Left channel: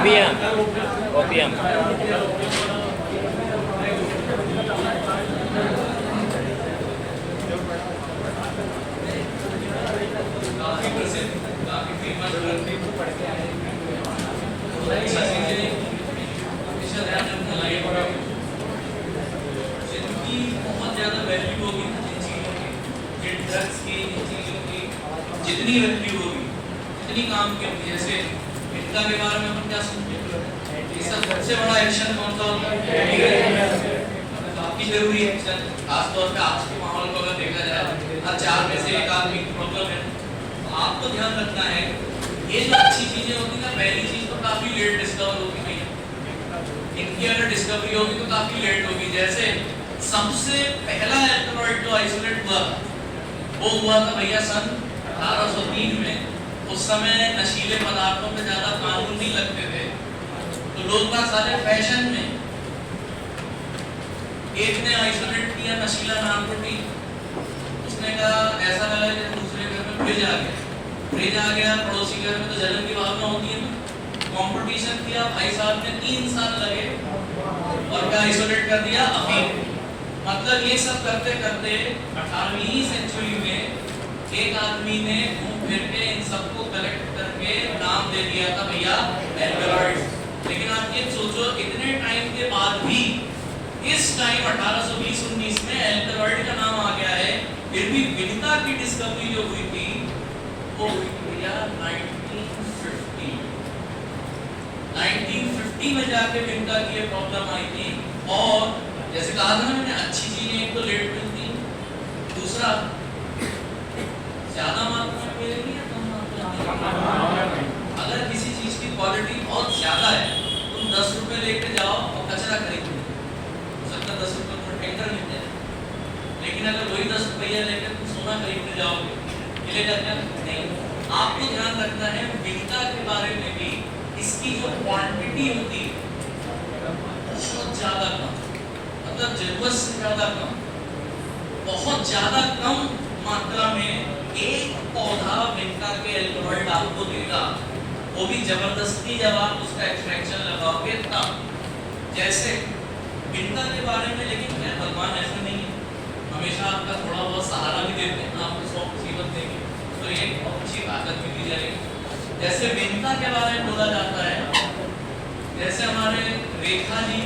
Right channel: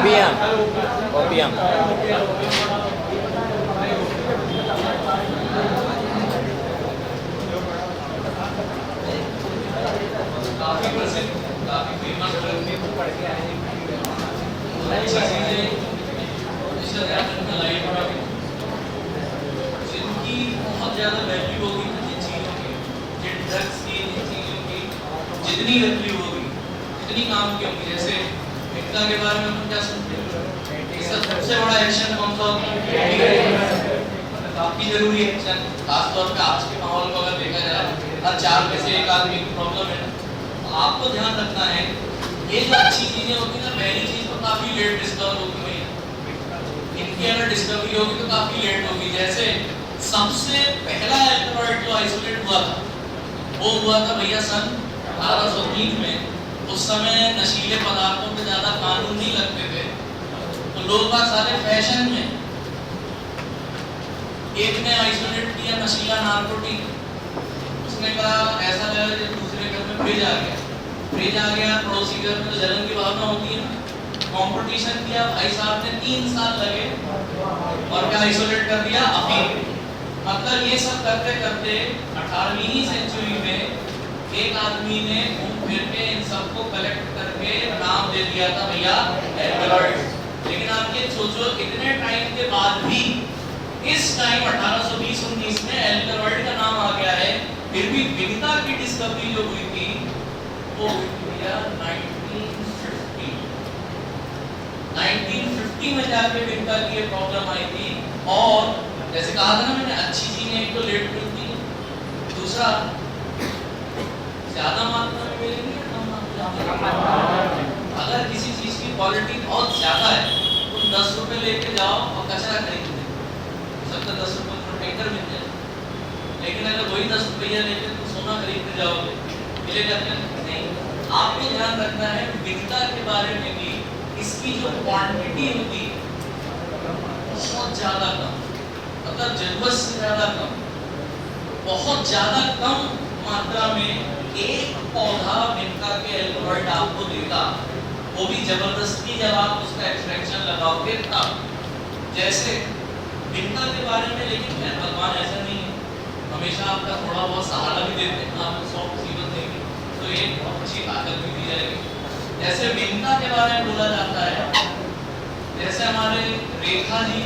OPM OPM जिनकी बहुत ज्यादा वैल्यू होगी इन चीजों की, जिन ड्रग्स की, इन चीजों की जितनी वैल्यू होगी, जितनी काम की होगी, जैसे इनका के बारे में हम क्या समझते हैं, इसका सबसे बड़ा एक्शन कौन सा होता है? काफी जरूरी एक्शन, खासतौर पे आज के माहौल को अगर देखा जाए, हर 4 में से 1 आदमी की प्रॉब्लम है। तो आपको ध्यान रखना है, ये जो अच्छी चीजें होती है, पहली चीज तो काफी लेट डिस्कवर होती है, इनकी अगर डिस्कवरी होगी तो काफी लेट होगी। जैसे सबसे पहला एल्कलॉइड जो आइसोलेट हुआ था, वो हुआ था भैया सन 1803 में। उस समय नशीले पदार्थों पे ज्यादा कानून नहीं लगते थे, तो लोग बाग सारे फैशन में, एक ने आइसोलेट किया नशीला नारकोटिक, उसने कहा ऐसा लगा जैसे दूसरे घर में फ्रिज आ गया, फ्रिज आ गया, पड़ोसी घर में तो जलन की भावना होती है ना, कंपटीशन किया, भाई साहब ने 3 साल लगे और क्या आइसोलेट कर दिया अफीम। मतलब ये सब करते करते 18वीं सेंचुरी में एक आदमी ने घूम फिर के इन सबको कलेक्ट करके नाम दे दिया था भैया एल्कलॉइड्स। लेकिन आप ये सोचो, इतने टाइम के बाद भी इस टाइम 1820-19 में एल्कलॉइड का नाम आ गया है, फिर भी विनिता की डिस्कवरी जो हुई थी वो हुई भैया 1950 में जाके विनिता की ये प्रॉब्लम आई थी। और जैसे कहा था ना मैंने, अच्छी चीजें एक तो लेट मिलती हैं, दूसरा ज्यादा मात्रा में मिलेगी या कम मात्रा में। अगर किसी चीज की क्वालिटी बहुत ज्यादा है, तुम 10 रुपए लेके जाओ और कचरा खरीद लो, सबका 10 रुपए में टैंकर मिल जाए। लेकिन अगर वही 10 रुपया लेके तुम सोना खरीदने जाओगे, मिलेगा क्या? नहीं। आपको ध्यान रखना है विनिता के बारे में भी, इसकी जो क्वांटिटी होती है बहुत ज्यादा कम, मतलब जरूरत से ज्यादा कम, बहुत ज्यादा कम मात्रा में एक पौधा विनिता के एल्कलॉइड आपको देगा, वो भी जबरदस्ती जब आप उसका एक्सट्रैक्शन लगाओगे तब। जैसे विनिता के बारे में, लेकिन मैं भगवान ऐसा नहीं है, हमेशा आपका थोड़ा बहुत सहारा भी देते हैं, आपको 100 मुसीबत देंगे तो एक अच्छी ताकत भी दी जाएगी। जैसे विनिता के बारे में बोला जाता है, जैसे हमारे रेखा जी,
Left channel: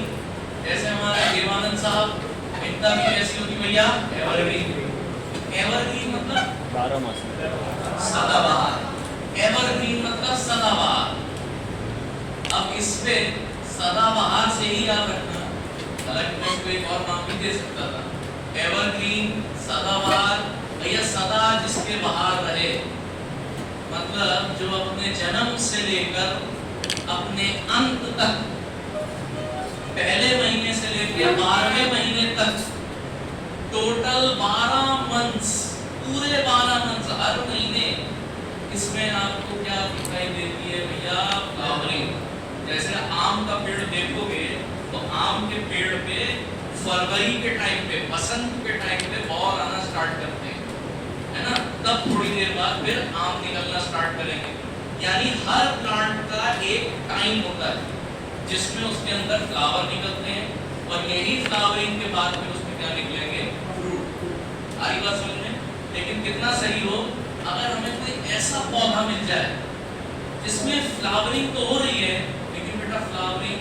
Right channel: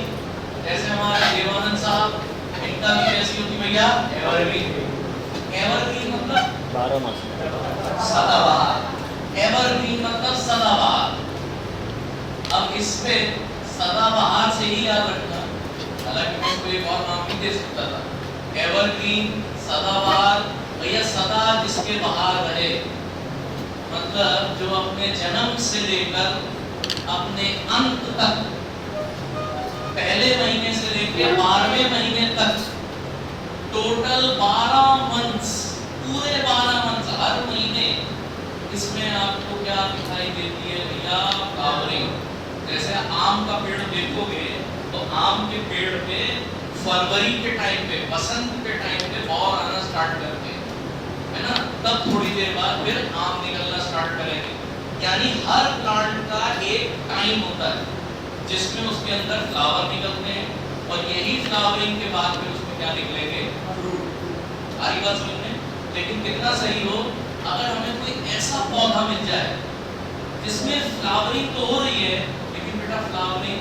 जैसे हमारे देवानंद साहब, विनिता भी कैसी होती भैया? एवरग्रीन। एवरग्रीन मतलब 12 मास सदाबहार, एवरग्रीन मतलब सदाबहार। अब इस पे सदाबहार से ही याद रखना, हालांकि मैं इसको एक और नाम भी दे सकता था, एवरग्रीन, सदाबहार। भैया सदा जिसके बहार रहे, मतलब जो अपने जन्म से लेकर अपने अंत तक, पहले महीने से लेकर 12वें महीने तक, टोटल 12 मंथ्स, पूरे 12 मंथ्स, हर महीने इसमें आपको क्या दिखाई देती है भैया? फ्लावरिंग। जैसे आम का पेड़ देखोगे तो आम के पेड़ पे फरवरी के टाइम पे, बसंत के टाइम पे और आना स्टार्ट करते हैं, है ना, तब थोड़ी देर बाद फिर आम निकलना स्टार्ट करेंगे। यानी हर प्लांट का एक टाइम होता है जिसमें उसके अंदर फ्लावर निकलते हैं, और यही फ्लावरिंग के बाद फिर उसमें क्या निकलेंगे? फ्रूट। सारी बात समझ में? लेकिन कितना सही हो अगर हमें कोई ऐसा पौधा मिल जाए जिसमें फ्लावरिंग तो हो रही है, लेकिन बेटा फ्लावरिंग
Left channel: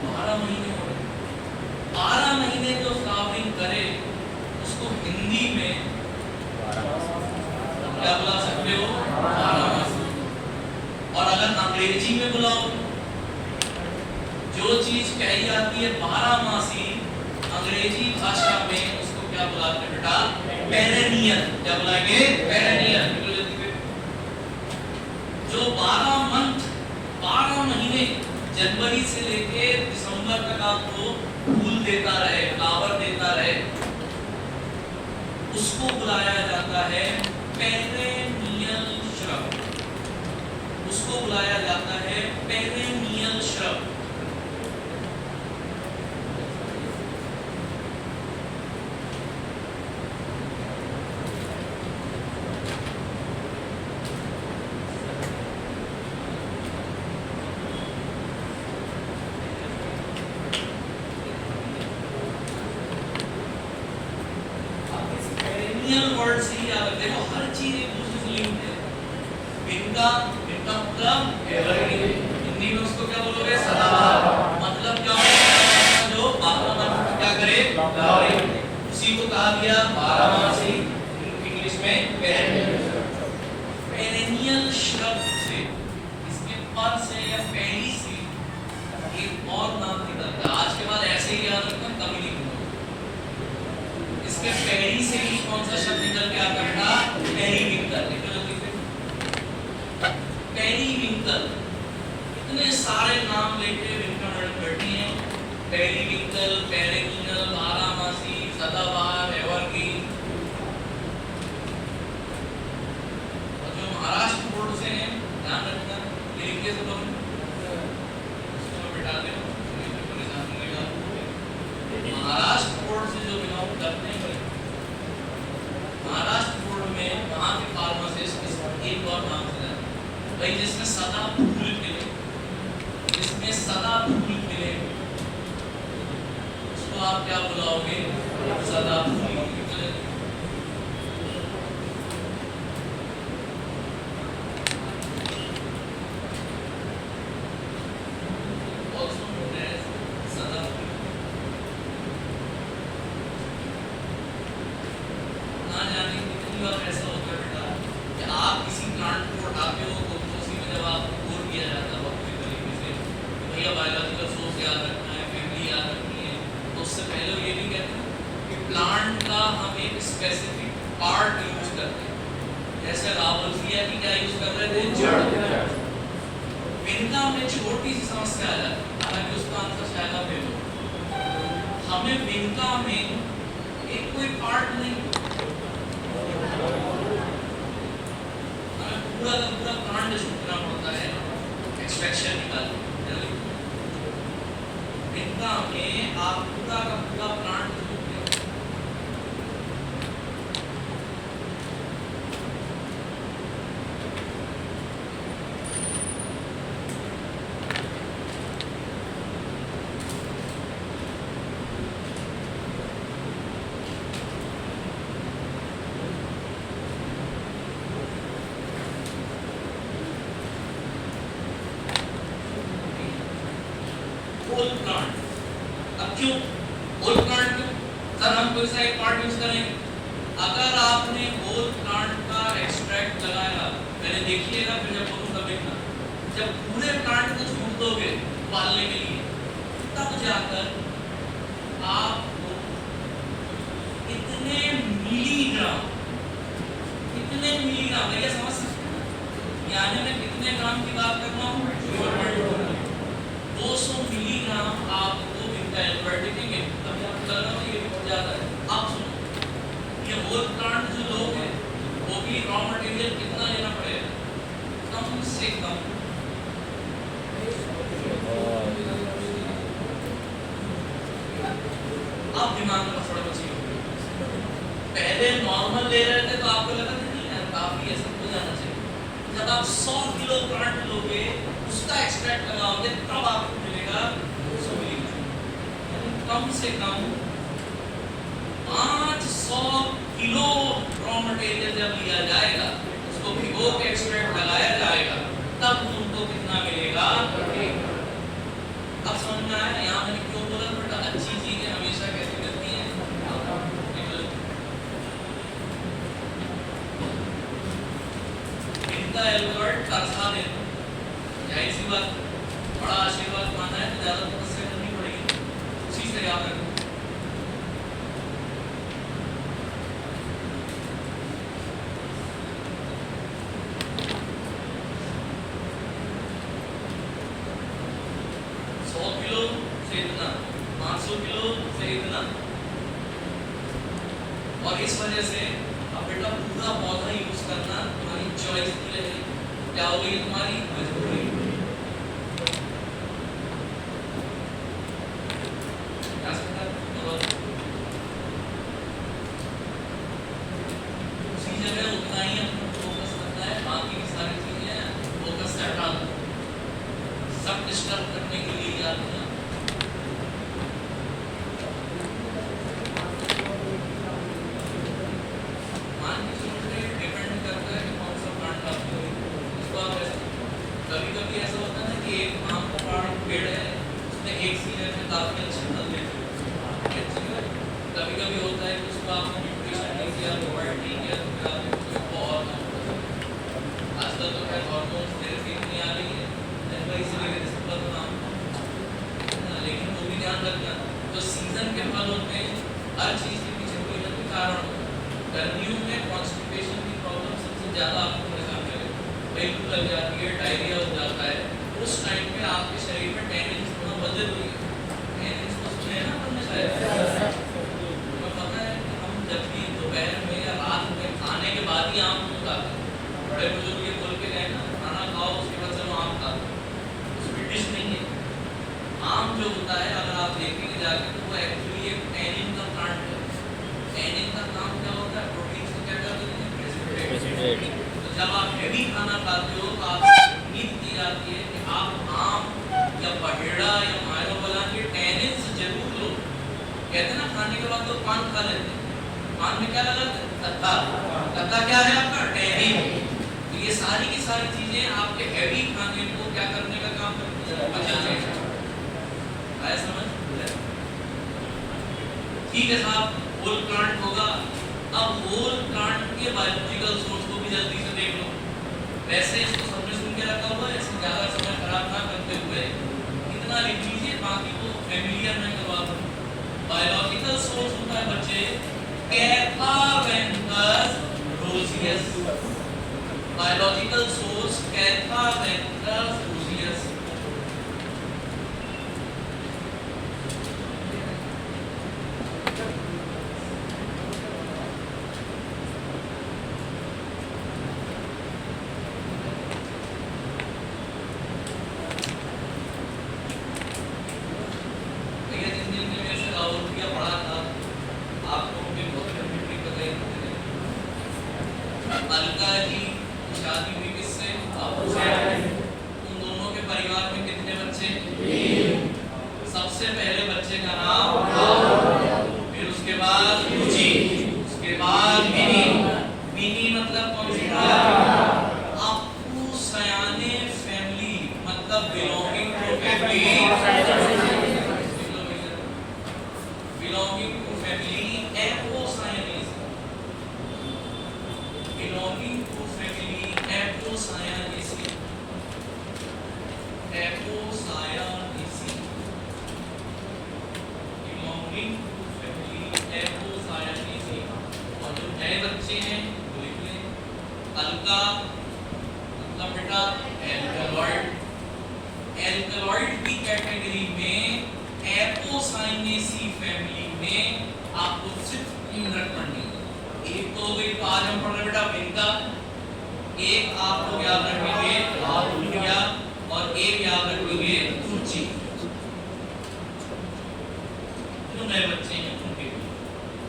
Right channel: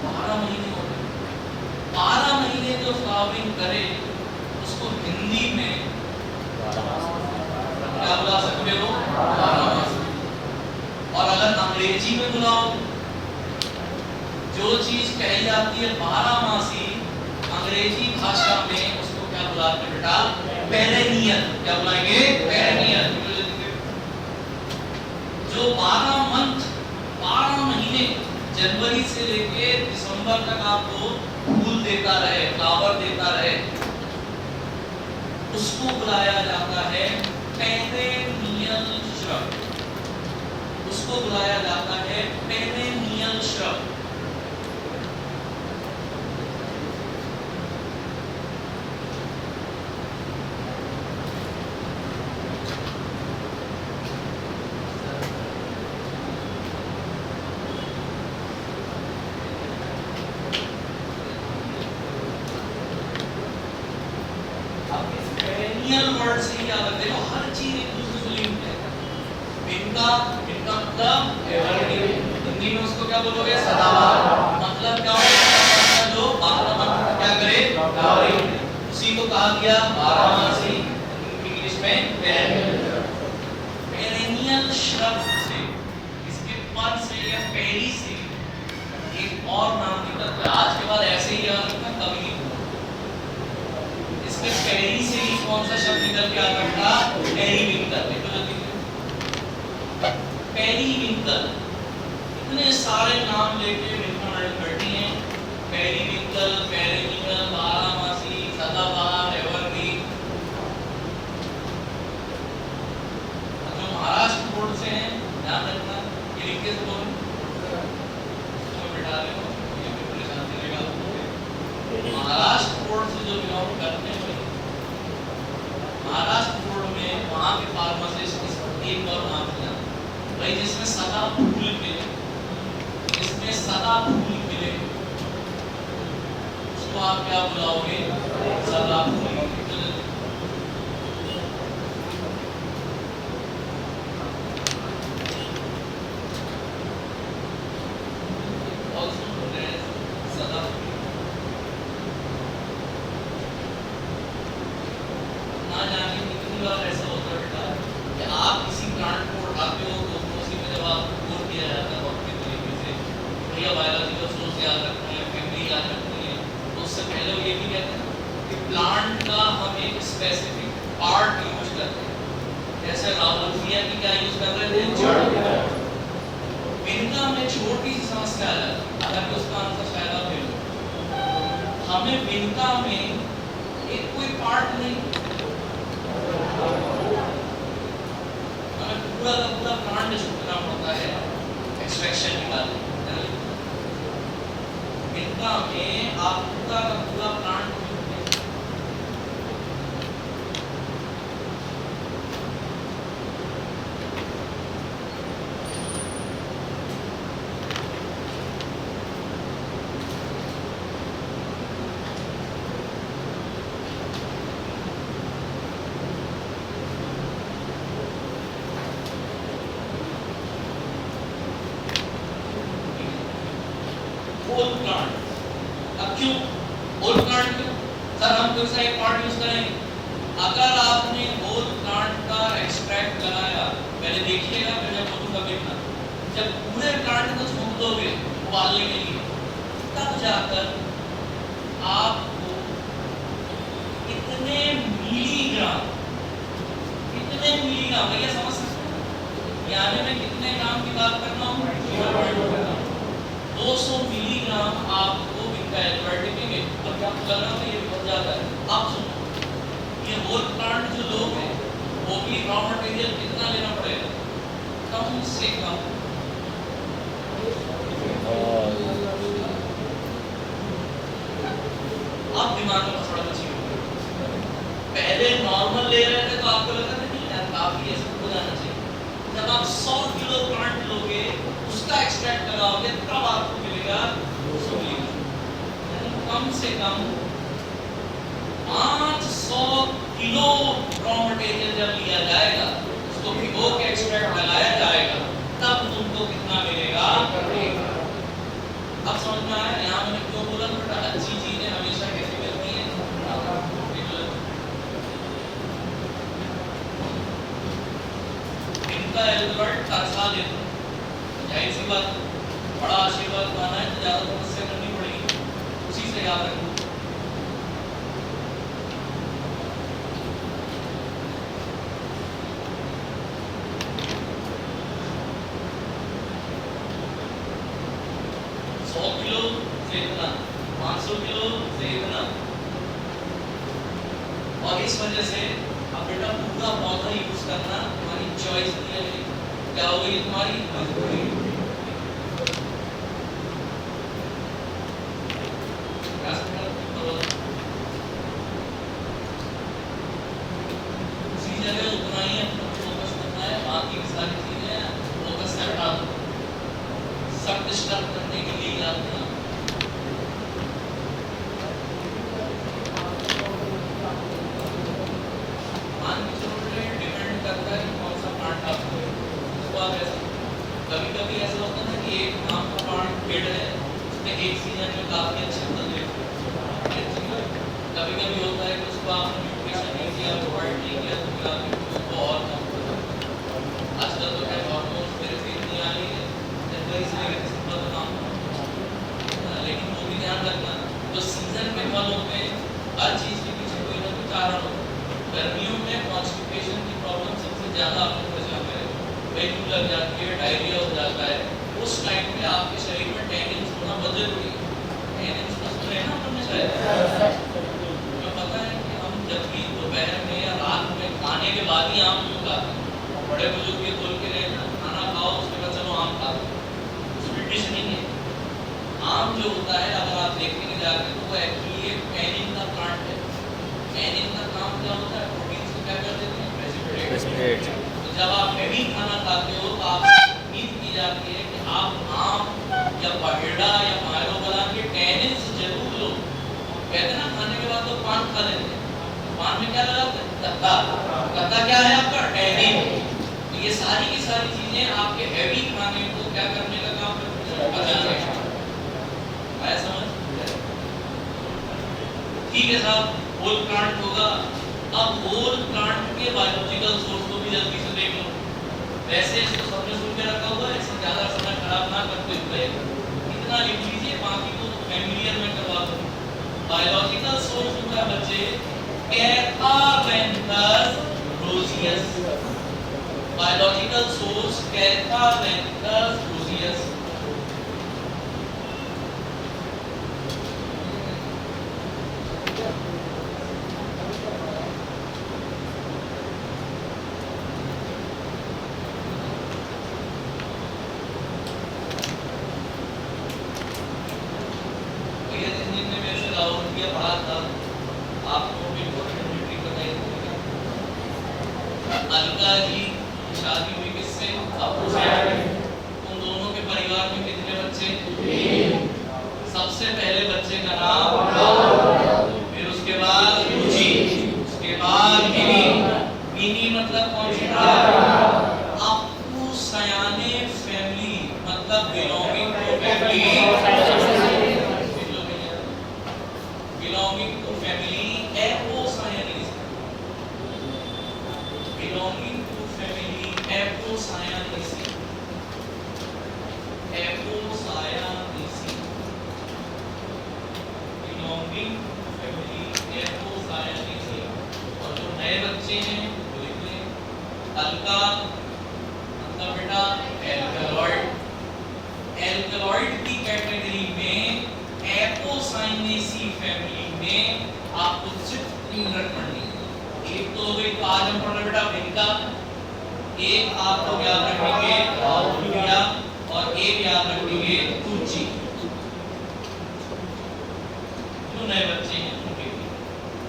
12 महीने हो रहे, 12 महीने जो फ्लावरिंग करे उसको हिंदी में क्या बुला सकते हो? 12 मास। और अगर अंग्रेजी में बुलाओ, जो चीज कही जाती है 12 मासी, अंग्रेजी भाषा में उसको क्या बुलाते हैं बेटा? पेरेनियल। क्या बुलाएंगे? पेरेनियल। जो 12 मंथ, 12 महीने, जनवरी से लेके दिसंबर तक आपको फूल देता रहे, फ्लावर देता रहे, उसको बुलाया जाता है पेरेनियल श्रब। उसको बुलाया जाता है पेरेनियल श्रब। याद रखते हो, हर चीज एक दूसरे से लिंक है। इनका मतलब एवरग्रीन, हिंदी में उसको क्या बोलोगे? सदाबहार। मतलब क्या होगा? जो 12 माह क्या करे? फ्लावरिंग। उसी को कहा गया बारहमासी, इंग्लिश में पेरेनियल। पेरेनियल शब्द से, इसके पद से या पेरी से एक और नाम निकलता है। आज के बाद ऐसे ही याद रखना, कभी नहीं भूलना। इसके पेरी से ही कौन सा शब्द निकल के आता था? पेरीविंकल। पेरीविंकल। इतने सारे नाम लेके मैडम बैठी हैं। पेरीविंकल, पेरेनियल, बारहमासी, सदाबहार, एवरग्रीन। जो महाराष्ट्र बोर्ड से हैं, ध्यान रखना, ये लिख के बोलो, इसको बिठा दो, ये पूरे सामने लगा दो। महाराष्ट्र बोर्ड से जो बिलोंग करते हैं, महाराष्ट्र बोर्ड में वहाँ के फार्मासिस्ट एक और नाम है भाई, जिसमें सदा फूल मिले, जिसमें सदा फूल मिले, उसको आप क्या बुलाओगे? सदा फूल। सदा ना जाने कितनी बार ऐसा होता है बेटा कि आप किसी प्लांट को उठाते हो तो उसी में जब आपको कोड किया जाता है वक्त के तरीके से, भैया बायोलॉजिकल सोर्स याद रखना है, फैमिली याद रखनी है, तो उससे पहले ये भी कहते हैं कि प्लांट का हम एक स्पेसिफिक पार्ट यूज करते हैं। जैसे लावोल्फिया की क्या यूज कर रहे थे? जड़। इनका में छोटी सी समस्या आ जाती है, हालांकि उसका आंसर शायद आप दे दो। हमें विनका में एक कोई पार्ट नहीं, हमें पूरा का पूरा प्लांट सुनना पड़ता है एक्सट्रैक्शन निकालने। इनका में आप पूरा का पूरा प्लांट होल प्लांट। अब क्यों होल प्लांट? क्यों सर हम कोई सा एक पार्ट यूज करेंगे? अगर आपने होल प्लांट का एक्सट्रैक्ट लगाया, पहले देखिएगा फिर जब बोलूं तब देखना, जब पूरे प्लांट को छूट दोगे उबालने के लिए, तब जाकर आपको इतने मिलीग्राम भैया समझ सकते हैं यानी मैं कितने ग्राम की बात कर रहा हूँ? 200 मिलीग्राम आपको मिलता है एल्बर्टिक में। अब आपको लग रहा है ये बहुत ज्यादा है। आप सुनो, ये होल प्लांट जो लोग हैं वो भी रॉ मटेरियल कितना लेना पड़ेगा? कम से कम आप दिमाग में थोड़ा बचिए। पहले नॉर्मल ले रहे थे तो आपको लगा था नहीं यार काफी ऐसे हो जाना चाहिए। जब आप 100 किलो प्लांट लोगे, उसका एक्सट्रैक्ट लगाओगे, तब आपको मिलेगा 200 मिलीग्राम। कम से कम 500 किलो रॉ मटेरियल जब लिया जाएगा, उसको भिगो के एक्सट्रैक्ट लगाया जाएगा, तब तुमको कितना मिलेगा? अब समझ में आया यहाँ मैंने क्यों बोला बेटा अच्छी चीजें हमेशा कैसे मिलती हैं? इनका एल्बर्ट तरसा देना, जाहिर सी बात, बड़ा आशीर्वाद माना है तो ज्यादा तपस्या करनी पड़ेगी, उसी से याद रखना। और इस वजह से अब बेटा पूरा पौधा यूज करना तुम्हारी चॉइस नहीं है, क्या हो गई तुम्हारी मजबूरी। उसी जगह उतना ही फोकस करना है, बाकी सारी चीजें फोकस से हटा दो, सब डिस्टर्ब करने के लिए याद रखना। ज़्यादा आपको परेशान करेगा, वेट लग जाती है, डायरिया हो जाता है, उस टाइम पे आपके शरीर में टैनिन्स होना बहुत जरूरी है। टैनिन्स तो सुने ना तुमने शायद, तो पता है कि हम जब भी दोपहर में या रात में खाने के बाद ही आम क्यों खाते हैं? बड़े बुजुर्ग ये बोल के गए ना, खाना खाओ उसके बाद चलो आम खा लो, उसमें डिश नहीं है। आम जो होता है अगर आप देखेंगे जाके तो वो एक्चुअली एक टैनिन का प्लांट है। टैनिन का काम क्या होता है? प्रोटीन को क्या कर देते हैं? प्रेसिपिटेट। तो जब आप हैवी खाना खाते हो तो आप उम्मीद की जाती है कि आप आम या बहेड़ा या मायोबालान के टैनिन्स जरूर लो। कहते हैं ना खाने के बाद तो पान खा लेते हैं, पान में क्या लगाते हैं? कत्ता। कत्ता क्या है आपका? टैनिन। तो ये सारी की सारी चीजें आपके हैवी खाने को क्या करने का काम करती है? समझ? ठीक है साहब, होल प्लांट होगा। अब होल प्लांट के बायोलॉजिकल सोर्स को भी जल्दी से देख लो। वैसे इसको सबने सुन के रखा हुआ है, इससे ज्यादा समय खराब ना करते हुए इतना लिख लीजिए, बाकी तो फैमिलियर में करवा दो। बायोलॉजिकल सोर्स होता है बच्चे catharanthus roseus. Biological source catharanthus roseus. Alka ji शादी हुई किससे? अबू से। उन दोनों के परिवार में कितने बच्चे? 3। सबसे पहले बच्चे का नाम, फिर उसके बाद जी, उसके बाद मिनी। मिनी मतलब कौन सी था? अबू सयाने फैमिली मतलब belonging to family. Belonging to family Apocynaceae. belonging to family Apocyanaceae. Apocyanaceae. Belonging to family Apocyanaceae. और जो नए बच्चे हैं वो लिख लें। अलका मतलब बेटा एल्कलॉइड। एल्कलॉइड की कैटेगरी में एपोसाइनेसी फैमिली में आपको सिर्फ 3 रखनी है। एक तो गई, आज हम पढ़ रहे बेटा विनका, एक आपको याद रखेंगे राहुलिया, और एक याद रखेंगे तुची। जो नए बच्चे हैं उनके,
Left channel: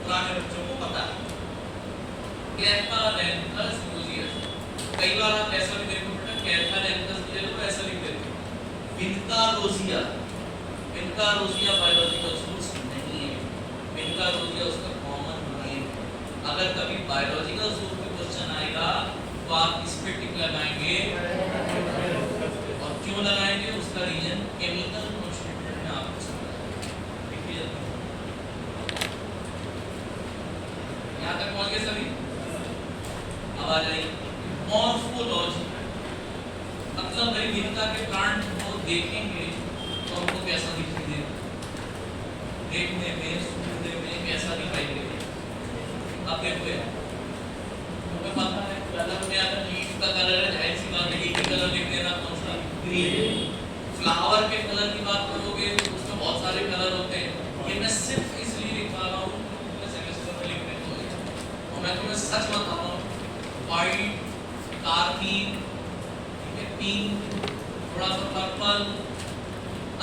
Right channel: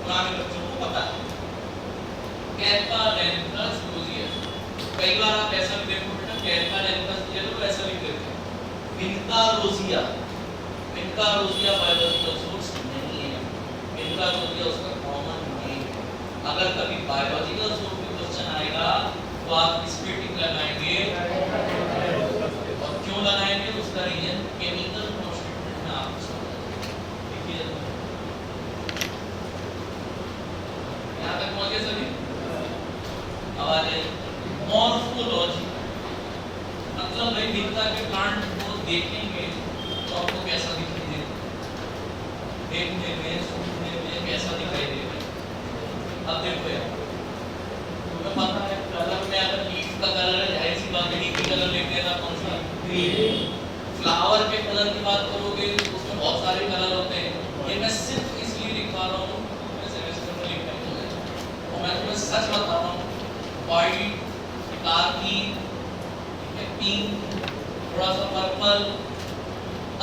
पुराने बच्चों को पता है कैथावेंथस रोजियस। कई बार आप ऐसा भी देखो बेटा, कैथावेंथस ये लोग ऐसा भी करते हैं विनका रोजिया। विनका रोजिया बायोलॉजिकल सोर्स नहीं है, विनका रोजिया उसका कॉमन नेम। अगर कभी बायोलॉजिकल सोर्स पे क्वेश्चन आएगा तो आप इस पे टिक लगाएंगे, और क्यों लगाएंगे उसका रीजन केमिकल स्टेटमेंट में आपको समझाएंगे। देखिए यहां तक पहुंच गए सभी? अब आ जाइए मॉर्फोलॉजी। मतलब भाई विनका के प्लांट को देखेंगे तो हमको कैसा दिखाई देगा? देखने में, सुनने में कैसा दिखाई देगा? अब देखो यार, तुम्हें पता है कलर में अगर लीफ का कलर है, जाहिर सी बात है लीफ का कलर देख लेना कौन सा? ग्रीन। फ्लावर के कलर की बात करोगे तो उसमें बहुत सारे कलर होते हैं। ये मैं सिर्फ इसलिए दिखा रहा हूँ, वैसे वैसे तो लिखने को है, और मैं तुम्हें सच बता रहा हूँ, व्हाइट, कारमीन, पिंक, थोड़ा सा पर्पल।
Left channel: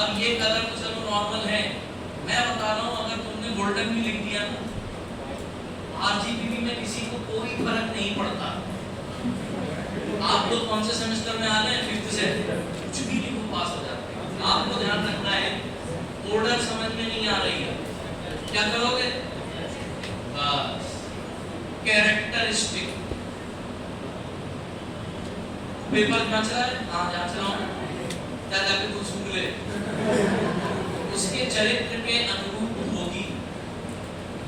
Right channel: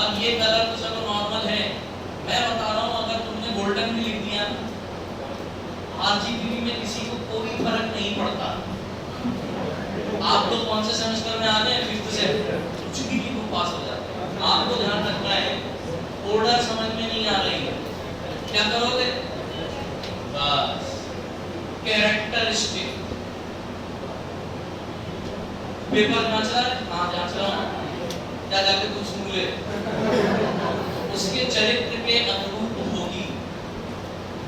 अब ये कलर तो चलो नॉर्मल है, मैं बता रहा हूँ अगर तुमने गोल्डन भी लिख दिया ना, आरजीबी में किसी को कोई फर्क नहीं पड़ता। आप लोग कौन से सेमेस्टर में आ रहे हैं? 5th से। कुछ भी लिखो पास हो जाते हैं। आपको ध्यान रखना है, ऑर्डर समझ में नहीं आ रही है, क्या करोगे? बस कैरेक्टरिस्टिक। पेपर जांच रहा है? हाँ जांच रहा हूँ। क्या जाके कुछ गूगल उसके चरित्र के अनुरूप होगी।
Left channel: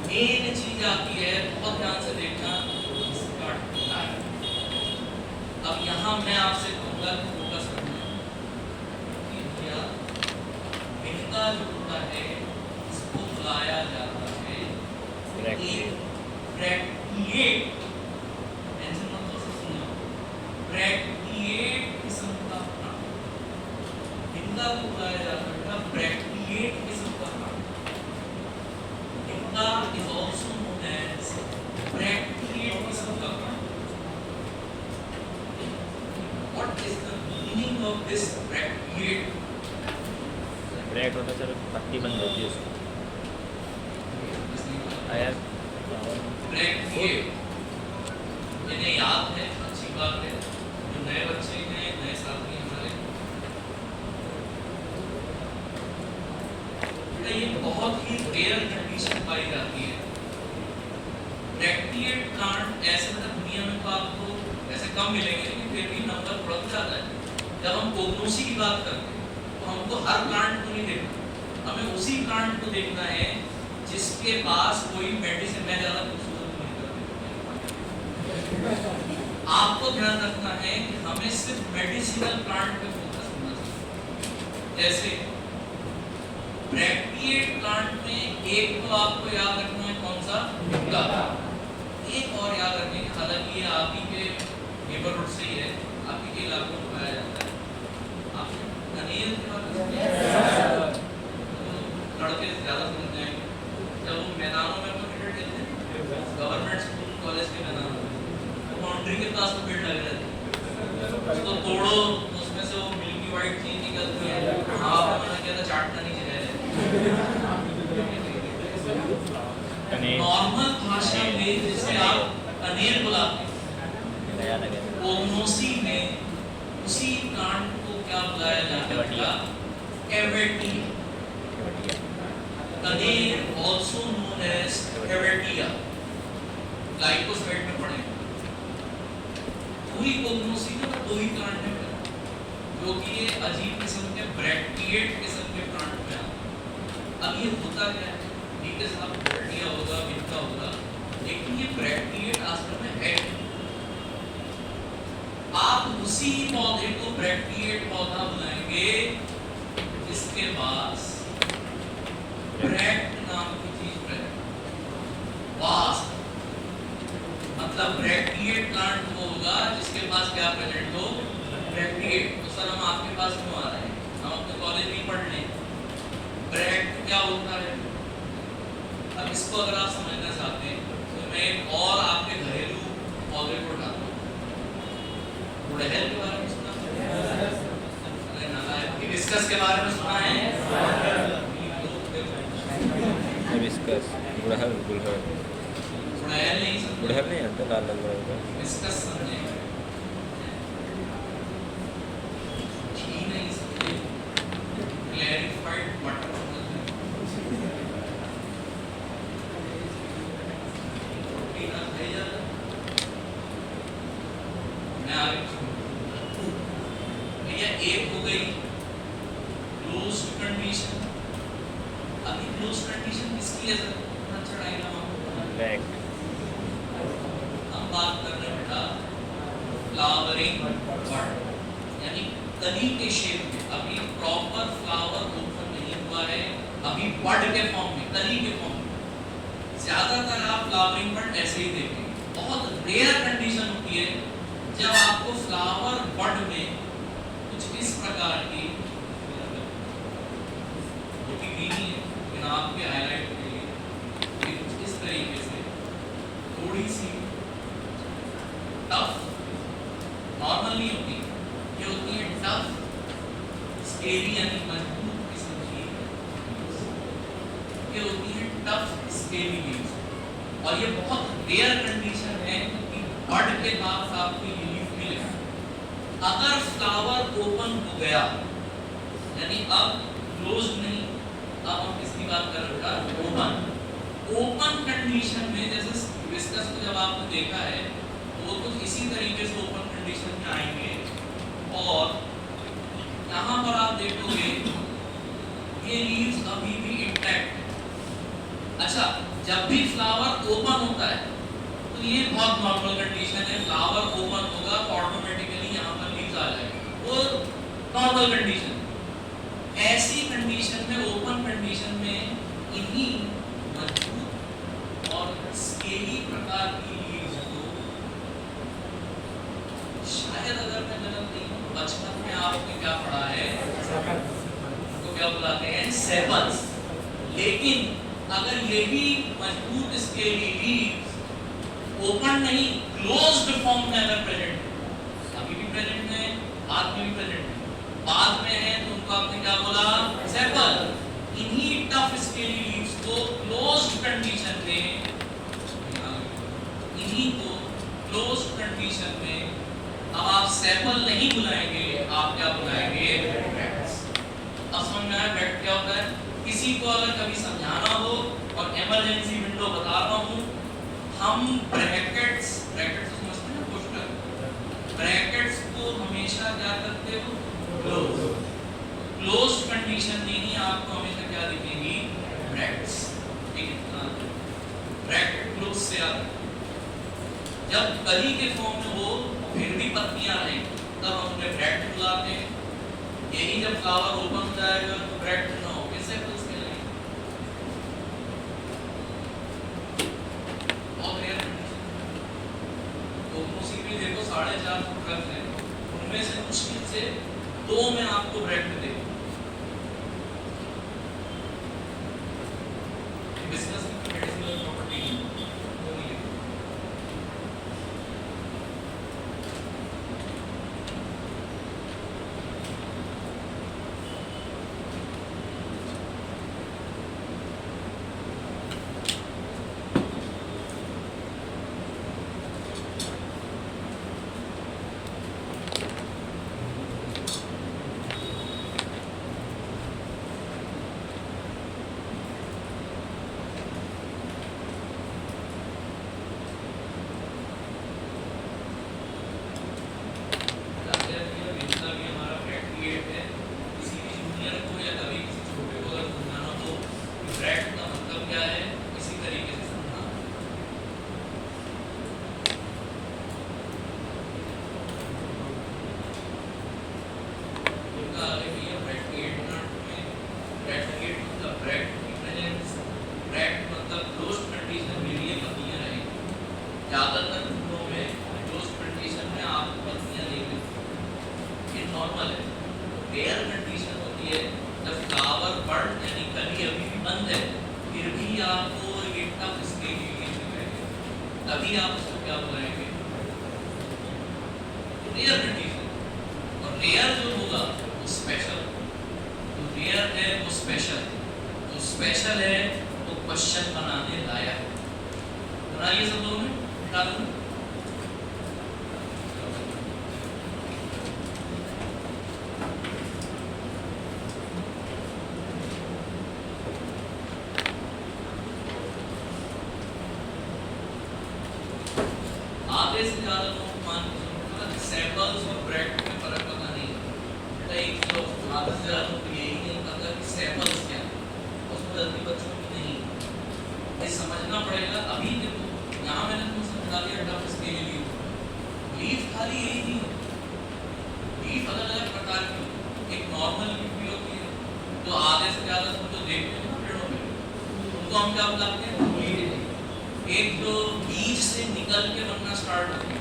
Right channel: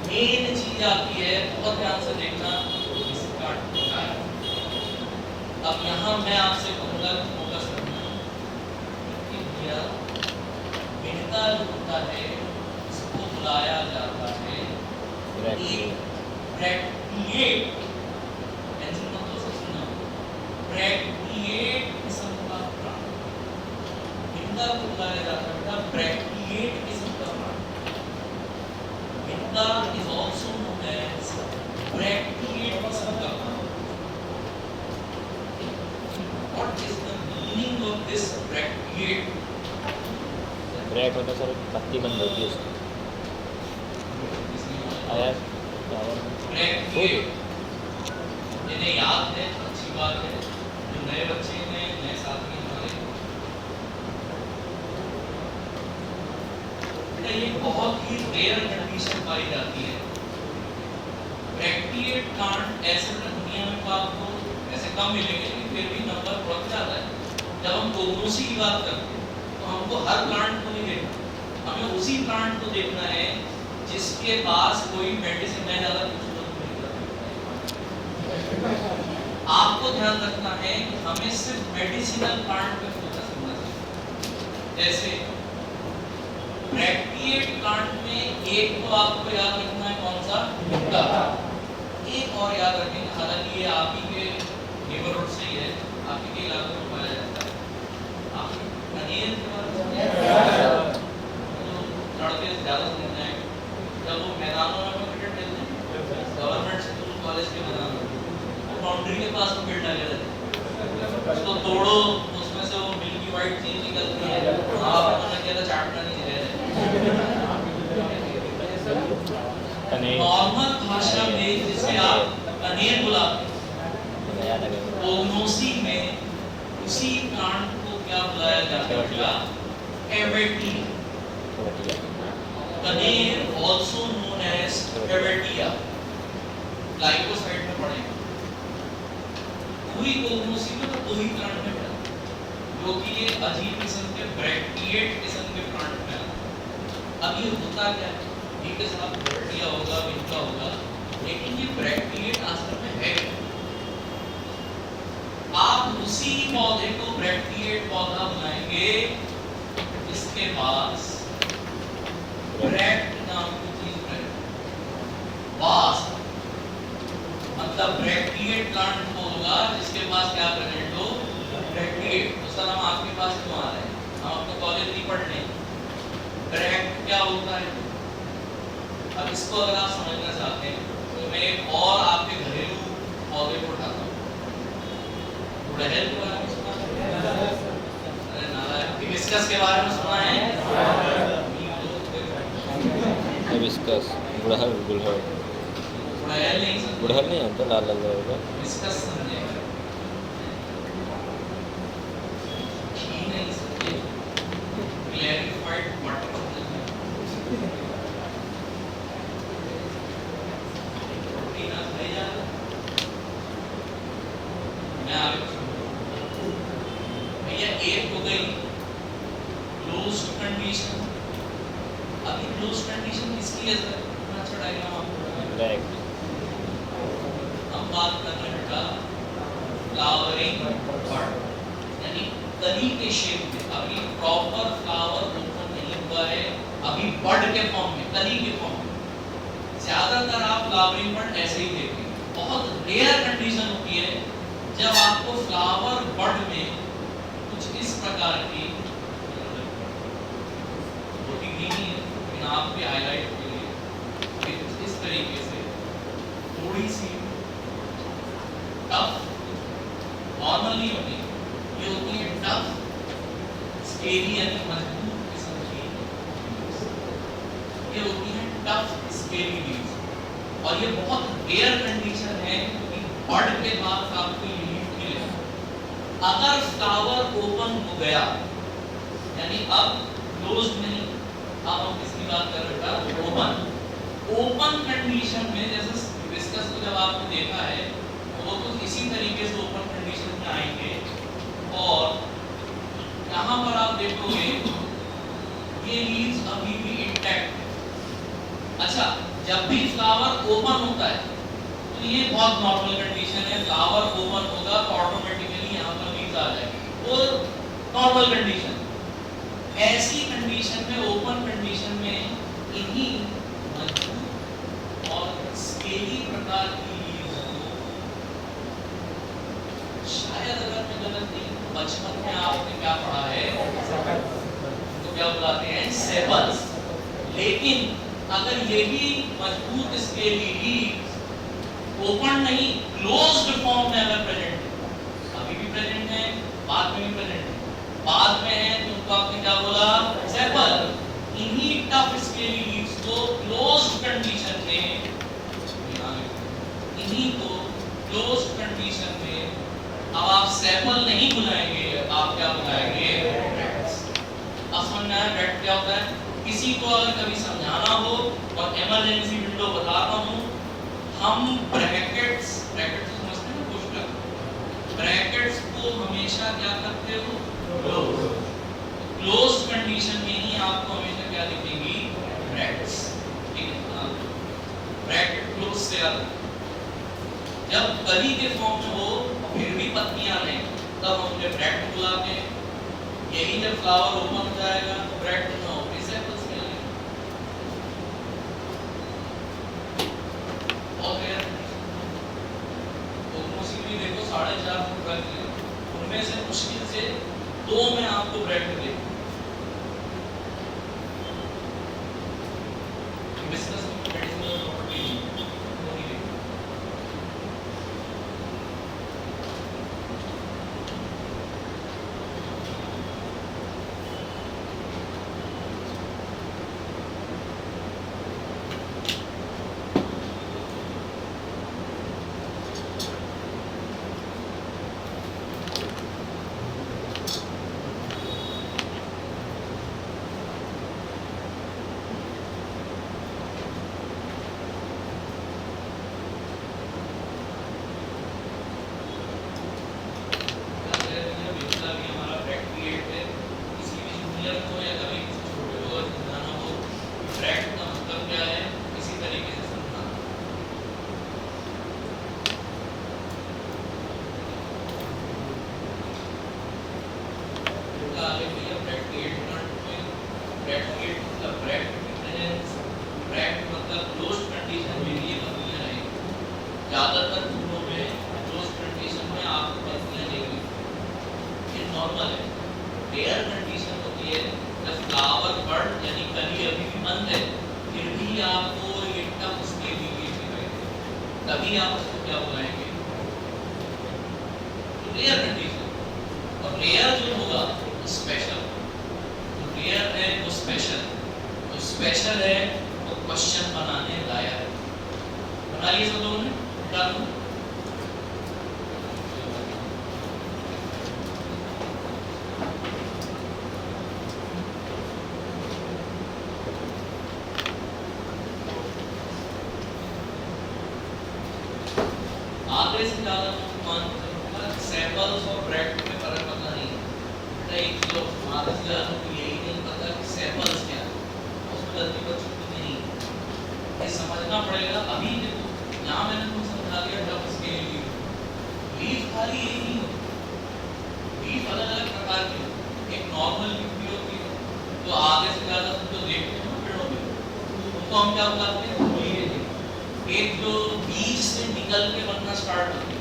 मेन चीज आती है, बहुत ध्यान से देखना। अब यहाँ मैं आपसे कहूँगा कि फोकस करना कि भैया विनका जो होता है इसको बुलाया जाता है ब्रैकिएट। टेंशन मत लो, सुनो। ब्रैकिएट किस्म का प्लांट, इनका is also known as bracteate किस्म का plant. What is the meaning of this bracteate? Bract होता है सर, पत्ती बंद होती है उसकी। आया फ्लावर ब्रैकिएट इन्हें याद है, अच्छी बात है। जो नए बच्चे हैं, नए साथी हमारे, बेटा ये बहुत ही रेयर कंडीशन पाई जाती है। ब्रैकिएट प्लांट ऐसे दुनिया में तो आपको ऐसे कम मिलेंगे, लेकिन फिर भी नंबर बढ़ जाता है। जब हम कोगनोसी की बात करते हैं तो हमको हर प्लांट को नहीं देखना, हमें उसी प्लांट को देखना है जिसके पास कोई मेडिसिन में ज्यादा खूबसूरत नहीं करता। आपको ध्यान रखना है कि हमें सिर्फ मेडिसिनल प्लांट पे फोकस करना चाहिए। जैसे ब्रैकिएट प्लांट में एक तो आपको याद रखना है कौन सा, भित्ता। एक और याद रखेंगे, हालांकि ये आप ही के नेबरहुड से ही है, आप ही के इलाके में पाया जाता है। आप कनेर के बारे में लड़के ज्यादा सुनते हैं, जब वो मैदानों में क्रिकेट खेलते हैं, गवर्नमेंट स्कूल कॉलेज के मैदानों में, बाउंड्री के पास वो बिल्ड लगे रहते हैं, उसको तोड़ो, उसमें से वो मिल्की वाइट चीज निकलती है। आप मैंने कहता चाटना नहीं चाहिए। नॉर्मल भाषा में जिसे आप कनेर बुलाते हैं, कोगनोसी में उसी प्लांट को क्या बुलाया जाता है? कैवेटिया। कनेर also known as कैवेटिया। ग्लाइकोसाइड में पढ़े पूरी कोगनोसी में तो 2 ही प्लांट है जो कि ये अजीब किस्म के ब्रैकिएट किस्म के प्लांट में आते हैं। अब ये होता क्या है, ठीक है साहब, ब्रैकिया होगा, भित्ता होगा, लेकिन ये ब्रैकिएट असल में है। आप उसी पौधे को ब्रैकिएट पौधा बुलाएंगे जिसके पास ब्रैक्ट नाम की चीज है। वास्ट मतलब ब्रैकिएट प्लांट वो होगा जिसके पास क्या प्रेजेंट हो, ब्रैकिएट। तो सर हम आपके पास क्यों आ रहे हैं, हम अपने कॉलेज में पढ़ लें। ब्रैक्ट क्या होता है? अब इसको अगर आप समझना चाहते हैं तो मैं एक और आपके घरेलू पौधे को उठाता हूँ। गुड़हल के बारे में सुना है? अरे नारायण, हिबिस्कस के बारे में सुना है? हिबिस्कस, गुड़हल गुड़हल गुड़हल नहीं आता, लाल लाल होगा। हिबिस्कस समझे ही नहीं समझे, क्लैरिफाइड बट प्रोटीन ले जा। मैं आगे भैया एक हो गई क्लोज कंडीशन। अभी क्लोज कंडीशन किसकी है सर? अच्छा डायग्राम आपको ब्लैक। हम बात कर रहे हैं बेटा फ्लावरिंग बड, यानी कली के शेप में। अभी प्रॉपर फ्लावर ओपन नहीं हुआ है, अभी बड के फॉर्म में, कली के फॉर्म में। ज्यादातर आप फ्लावरिंग बड ऐसे ही देखेंगे। बहुत रेयर कंडीशन होती है जब आपको फ्लावर बड में कुछ इस प्रकार की ग्रीनी है, लेकिन आपके हाईलाइट के लिए इस तरीके से थोड़ी सी टफ, नॉर्मल नहीं होती, ये होती है टफ स्केली यानी मजबूत किस्म की, ये होती है टफ स्केली लीव्स। और ये बहुत रेयर कंडीशन है कि बड के बाद आपको ये लीफ मिले। अगर फ्लावर ओपन हो गया यानी अब क्लोज्ड नहीं, अब हम किसकी बात कर रहे हैं बेटा? ओपन। ओपन कंडीशन में जैसे हिबिस्कस को जब आपने देखा है तो वो कुछ इसी तरीके से ओपन कंडीशन में आएंगे। और यहाँ पर आप देखोगे ये लीव्स अभी भी इंटैक्ट। अच्छा, जब भी फ्लावर ओपन होता है तो ये बहुत नॉर्मल कंडीशन है, फ्लावर ओपन होगा तो ऑटोमेटिकली यहाँ पर लीव्स आ जाएंगे, वो नॉर्मल कंडीशन। ऐसी कंडीशन में, ओपन कंडीशन में, इन्हीं मजबूत और स्केली प्रकार की लीव्स को शायद, अगर मैं गलत नहीं हूं, बचपन में आपने क्या पढ़ा है, तो क्या बुलाते हैं सेपल्स। लेकिन अगर यही मजबूत स्केली लीव्स ओपन नहीं क्लोज्ड फॉर्म में अगर प्रेजेंट है, अभी भी प्रेजेंट है, बाद में भी प्रेजेंट है, बाद में है तो उनको आपने क्या बोला सेपल। इन्हीं टफ स्केली लीव्स को क्लोज्ड कंडीशन में, इन्हीं को क्लोज्ड कंडीशन में अब आप सेपल नहीं बुलाएंगे, आप क्या बुलाएंगे ब्रैक्ट्स। अब समझ में आया ब्रैक्ट क्या होता है? किसी को अगर कभी समझाना हो और इमरजेंसी विंडो बताता हूं, हम ब्रैकेट्स समझते हैं क्वेश्चन, ब्रैकेट्स को हमेशा क्या करते हो क्लोज कंडीशन में ही आपको हमेशा क्या दिखेगी ब्रैकेट्स। ठीक है, ब्रैकेट क्लोज से आता जब कली के फॉर्म में हो फिर भी पत्तियां नहीं तब हम उन्हें ब्रैकेट बुलाते हैं। यही जब फ्लावर ओपन हो जाएगा तो ब्रैकेट ना हो कैसे कुछ मिलेंगे। और यार तो मोस्टली देखो 4.5 फुट है, उनमें से मुश्किल से 2 में आपको ब्रैकेट देगा। डिस्कस मेडिसिनल प्रॉपर्टी तभी आप उसको क्या बुलाएंगे रेयर कंडीशन। और रेयर जो होगा स्पेशल, जो रेयर है वो स्पेशल, जो स्पेशल है वो क्वेश्चन बनाने लायक। बनाइए सब लोगों ने डन। आधे से ज्यादा सैंपल्स और ब्रैकेट में फर्क पता नहीं है। एक तो आधे से ज्यादा तो यही नहीं पता कि सैंपल्स क्या है, उसमें गलती बच्चों को नहीं है, ये समझना पड़ेगा। अभी देखो यहाँ मैंने तुमसे बता दिया टफ स्केल लीफ खाली यही नहीं है, लीफ अलग अलग प्रकार की, एक नॉर्मल लीफ भी होती है तो आधे से ज्यादा तुम तो देखते हो ना पेड़ों में, उनको हम क्या बताते हैं एक जो बीज से निकल के बनना स्टार्ट होता है,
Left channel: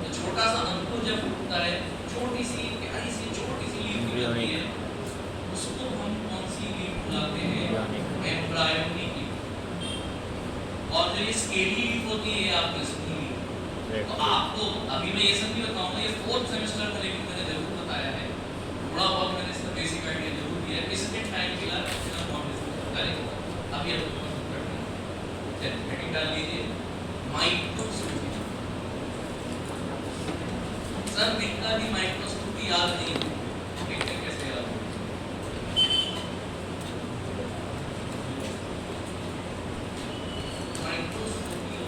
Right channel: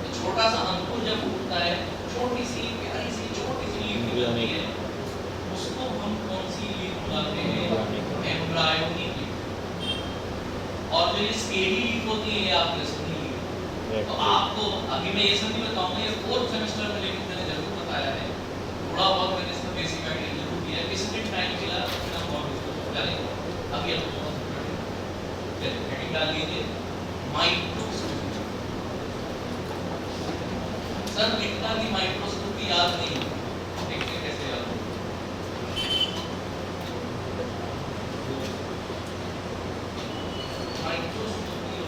तो छोटा सा अंकुर जब उगता है, छोटी सी प्यारी सी छोटी सी लीफ होती है, उसको हम कौन सी लीफ बुलाते हैं एम्ब्रायोनिक। और जो ये स्केली लीफ होती है आपको स्केली लीफ, तो आपको अभी मैं ये सब नहीं बताऊंगा, ये 4th सेमेस्टर में लेकिन मैंने जरूर बताया है, थोड़ा बहुत मैंने इसका बेसिक आइडिया जरूर दिया है। इसमें टाइम मिला बिना बहुत डिस्कस करेंगे। अभी आप हेडिंग डाल लीजिए माइक्रोस्कोपी। सर कितना भी माइक्रोस्कोपी याद नहीं है, देखते कैसे याद हो। माइक्रोस्कोपी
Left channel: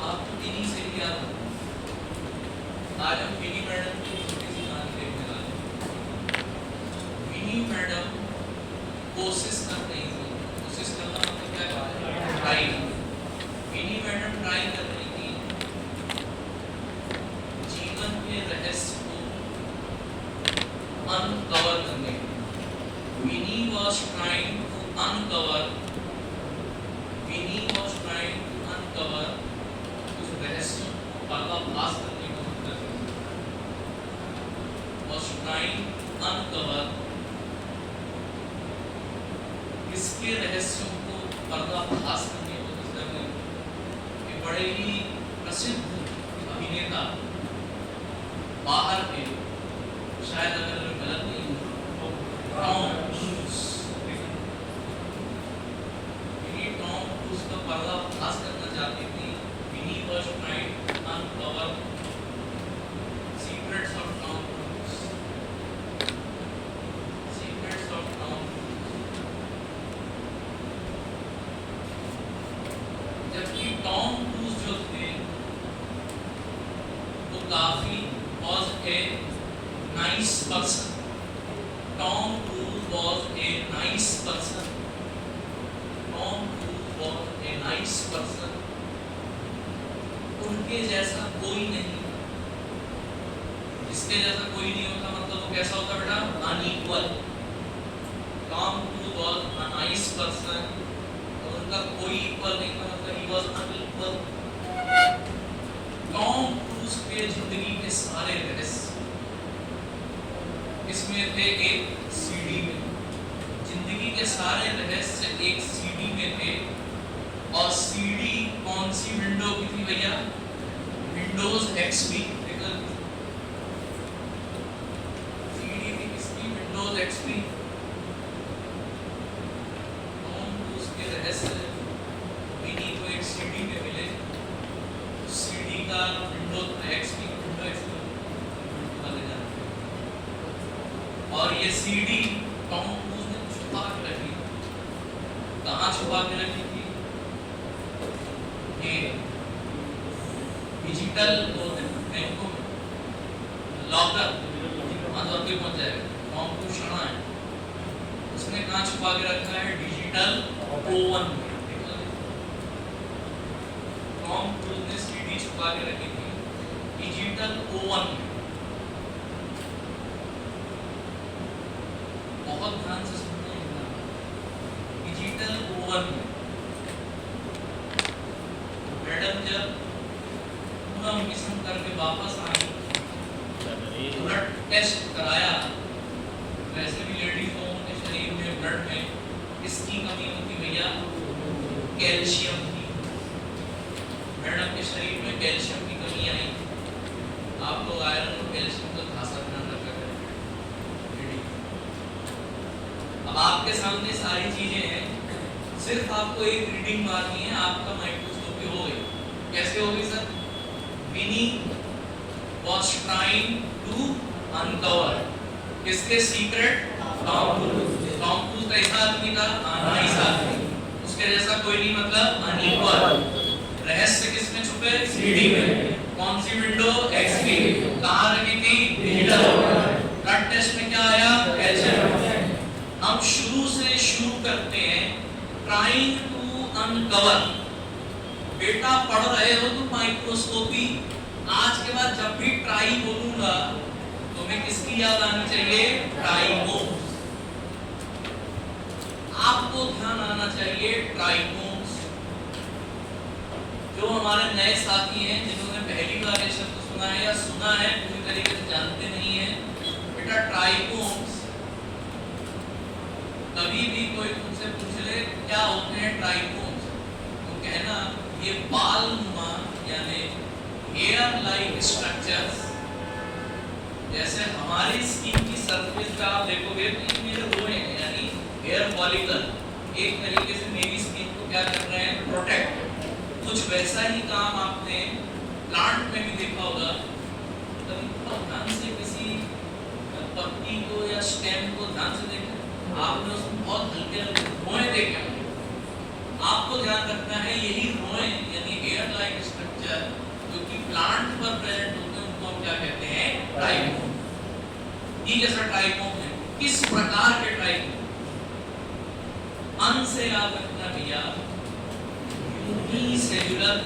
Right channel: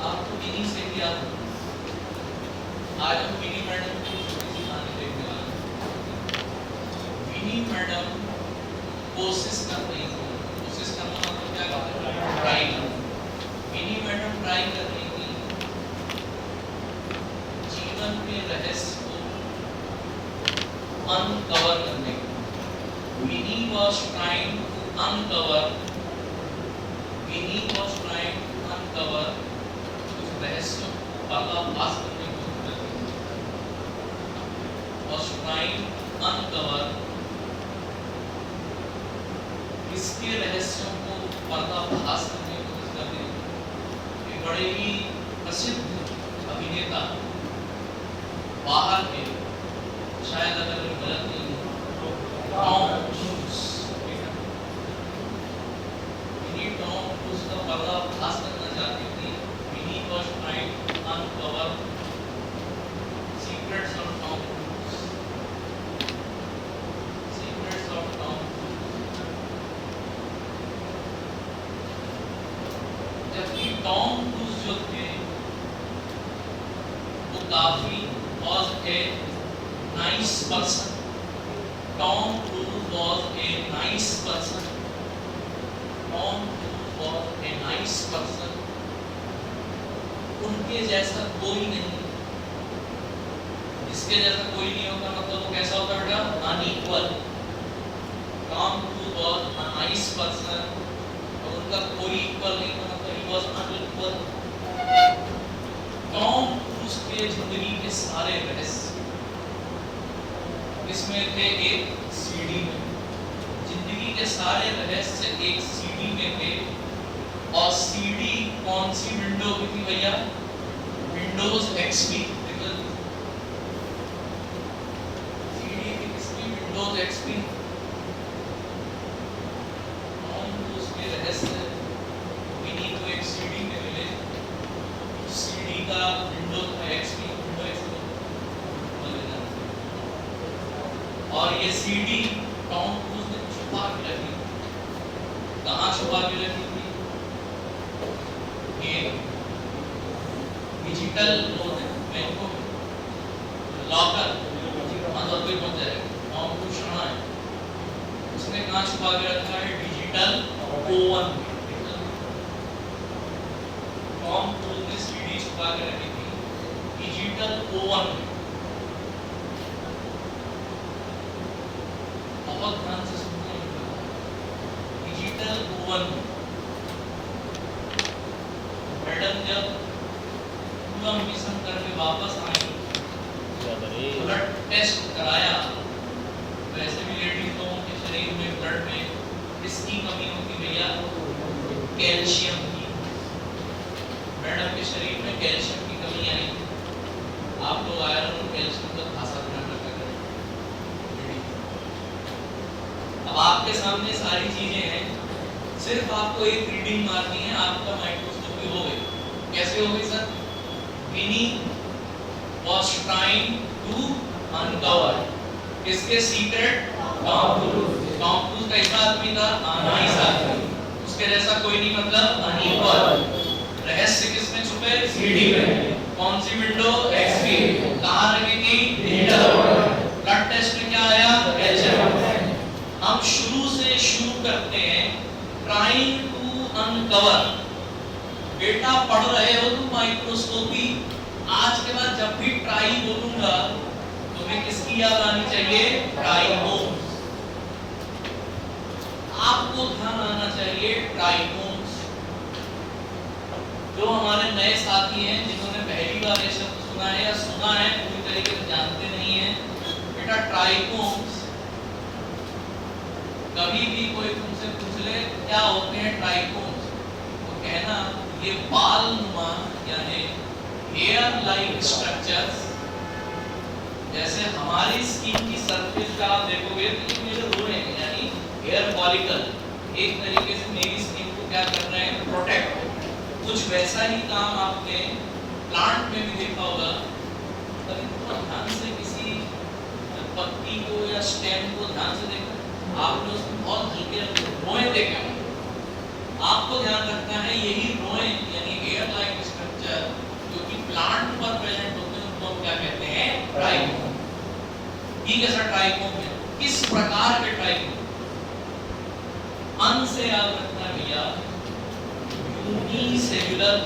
आपको इन्हीं से ही याद हो। आज हम विनी मैडम की छोटी सी कहानी देखने वाले हैं। विनी मैडम कोशिश कर रही थी, कोशिश करना मतलब क्या है ट्राई करना। विनी मैडम ट्राई कर रही थी जीवन के रहस्य को अनकवर करने की। Winnie was trying to uncover, Winnie was trying to uncover, कुछ रहस्यों को पर्दाफाश करने की कोशिश करते was trying uncover, इसके रहस्यों को पर्दाफाश करने की कोशिश करते हैं। एक बड़े ही प्रसिद्ध अभिनेता बाहर के, शायद अगर गलत नहीं है, टॉम क्रूज, टॉम क्रूज का पर्दाफाश करना चाहती थी। विनी was trying to uncover secrets of Tom Cruise, secrets of Tom Cruise। जबकि टॉम क्रूज जो थे वो काफी was a nice person, Tom Cruise was a nice person, Tom Cruise was a nice person, उनके जैसा कोई नहीं, इसके जैसा कोई नहीं होता, मतलब वो कैसा होता बेटा, unequal. Tom Cruise was a nice person, और उनका कोई इक्वल नहीं था, मतलब he was unequal। Tom cruise के जिंदगी के सारे रहस्य इसमें थे एक सीडी में, जिंदगी के सारे रहस्य एक सीडी में थे। और सीडी कौन सी विंडो की थी भैया? Windows XP. सीडी की किसकी? Windows XP. टॉम क्रूज के रहस्य इन्हीं को एक सीडी में मिले। सीडी का विंडोज एक्सपी, विंडो एक्सपी ले जाना। और ये सीडी टॉम क्रूज ने छुपा के रखी। कहाँ छुपा के रखी थी? ये डिजिटल बैंकों में लॉकर मतलब कोई पहुंच जाएगा। टॉम क्रूज शर्मा है, उसने कहाँ छुपा के रखा है? डिजिटल ओवन में। टॉम क्रूज ने सीडी छुपा के रखी थी डिजिटल ओवन में। बहुत ध्यान से सुनते हैं, डिजिटल ओवन में। मैडम जब पूरा मिशन करके वापस आई, ब्लड टेस्ट कराया, वैसे भी लेडीज लोगों के शरीर में ब्लड में किसकी कमी होती भैया? कैल्शियम की। मैडम के शरीर में कैल्शियम की कमी आई। आप लोग आयरन और कैल्शियम को खासा ध्यान रखा करें। अब आपके सामने सारी चीजें हैं, सिर्फ आपको एक रीडिंग मारनी है, आपका माइक्रोस्कोपी हो गई। कैसे होगी sir? Vinny was trying to uncover किसके secret? Tom Cruise. Tom Cruise कैसा आदमी था? नाइस आदमी, उसके जैसा कोई नहीं, मतलब अनइक्वल। रहस्य किसमें छुपे? सीडी में। कौन सी विंडो? एक्सपी। कहाँ रखी थी? डिजिटल। ब्लड टेस्ट में क्या आया? कैल्शियम। हम शुरू से शुरू करते हैं, ट्राइंग टू अनकवर। बेटा पढ़ रहे हो तुम माइक्रोस्कोपी, आज के बाद जब भी ट्राई बोलूंगा तुम्हें किसकी याद आनी चाहिए? ट्राइकोन्स। आपको ध्यान आना चाहिए ट्राइकोन्स। जो हमारे नए साथी हैं जिन्होंने पहली बार ये शब्द सुना है या सुना है पूरी तरीके से जानते नहीं है, बेटा ट्राइकोन्स, कभी भी कोई तुमसे पूछ ले क्या होते हैं ट्राइकोन्स, तो कहना ये बाल नुमा यानी हेयर लाइक स्ट्रक्चर्स, जैसे हमारी स्किन की सरफेस का आप देखोगे तो ये मेरे रोए हैं यानी हेयर फॉलिकल एक तरीके से मेरी स्किन को क्या कर रहे हैं? प्रोटेक्ट। कुछ वैसा ही काम आपने प्लांट में भी देखा होगा। कभी ध्यान से किसी पत्ती को या स्टेम को ध्यान से देखा, आपने उसमें बहुत हल्के रोए देखे होंगे। आपको ध्यान रखना है यही रोए यानी हेयर लाइक स्ट्रक्चर जो कि प्लांट पर प्रेजेंट होते हैं उनको क्या कहते हैं? ट्राइकोन। ये जैसा ट्राइकोन है, किस प्रकार के ट्राइकोन? अन से याद रखना भैया, यूनिसेल्युलर।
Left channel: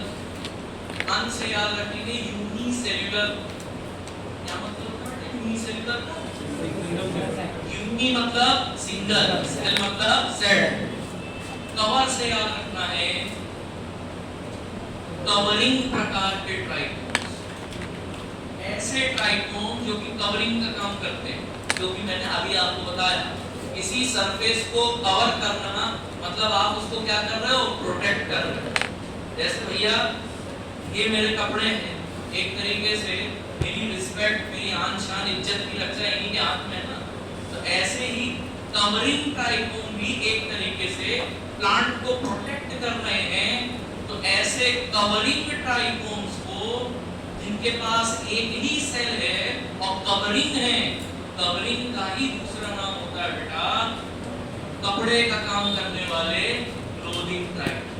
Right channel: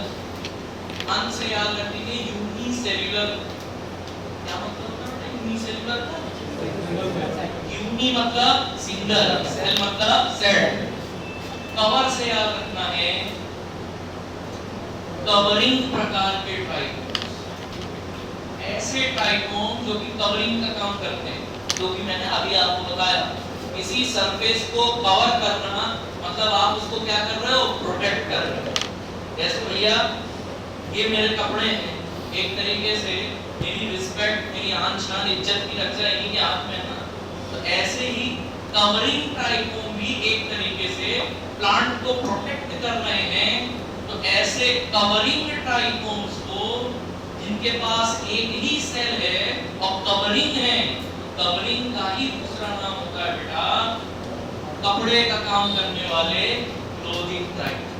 अन से याद रखेंगे यूनिसेल्युलर। क्या मतलब है यूनिसेल्युलर? यूनि मतलब सिंगल, सेल मतलब सेल। कवर से याद रखना है कवरिंग प्रकार के ट्राइकोम्स, ऐसे ट्राइकोम जो कि कवरिंग का काम करते हैं, जो कि मैंने अभी आपको बताया, किसी सरफेस को कवर करना मतलब आप उसको क्या कर रहे हो, प्रोटेक्ट कर रहे हो। जैसे भैया ये मेरे कपड़े हैं, एक तरीके से मेरी रिस्पेक्ट, मेरी आन शान, इज्जत की रक्षा इन्हीं के हाथ में है ना। तो ऐसे ही कवरिंग ट्राइकोम भी एक तरीके से प्लांट को प्रोटेक्ट कर रहे हैं। तो ऐसे कवरिंग ट्राइकोम्स को जिनके पास एक ही सेल है और कवरिंग है, तो कवरिंग का ही दूसरा नाम होता है बेटा कपड़े का काम करने वाले क्लोथिंग ट्राइकोम।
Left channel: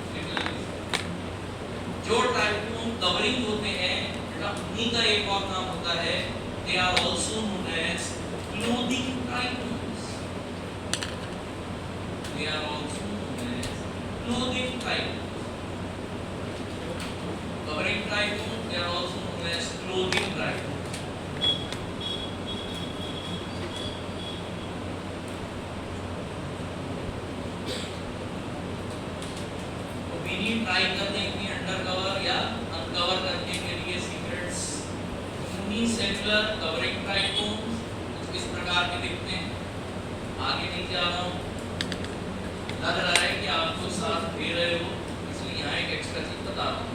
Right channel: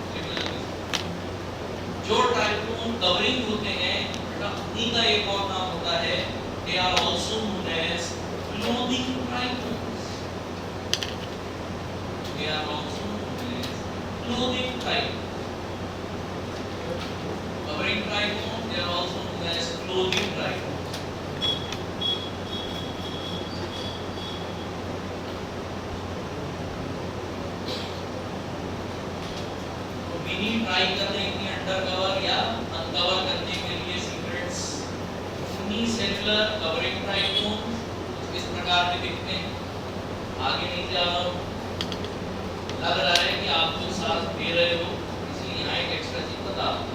जो ट्राइकोम कवरिंग होते हैं बेटा उन्हीं का एक और नाम होता है, they are also known as clothing trichomes. They are also known as clothing trichomes. Covering trichome, they are also known as clothing trichomes. तो मिनी ट्राई करने के लिए अंडर कवर या अनकवर करने के लिए सीक्रेट्स यूनिसेलुलर कवरिंग ट्राइकोम्स इस प्रकार के दिखते हैं। आगे नीचे आ रहा हूँ, लग रहा है कि आप लोग साथ दे रहे हो, इसलिए यहाँ एक एक्स्ट्रा चीज बता रहा हूँ।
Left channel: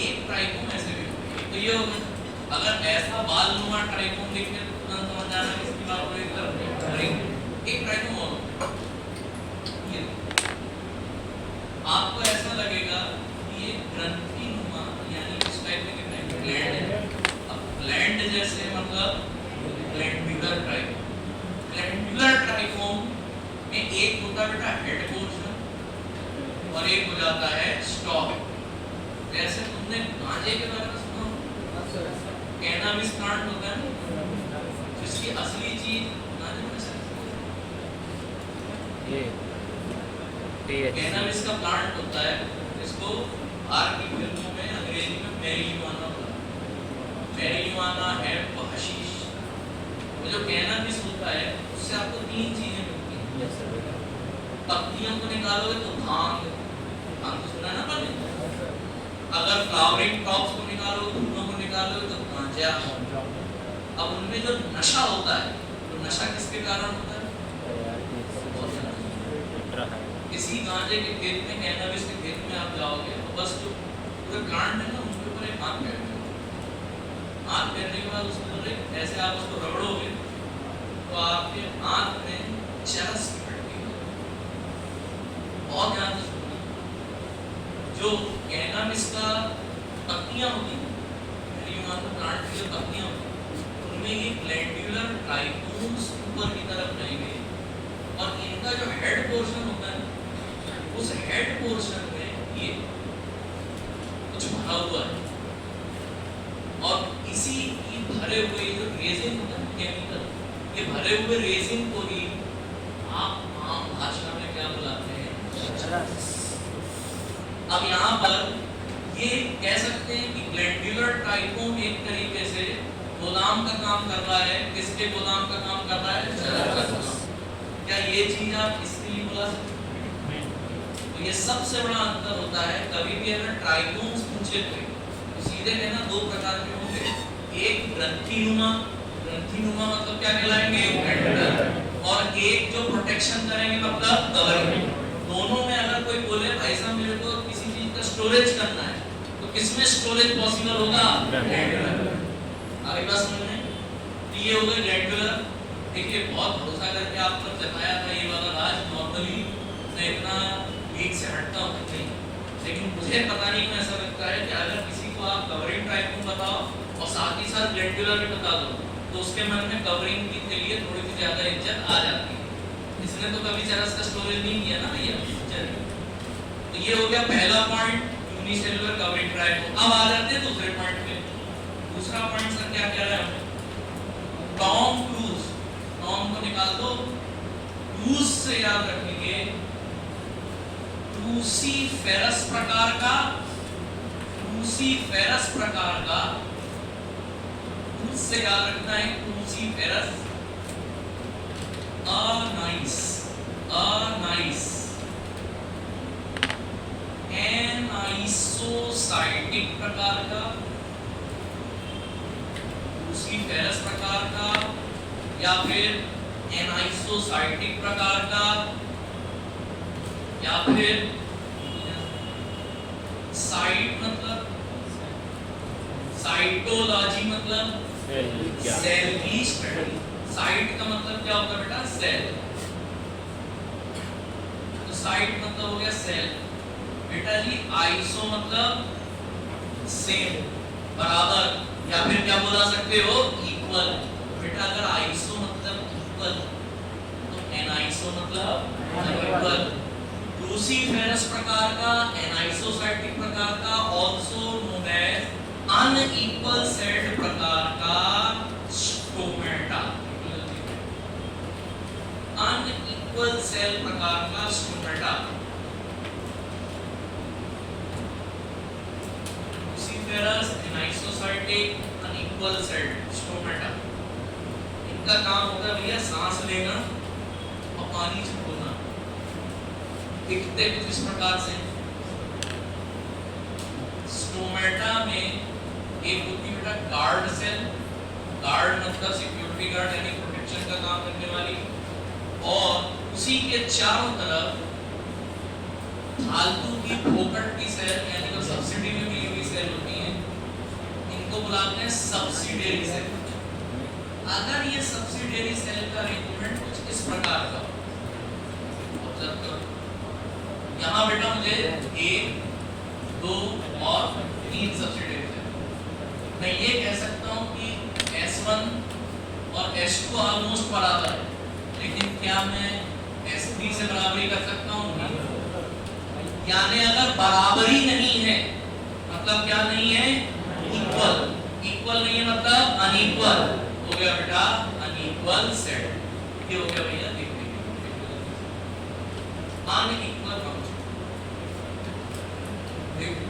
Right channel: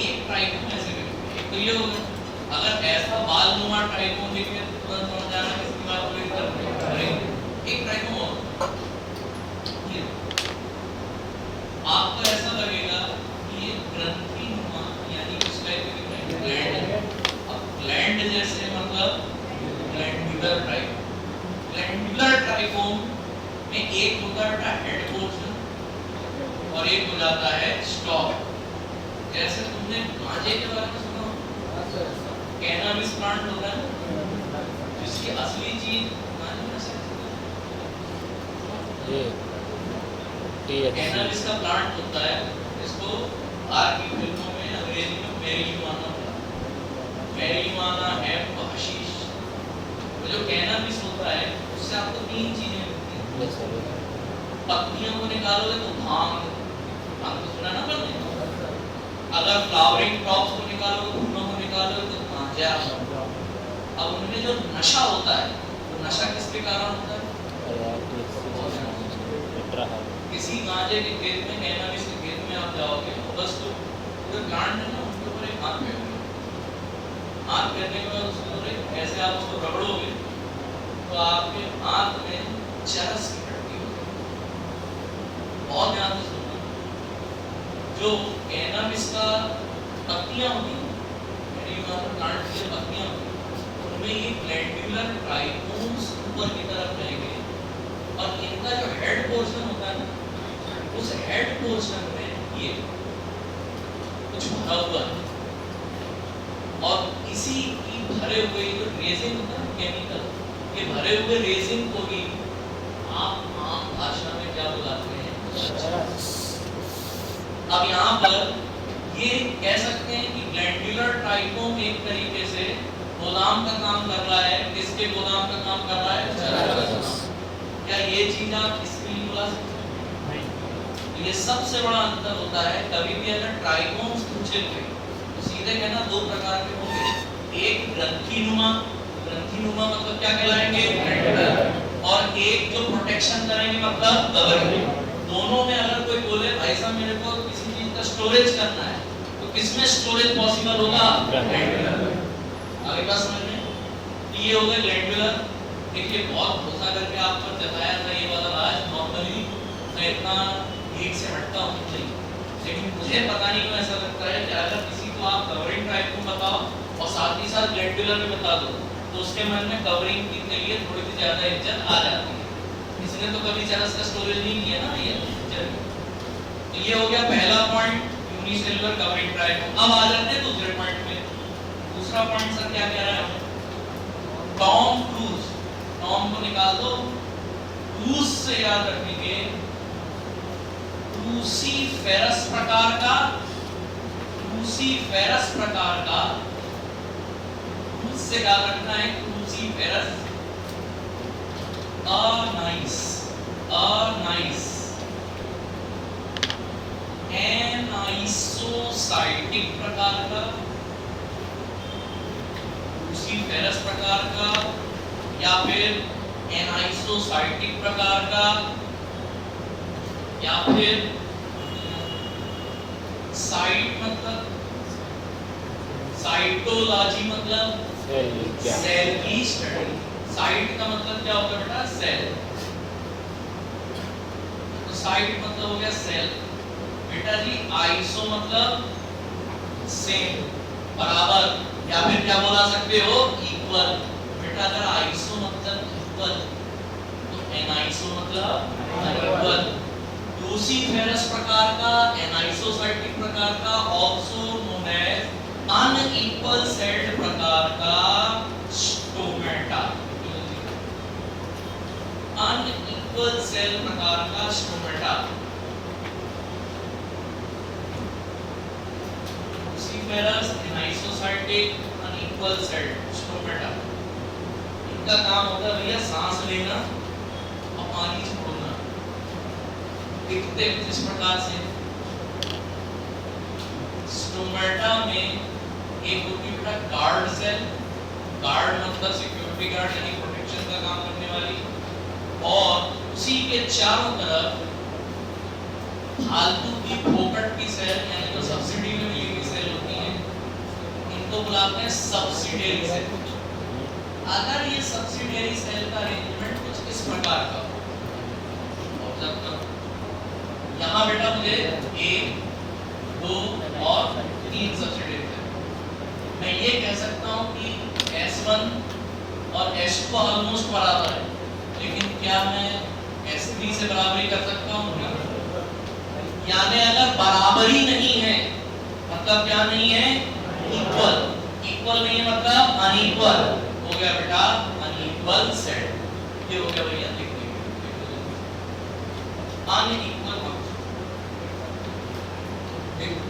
एक ट्राइकोम ऐसे दिखते हैं, तो ये अगर ऐसा बाल नुमा ट्राइकोम दिखे तो तुरंत समझ जाना है इसकी बात कोई तरह नहीं। एक ट्राइकोम और ये आपको ऐसा लगेगा कि ये ग्रंथि नुमा यानी किस टाइप के दिख रहे हैं, ग्लैंड है। अब ग्लैंड जैसे मतलब ग्लैंडुलर ट्राइकोम। ग्लैंडुलर ट्राइकोम में एक होता है हेड पोर्शन और एक हो जाता है स्टॉक। जैसे तुमने गांजे के बारे में सुना, कैनाबिस प्लांट होता है ना, जिसकी असली चीज गांजे में से ये कैनाबिस का प्लांट होता है, इसको बाहर की फिल्मों में अंग्रेजी में मैरिजुआना बोलते हैं। मैरिजुआना है तो हशीश। वो जो कैनाबिस होता है उससे आपको तीन चीजें मिलती हैं। पत्तियों को निकालोगे तो भांग, भांग तो सुना ना पड़ने। अगर फ्लावरिंग टॉप्स को निकालो, फूलों को निकालो तो गांजा। अब उनमें जो नशा होता है, वो नशा किसके कारण होता है? किसी गांजे के खेत में, कैनाबिस के खेत में आप जाओगे और 10 तो पूरे प्लांट में ना उनके ऊपर एक हाथ फेरने, हाथ फेरने के बाद उसको ऐसे आप उसको रगड़ोगे तो आपके हाथ में चरस इकट्ठी होगी। बहुत ध्यान से सुनना, जो कैनाबिस का पत्तियां होती हैं, मैरिजुआना प्लांट की जो पत्तियां होती हैं, उनमें ये ग्लैंडुलर ट्राइकोम्स ऊपर की तरफ रहेंगे और इनका जो हेड पोर्शन होता है, उस हेड पोर्शन में ये कुछ भरा हुआ है और इसी की भरे हुए जो रेजिन होता है केमिकल, ये भरे हुए रेजिन को ही आप आम भाषा में क्या बुलाते हैं? अब यहाँ पर ये कह सकते हैं कि ग्लैंडुलर ट्राइकोम एक तरीके से गोदाम का काम कर रहा है। किसके गोदाम का काम कर रहा है? चरस। क्या ये चीज आप इसके लिए बोला सकते हैं? तो ये सबसे बड़ा अंतर होता है। कभी भी अगर ट्राइकोम्स पूछे हुए तो सीधे कहना दो प्रकार के होंगे, एक ग्रंथिनुमा, ग्रंथिनुमा मतलब क्या कहलाएंगे, और एक जो प्रोटेक्शन करेंगे मतलब कवरिंग। दोनों में अगर कोई बोले भाई साहब मेरे को किसी चीज का स्टोरेज करना है, तो किसमें स्टोरेज पॉसिबल होगा? ग्लैंडुलर। आगे बात समझ में? ये हो गया ग्लैंडुलर। देखिए बहुत भरोसा करके आप पर जताया था ये वाला राज, नॉर्मली मैं इतना एक से हटता हूँ नहीं, लेकिन मुझे पता नहीं क्यों ऐसा लगता है कि अगर किसी को आप कवरिंग ट्राइकोम बताओ और साथ ही साथ ग्लैंडुलर भी बता दो तो उसके मन में कवरिंग के लिए थोड़ी सी ज्यादा इज्जत आ जाती है। इसने तो कभी चरस का स्टोरेज नहीं किया ना भैया। तो ये हो गया पहला पॉइंट, यूनिसेलुलर कवरिंग ट्राइकोम। अब आ जाते हैं दूसरे पॉइंट पे। दूसरा पॉइंट सर क्या कह रहा है? Tom Cruise. टॉम को निकाल दो, क्रूज से याद रखेंगे क्रूसीफेरस प्रकार का, क्रूसीफेरस प्रकार का, क्रूज से याद रखना है क्रूसीफेरस। nice, nice and आइसोसाइटिक प्रकार का, लूसीफेरस प्रकार का, या फिर एनाइसोसाइटिक प्रकार का, या फिर साइट मतलब साइटोलॉजी मतलब सेल की स्टडी। साइट का मतलब क्या होता है बेटा? सेल। तो साइट मतलब हो गया सेल। बेटा जी आइसो मतलब सेम, बराबर, या फिर क्या बोला सकते हो? इक्वल। बेटा अगर आइसो मतलब इक्वल तो एनाइसो मतलब अनइक्वल। लूसीफेरस प्रकार का, एनाइसोसाइटिक प्रकार का, also known as unequal celled प्रकार का स्टोमेटा। अनइक्वल सेल प्रकार का stomata. Cruciferous, anisocytic, unequal celled stomata. इनका काम होता है भैया सांस लेना और पानी छोड़ना। दिखते इस प्रकार से। स्टोमेटा में एक होती है बेटा गार्ड सेल। गार्ड मतलब सिक्योरिटी गार्ड यानी प्रोटेक्शन का काम करने वाली, और उसी के चारों तरफ फालतू की फोकट की सेल यानी जो सब्सिडी में मिली हुई सेल होती हैं, इनको बुलाते हैं सब्सिडियरी सेल। अगर ये सब्सिडियरी सेल का अरेंजमेंट कुछ इस प्रकार का ऑब्जर्व करो। यहाँ बेटा मुझे 1, 2 और 3 सब्सिडियरी सेल। मैं ये कह सकता हूँ कि S1 और S2 ऑलमोस्ट बराबर है, लेकिन क्या मैं S3 से बराबरी कर सकता हूँ? यानी अगर बराबरी नहीं है मतलब क्या नहीं है? इक्वल। इक्वल नहीं है मतलब अनइक्वल। हो गया बेटा अनइक्वल सेट। ये हो गया भैया देखिए अनइक्वल फंक्शन। देखो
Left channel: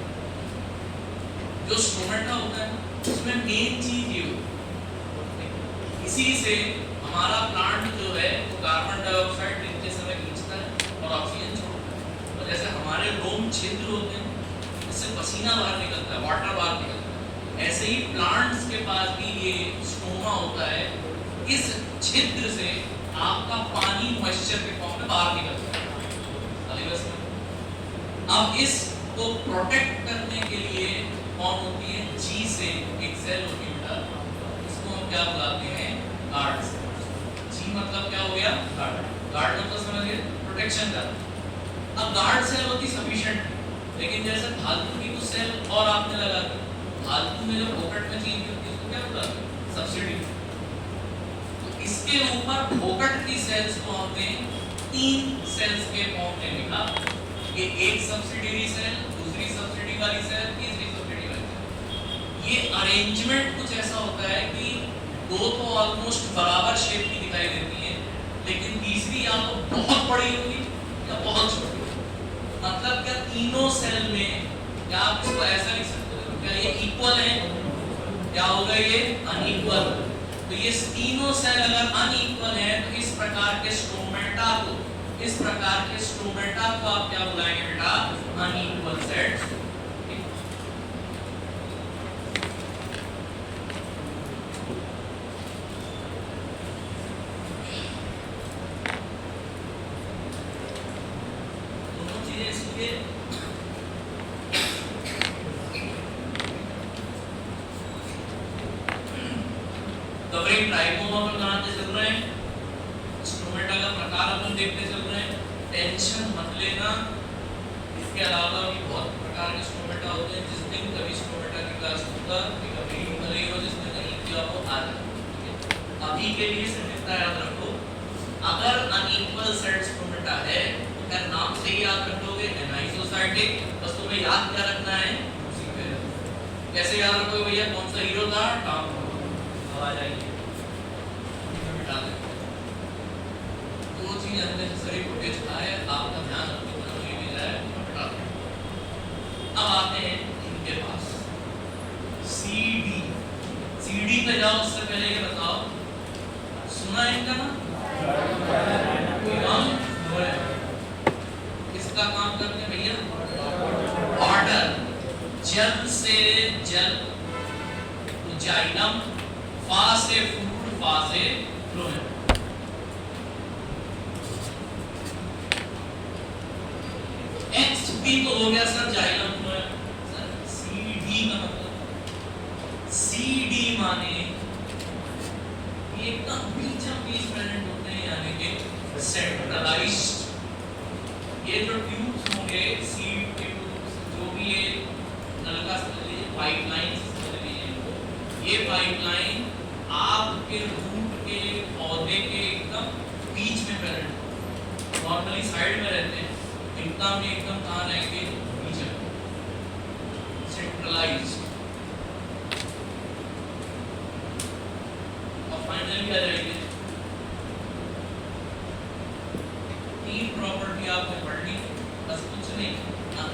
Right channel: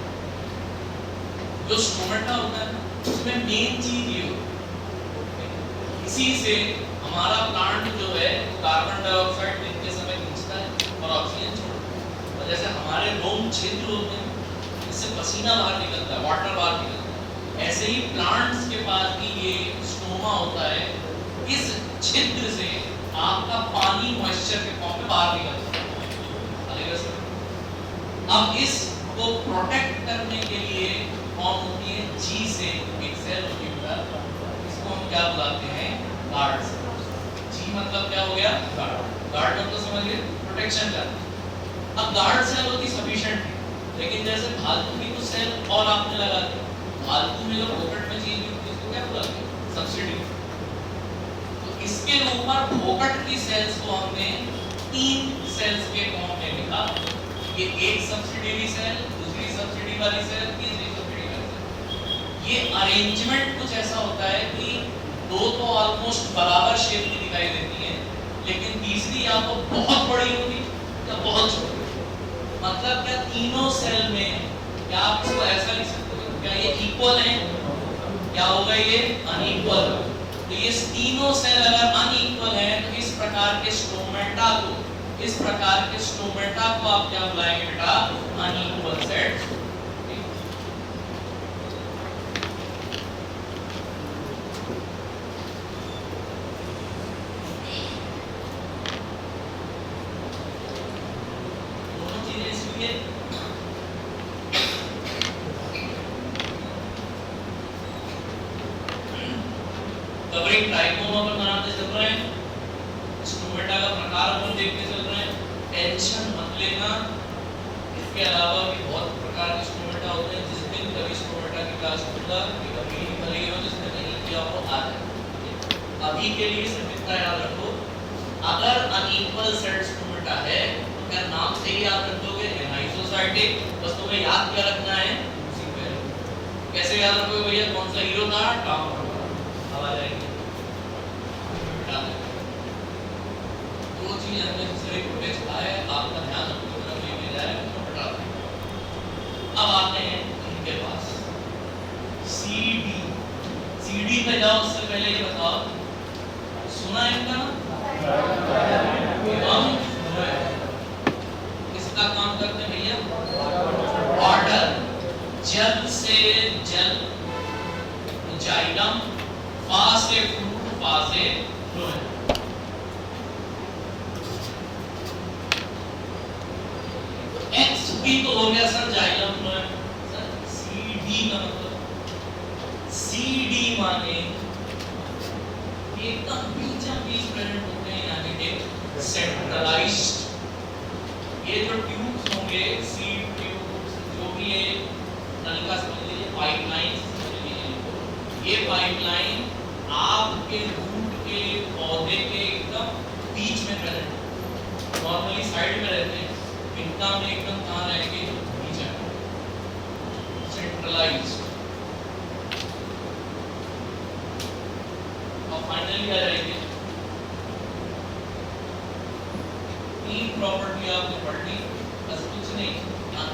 जो स्टोमेटा होता है उसमें मेन चीज ये होती है, इसी से हमारा प्लांट जो है कार्बन डाइऑक्साइड दिन के समय खींचता है और ऑक्सीजन छोड़ता है। और जैसे हमारे रोम छिद्र होते हैं इससे पसीना बाहर निकलता है, वाटर बाहर निकलता है, ऐसे ही प्लांट्स के पास भी ये स्टोमा होता है। इस छिद्र से आपका पानी मॉइस्चर के फॉर्म में बाहर निकलता है। अब इसको प्रोटेक्ट करने के लिए कौन होती है? जी से एक सेल होती है, इसको हम क्या बुलाते हैं? Guard cell. जी मतलब क्या हो गया? गार्ड। गार्ड मतलब समझिए प्रोटेक्शन का। अब गार्ड सेल होती सफिशिएंट है, लेकिन जैसे फालतू की कुछ सेल और आपने लगा दी, फालतू में जो फोकट में चीज होती है उसको क्या बुलाते हैं? सब्सिडी। तो इसके ऊपर फोकट की सेल्स को हमने 3 सेल्स के फॉर्म में लिखा। ये एक सब्सिडियरी सेल, दूसरी सब्सिडी वाली सेल, तीसरी सब्सिडी वाली सेल। ये अरेंजमेंट कुछ ऐसा होता है कि दो तो ऑलमोस्ट बराबर शेप की दिखाई देती है, लेकिन तीसरी या तो बहुत बड़ी होगी या बहुत छोटी होगी। मतलब क्या तीनों सेल में क्या आप इसको ऐसा लिख सकते हो? क्या ये इक्वल है? क्या होगा ये? अनइक्वल। तो ये तीनों सेल अगर अनइक्वल है तो इस प्रकार के स्टोमेटा को, इस प्रकार के स्टोमेटा को आप क्या बुलाएंगे बेटा? Unequal sets. दोनों चीजें इसलिए कवरिंग ट्राइकोमा पर बनाते चल रहे हैं। स्टोमेटा का प्रकार अपन देखते चल रहे हैं। टेंशन मत लेना। इसके अलावा भी बहुत प्रकार के स्टोमेटा होते हैं। जिस दिन कभी स्टोमेटा की क्लास होगा कभी करेंगे जिस दिन नहीं जो आपको आ जाए। अभी के लिए सिर्फ इतना याद रखो, अगर अनइक्वल सेट स्टोमेटा है तो क्या नाम से ही याद रख लोगे? एनाइसोसाइटिक। बस तुम्हें याद क्या रखना है? कैसे याद रखोगे भैया? कौन सा हीरो था? टॉम। आ जाएगी दो चीज अननेसेसरी फुटेज आए, आपका ध्यान उतना नहीं मिल रहा है तो हटा दें। अब आते हैं इनके पास सीडी। सीडी पे जाओ, उससे पहले ये बताओ सुना है इनका नाम? किसका काम करते हैं भैया? वाटर। अभी तो हो गया sir xylem phloem. Sir CD का मतलब सीडी माने ये एकदम बीचों बीच प्रेजेंट होते हैं, यानी कि सेंट्रलाइज्ड। ये जो ट्यूब्स होंगे सीड ट्यूब्स, जो भी ये नलका समझ लीजिए, पाइपलाइंस समझ लीजिए, ये पाइपलाइन आपके रूट के पौधे के एकदम बीच में प्रेजेंट, नॉर्मली साइड में रहते हैं, इनका में एकदम कहाँ रहेंगे, बीच में, सेंट्रलाइज्ड। और फाइनली क्या रहेंगे, तीन प्रॉपर्टी आपने पढ़नी, बस कुछ नहीं,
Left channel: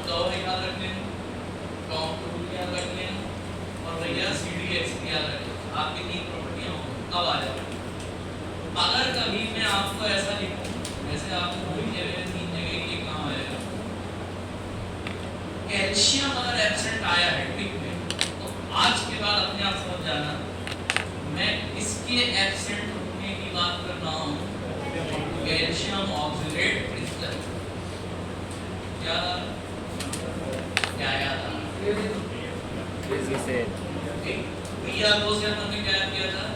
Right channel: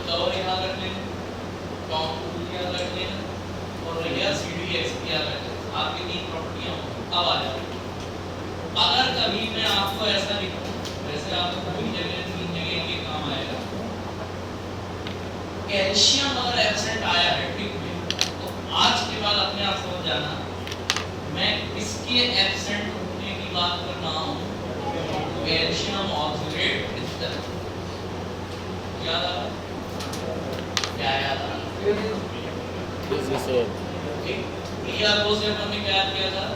कवर याद रख लेना, कॉन्टूर याद रख लेना, और भैया CDX याद रख लेना। आपकी तीन प्रॉपर्टियां अब आ जाएंगी। अगर कभी मैं आपको ऐसा लिखूं, वैसे आपको कोई जगह तीन जगह ये काम आएगा, कैल्शियम अगर एब्सेंट आया है ठीक है, तो आज के बाद अपने आप समझ जाना मैं इसके एब्सेंट होने की बात कर रहा हूं, कैल्शियम ऑक्सलेट क्रिस्टल। याद आ रहा? क्या याद आ रहा? प्रिया को से हमने क्या किया था,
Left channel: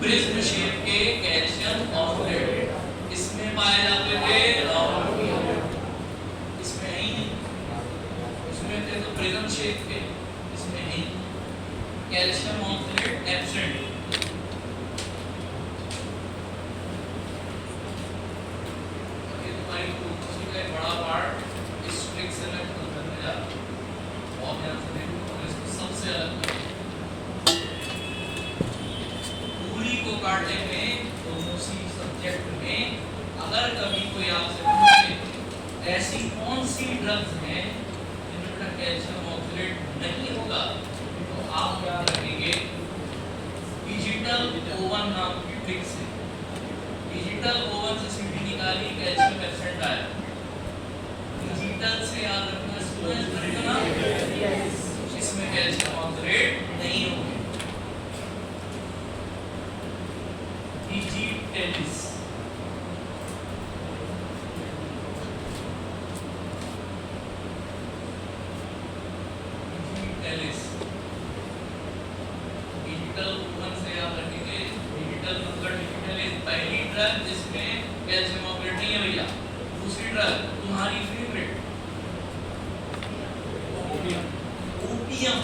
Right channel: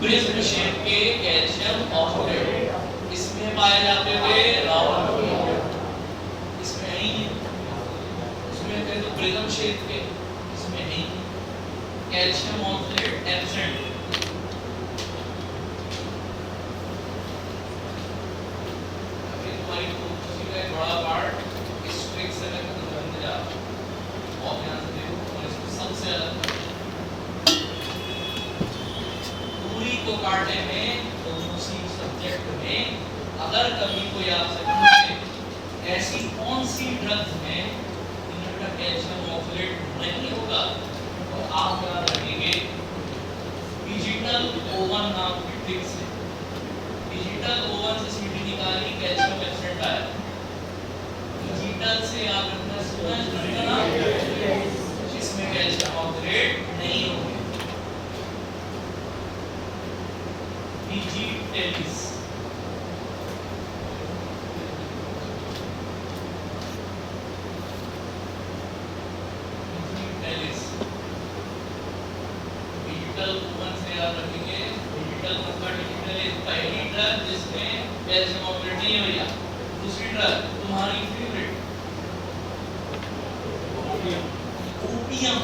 प्रिज्म शेप के कैल्शियम ऑक्सलेट, इसमें पाए जाते थे राउंड, इसमें है ही नहीं, इसमें थे तो प्रिज्म शेप के, इसमें नहीं, कैल्शियम ऑक्सलेट एब्सेंट। ये तुम्हारी प्रोसेस का एक बड़ा पार्ट, इस ट्रिक से मैं खुद बन गया, बहुत ध्यान से देखो, सबसे अलग को काटने में दोनों सी सब्जेक्ट में अगर कभी कोई आपसे पूछे ऐसी कौन सी ड्रग्स में इनका कैल्शियम ऑक्सलेट नहीं होगा, तो आप क्या रखेंगे, डिजिटल ओवन नाम की ट्रिक से, डिजिटल ओवन से सीडी निकाली, कैल्शियम एब्सेंट आया, डिजिटल से याद रखना इसमें कैल्शियम ऑक्सलेट नहीं होगा, digitalis डिजिटल ओवन से याद रखेंगे, डिजिटल कुकर डिजिटलिस पहली ड्रग जिसमें कैल्शियम ऑक्सलेट नहीं है भैया, दूसरी ड्रग तुम्हारी फेवरेट ओपियम,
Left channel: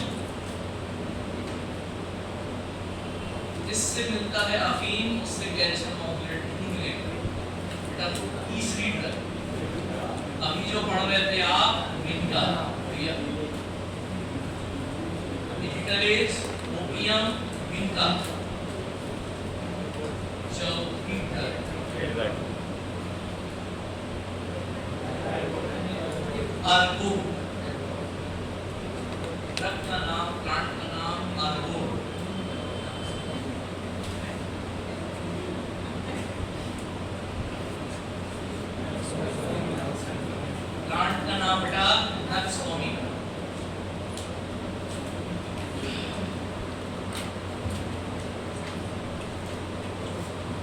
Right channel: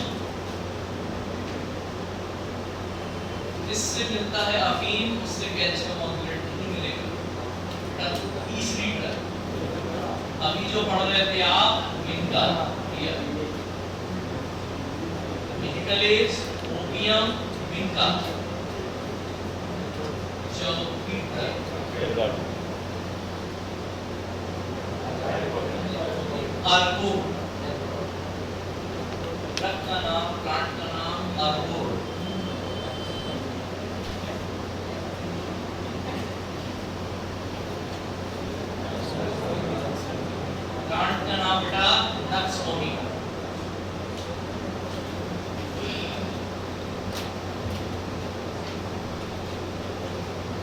जिससे मिलता है अफीम, उससे कैल्शियम ऑक्सलेट नहीं मिलेगा। बेटा तीसरी ड्रग अभी जो पढ़ रहे थे आप, इनका डिजिटलिस, ओपियम, इनका चौथी ड्रग अर्गो, ड्रग का नाम, प्लांट का नाम अर्गो। बेटा नक्सोमी,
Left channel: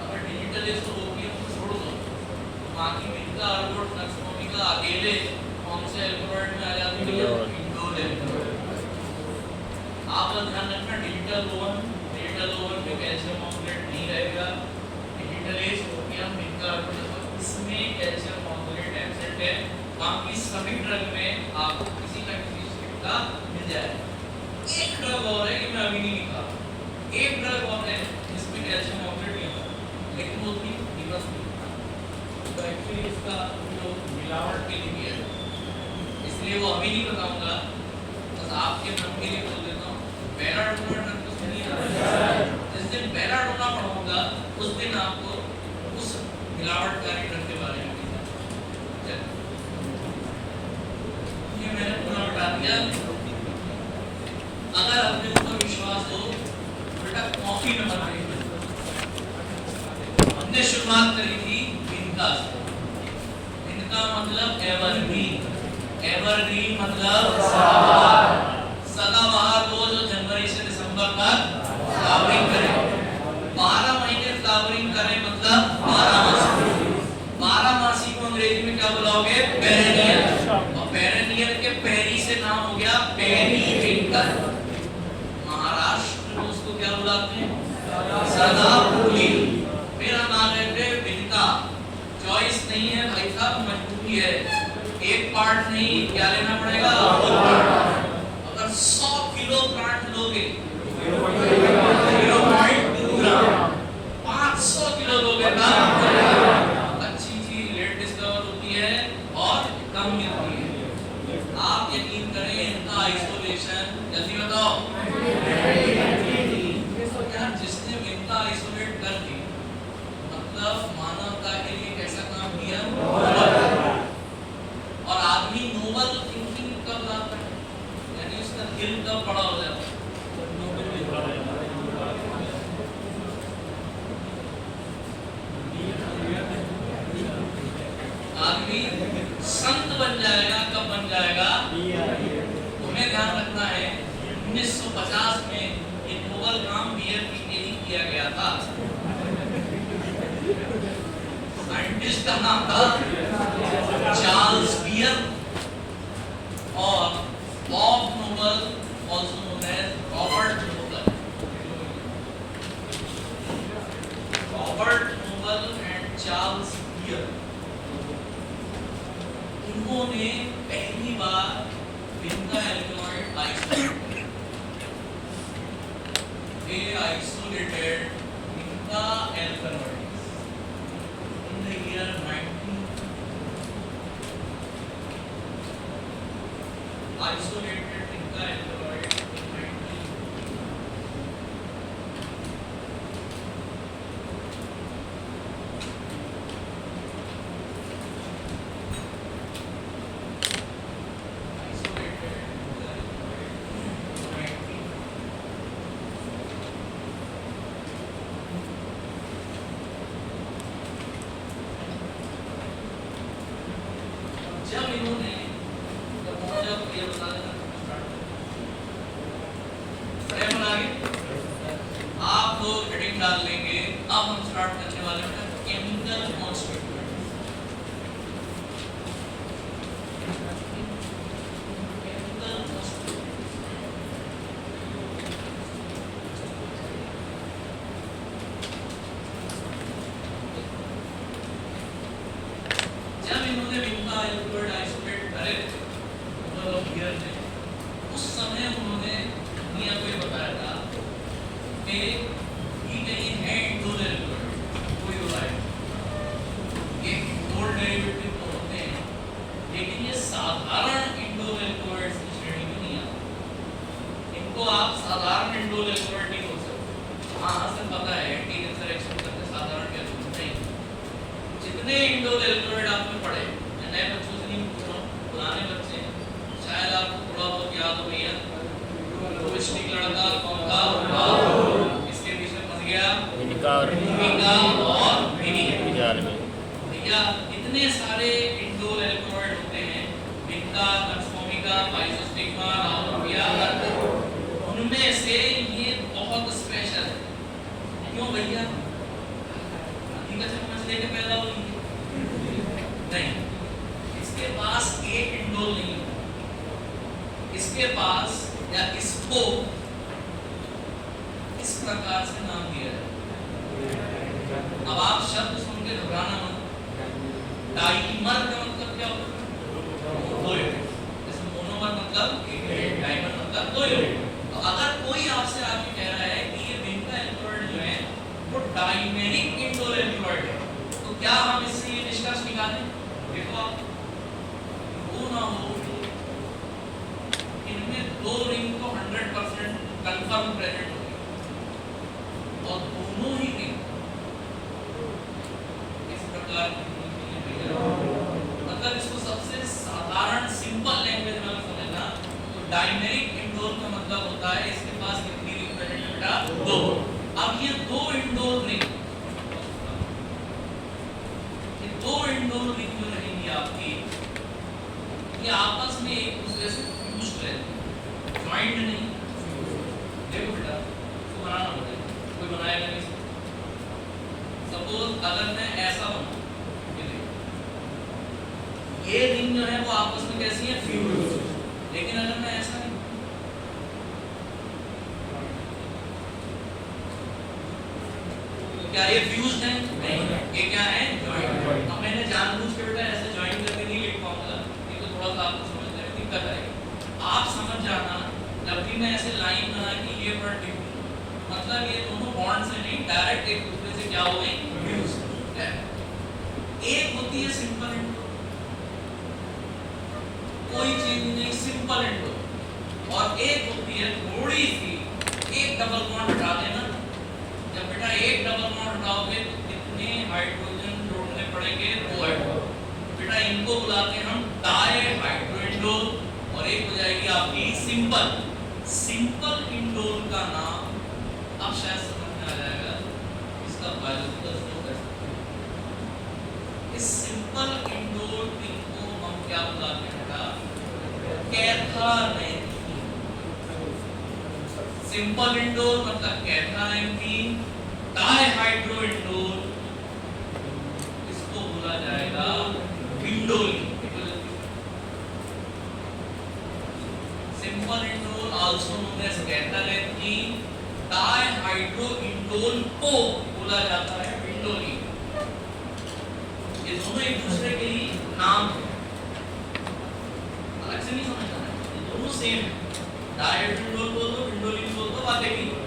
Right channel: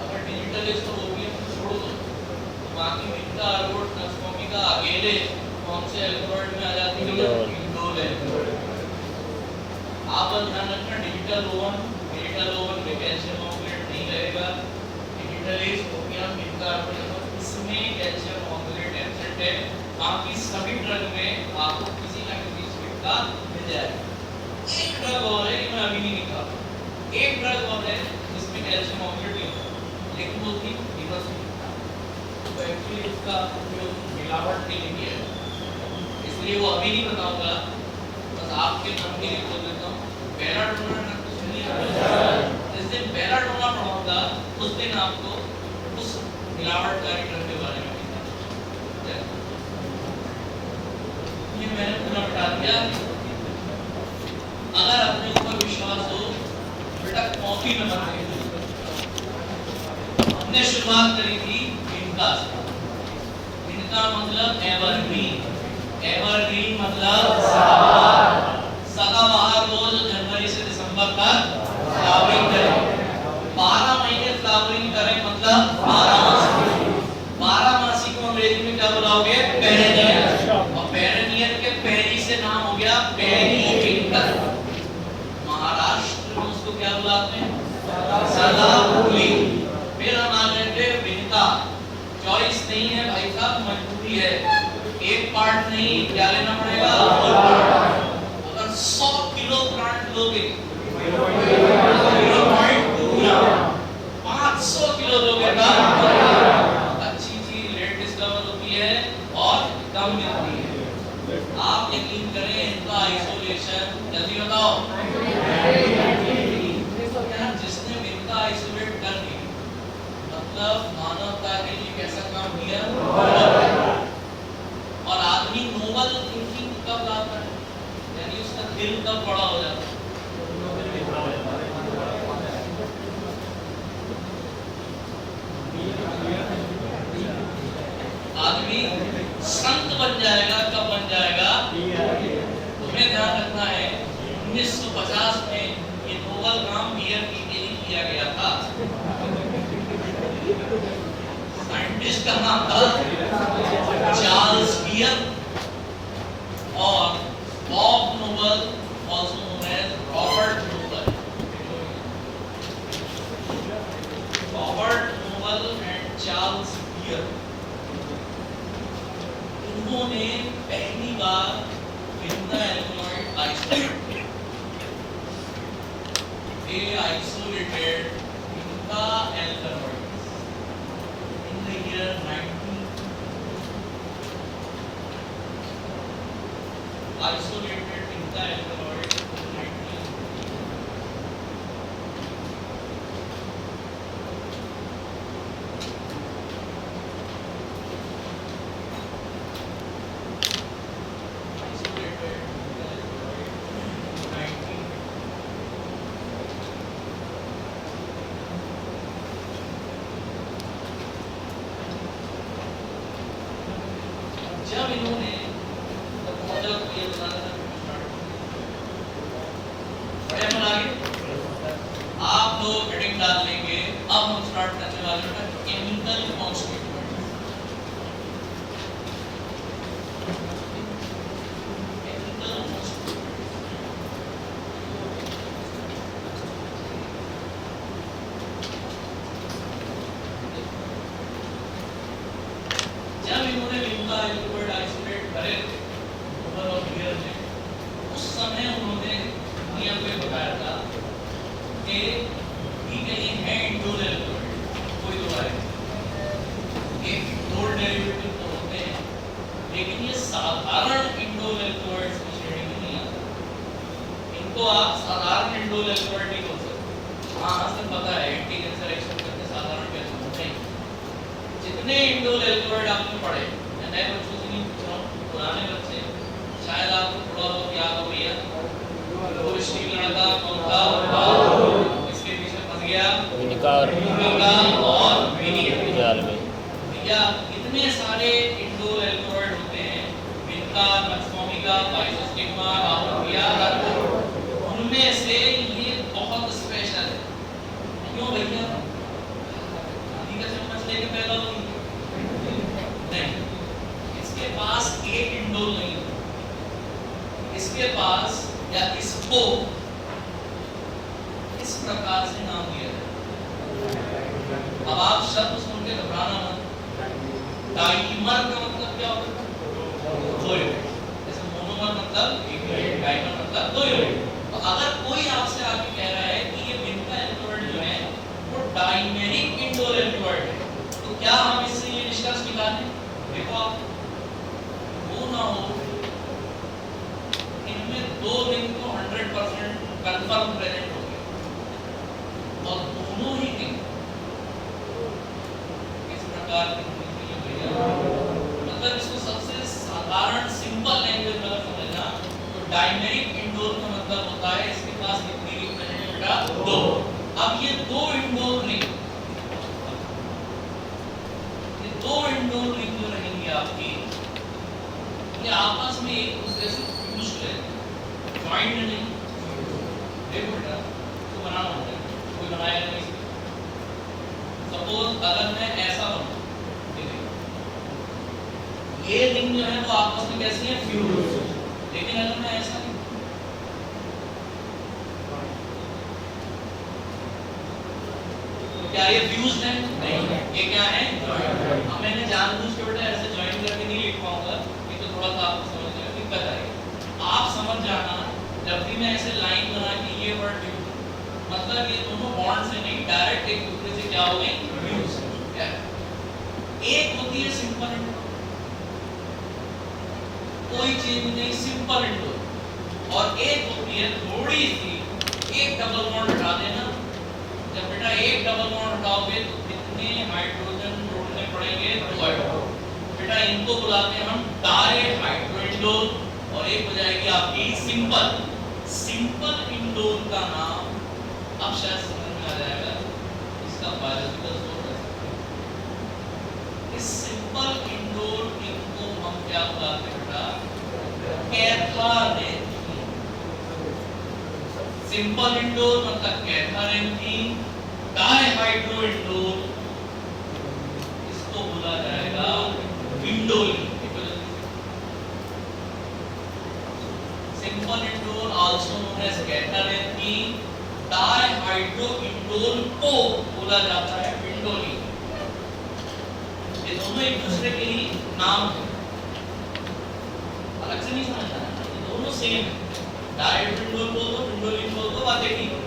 अगर डिजिटलिस तो ओपियम छोड़ दो, बाकी इनका अर्गोट नक्सोमी का अकेले कौन से एल्कोलॉइड में आ जाती है, इंडोल है। आप ध्यान रखना, डिजिटल ओवन में कैल्शियम ऑक्सलेट नहीं रहेगा, डिजिटलिस, ओपियम, इनका अर्गोट, इसमें कैल्शियम ऑक्सलेट एब्सेंट है, बाकी सभी ड्रग में आपको किसी ना किसी स्टेप का मिल जाएगा। एक ड्रग और है कि मैं अभी नहीं लिखा, एक ड्रग और है जिसमें कैल्शियम ऑक्सलेट नहीं होता, लेकिन वो भी रिवर्स नहीं होता, तो एक्चुअली उसका उपयोग मिलावट के लिए किया है, इसलिए वो अभी नहीं बताऊंगा, बस आपके नाम के लिए बोल देता हूँ। बेलाडोना ड्रग को सुन लिया, जिस दिन बेलाडोना पढ़ाऊंगा उस दिन आपको उस मिलावटकारी ड्रग के बारे में मैंने पूरा बता दिया। अगर अपने ऊपर विश्वास हो, बेटा कॉफी नंबर हमने शुरुआत करी थी इनका, इनका मतलब एवरग्रीन, एवरग्रीन मतलब सदाबहार को जो जनवरी से दिसंबर तक फ्लावरिंग करे, 12 महीने फ्लावरिंग करे, मतलब 12 मासी को अंग्रेजी में क्या बुलाओगे, पेरेनियल, और पेरेनियल नहीं है भाई साहब, मजबूरी है, एक पार्ट नहीं, क्या लेना पड़ेगा? अगर 100 किलो प्लांट लोगे 0.2 ग्राम, 500 किलो लोगे तब अच्छी चीज लेट डिस्कवर होती है और कम मिलती है। आप यकीन करें इनका आइसोलेशन, जल्दी बताओ, जिसने इनका आइसोलेट कर दी मतलब मानवता के लिए कैसा काम किया। और आदमी नोबल थिंकिंग कब लाता है, यानी उसका दिल कब बड़ा हो जाता है। आदमी संत बन जाएगा, कब बन जाएगा? तुम्हें ध्यान रखना है 1950 में ये नोबल काम बियर के लिए किया गया था। साइंटिस्ट का नाम था चार्ल्स बियर और Bob Noble, also known as Robert Noble. Robert Noble and Charles Beer, इन्होंने पहली बार vinca alkaloid isolate, they isolated Inca alkaloids in the year 19, isolated Inca alkaloids in 19. जब इन्होंने आप लोग हेडिंग डाल लेंगे। अब हम स्टार्ट करने वाले हैं केमिकल कॉन्स्टिट्यूएंट। जब इन्होंने विंडा एल्कलॉइड आइसोलेट करे थे और बियर ने, उस समय उन्होंने दुनिया को बताया था कि ये कहीं है इंडोल एल्कलॉइड, कोई दो है, एक गोल्ड डेरिवेटिव तो होते हैं, लेकिन ये साधारण इंडोल एल्कलॉइड की श्रेणी में नहीं आते। इनको आप साधारण इंडोल एल्कलॉइड नहीं बोल सकते। वहाँ से पता है एंटी कैंसर एक्शन करते साधारण कैसे होते हैं। जितने इंडोल एल्कलॉइड आपने पढ़े, मैं नए बच्चों से नहीं पूछ रहा हूँ, पुराने बच्चे शायद आपको थोड़ा बहुत याद हो गया। वो स्टील लड़का कौन था? इसके पीछे फंस गया इनका और विनिया में भैया। इतने सारे इंडोल एल्कलॉइड होते हैं, इनका, नक्सोमिका, बाइसोस्टिग्मा, आमोनिया, उनमें से ये बहुत स्पेशल है। क्यों भैया? लेके पैदा हुई नहीं, इसके पास एक इंडोल नहीं, इसके पास या इसको इस प्रकार से नाम दिया जाए। अब आप शब्द सुन के घबराना मत। डाइमर का मतलब क्या होता है? दो यूनिट। जैसे मोनोमर मतलब एक यूनिट, डाइमर मतलब दो यूनिट। तो अगर कोई आपसे आके कह रहा है कि ये विंडा एल्कलॉइड जो है वो डाइमेरिक इंडोल एल्कलॉइड है, तो क्या हम इससे ये निष्कर्ष निकालें? देखो आप, वो ना हो इनमें दो रिंग तो 100% कंफर्म प्रेजेंट हो गए और दोनों ही रिंग इस प्रकार की भैया, मतलब इसको सबसे साधारण सिंपल लैंग्वेज में समझना तो डाइमेरिक इंडोल का मतलब होता है इसके पास कितनी रिंग प्रेजेंट है बेटा? दो। अब ये दो इंडोल रिंग, दो इंडोर रिंग जो रहेंगी आपकी, ये आपस में एक दूसरे से फ्यूज्ड रहेंगे, ज्वाइंट नहीं। देखो बेटा, इसको बनाना होता है, कोई बनाएगा नहीं। सपोज अगर मैं ऐसा बनाऊं, ये रिंग जो है वो आपस में कैसी है? फ्यूज्ड। लेकिन अगर मैं ऐसा तो क्या ये फ्यूज्ड है? नहीं। ये क्या है? ज्वाइंट। अब मैंने जानबूझ के बेटा ऐसे ज्वाइन करके नहीं लिख पाऊंगा, नहीं तो थोड़ा सा आपको समझने में दिक्कत आएगी। आप समझ जाना जब भी मैं ऐसे लाइन बना कि ये वर्ड लिखूं, मतलब ये दोनों बॉन्ड से नहीं, डायरेक्ट एक दूसरे से क्या हो गई, यूज क्या है? एक होती है सिंपल इंडोर, कोई चीज नहीं, सिंपल इंडोर, और एक होती है थोड़ी सी, एक डबल बॉन्ड हटा देना। जब बेटा एक डबल बॉन्ड हटाओगे तो कितने हाइड्रोजन जोड़ने पड़ेंगे, 2 हाइड्रोजन। बेटा इनको बुलाते हैं हम डाई हाइड्रो इंडोर, और एक हो जाएगी आपकी सिंपल। सिंपल इंडोर का नाम अब शायद समझ में आ जाएगा, इसका बायोलॉजिकल सोर्स है। इस सिंपल इंडोर इनको हम क्या बुलाते हैं बेटा, कैथारेंथीन। सिंपल इंडोर मतलब कैथारेंथीन, डायहाइड्रो इंडोर इसको बोला जाएगा indoline. Simple indole also known as catharanthine, dihydro indole को बोला जाता है इंडोलिन। ये दोनों एक दूसरे के लिए नाम है, अलग से नहीं समझना है, तो दोनों सेम है। डायहाइड्रो इंडोल बोल दो, इंडोलिन बोल दो, बात एक ही है।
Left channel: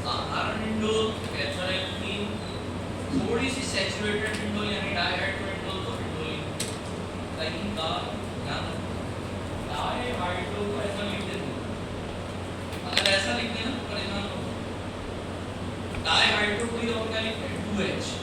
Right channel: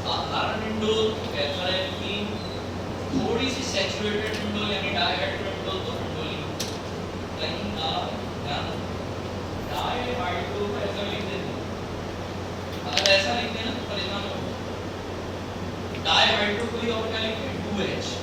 साधारण इंडोल कैथारेंथीन, थोड़ी सी सैचुरेटेड इंडोल यानी डायहाइड्रो इंडोल तो इंडोलिन। कहीं का ध्यान डायहाइड्रो को ऐसा लिख देते, अगर ऐसा लिख देना तो परेशान हो। डायहाइड्रो को ही और क्या लिखें, 2H।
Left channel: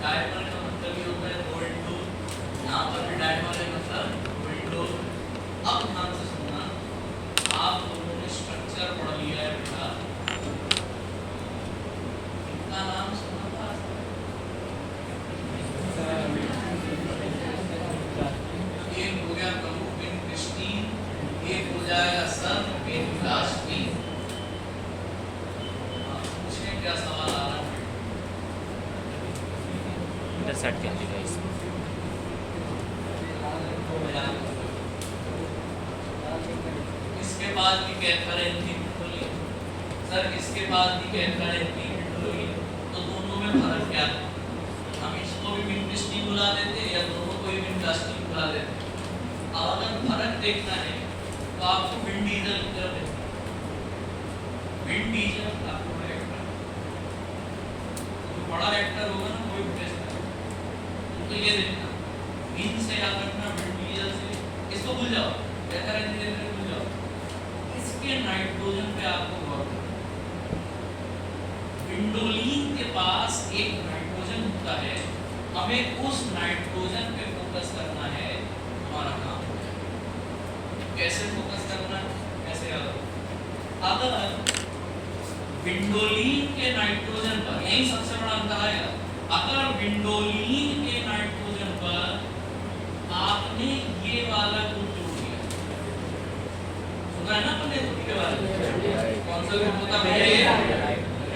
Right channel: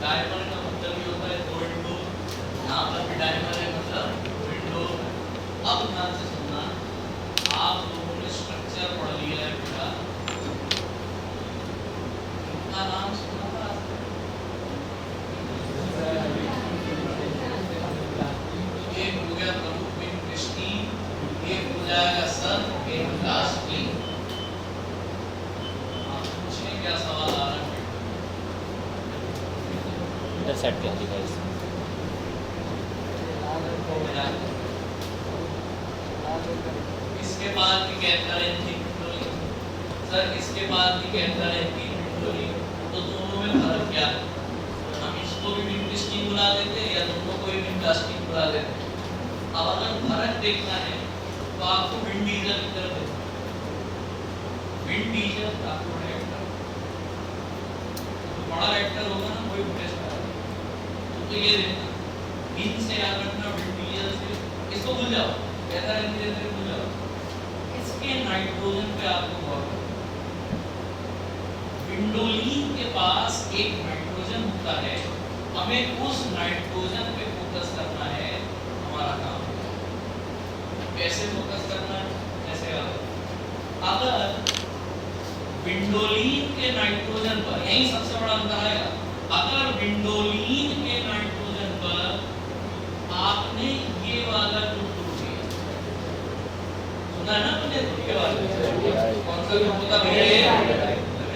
डायमंड का मतलब ये होता है दो इंटू, यहाँ पर भी डायमंड है मतलब दो इंटू। अब ध्यान से सुनना, आप लोगों ने स्ट्रक्चर पढ़ लिया है बेटा, इनका नाम सुना था? एक हो गया प्रमुख पिन क्रिस्टीन, एक हो जाएगा सर पिन लास्टली। आप पूछें क्या सवाल आ रहा है? इधर सेट कर दिया गाइस। इसके बाद भी कैथारेंथीन सर, इसके बाद भी कैथारेंथीन, तो दोनों में फर्क क्या है? हम इसको भी विंडस्टीन बुला देते हैं या दोनों को भी विंडस्टीन बुला देते हैं। अब अगर फर्क देखना है तो आपको विंड डीजल कर देते हैं। विंड डीजल आपको बड़ा रिएक्टर होगा ना, कोई प्रेस करेगा तो ये देखना, मीन से क्या करना, विंड डीजल से इसको भूल जाओ, कैथारेंथीन से भूल जाओ। इसके नाइट्रोजन पे आपको गौर करना, विंडोलिन के पास एक नाइट्रोजन विंडोलिन के नाइट्रोजन पर, यही सबसे बड़ा अंतर आएगा, अगर विंडोलिन के नाइट्रोजन पर आपने ये वाला ग्रुप जोड़ दिया, सुना है ना तुमने ये वाला कौन सा ग्रुप होता है ये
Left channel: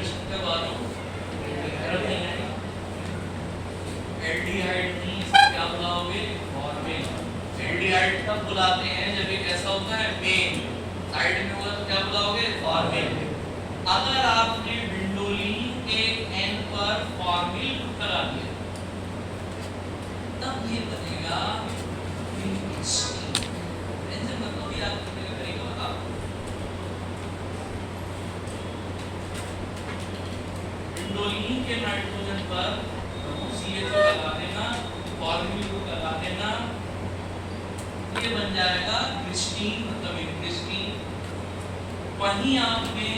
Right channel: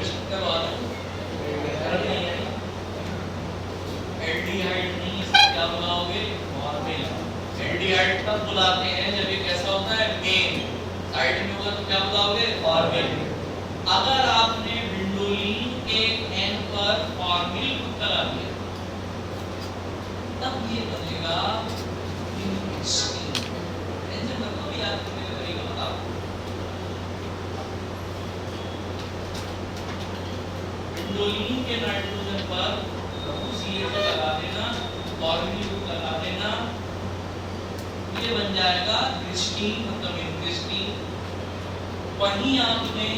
इसके बाद एल्डिहाइड नहीं, क्या बुलाओगे फॉर्मेल। एल्डिहाइड तब बुलाते हैं जब ये कैसा होता है मेन साइड में होगा, तो क्या बुलाओगे फॉर्मेल। अगर आपने विंडोलिन के एन पर फॉर्मिल ग्रुप लगा दिया तब ये बनेगा विंडोलिन। टेंशन मत लो, याद करने का तरीका बताओ। विंडोलिन के नाइट्रोजन पर CH लगा देना, फॉर्मिल ग्रुप लगा देना, ये बन जाएगा हिस्टीन, मतलब हिस्टीन। वहीं आपने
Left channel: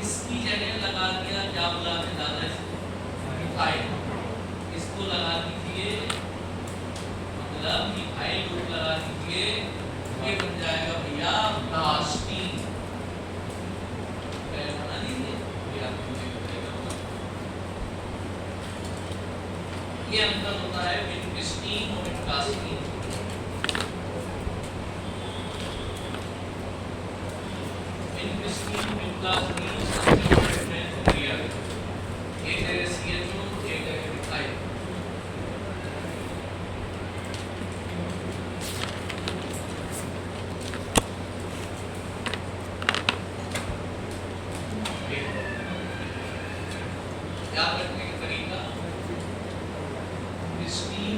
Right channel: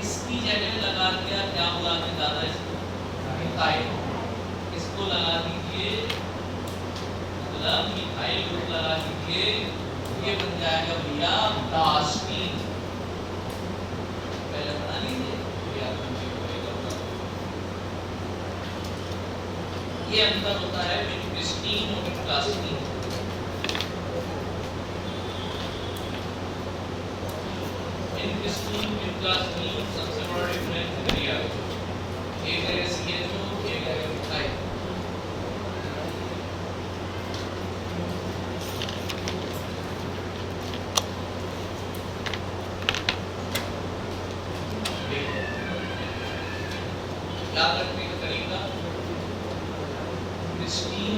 इसकी जगह लगा दिया, क्या बुला के डाला इसको मिथाइल, इसको लगा दीजिए मतलब मिथाइल ग्रुप लगा दीजिए, ये बन जाएगा भैया प्लास्टीन। बना दीजिए ये अंतर होता है विंडोलिन और प्लास्टीन। विंडोलिन के प्लास्टीन सबसे बड़ा डिफरेंस क्रिया है, एक है CH2 एक है मिथाइल। याद रखने का तरीका, हिस्टीन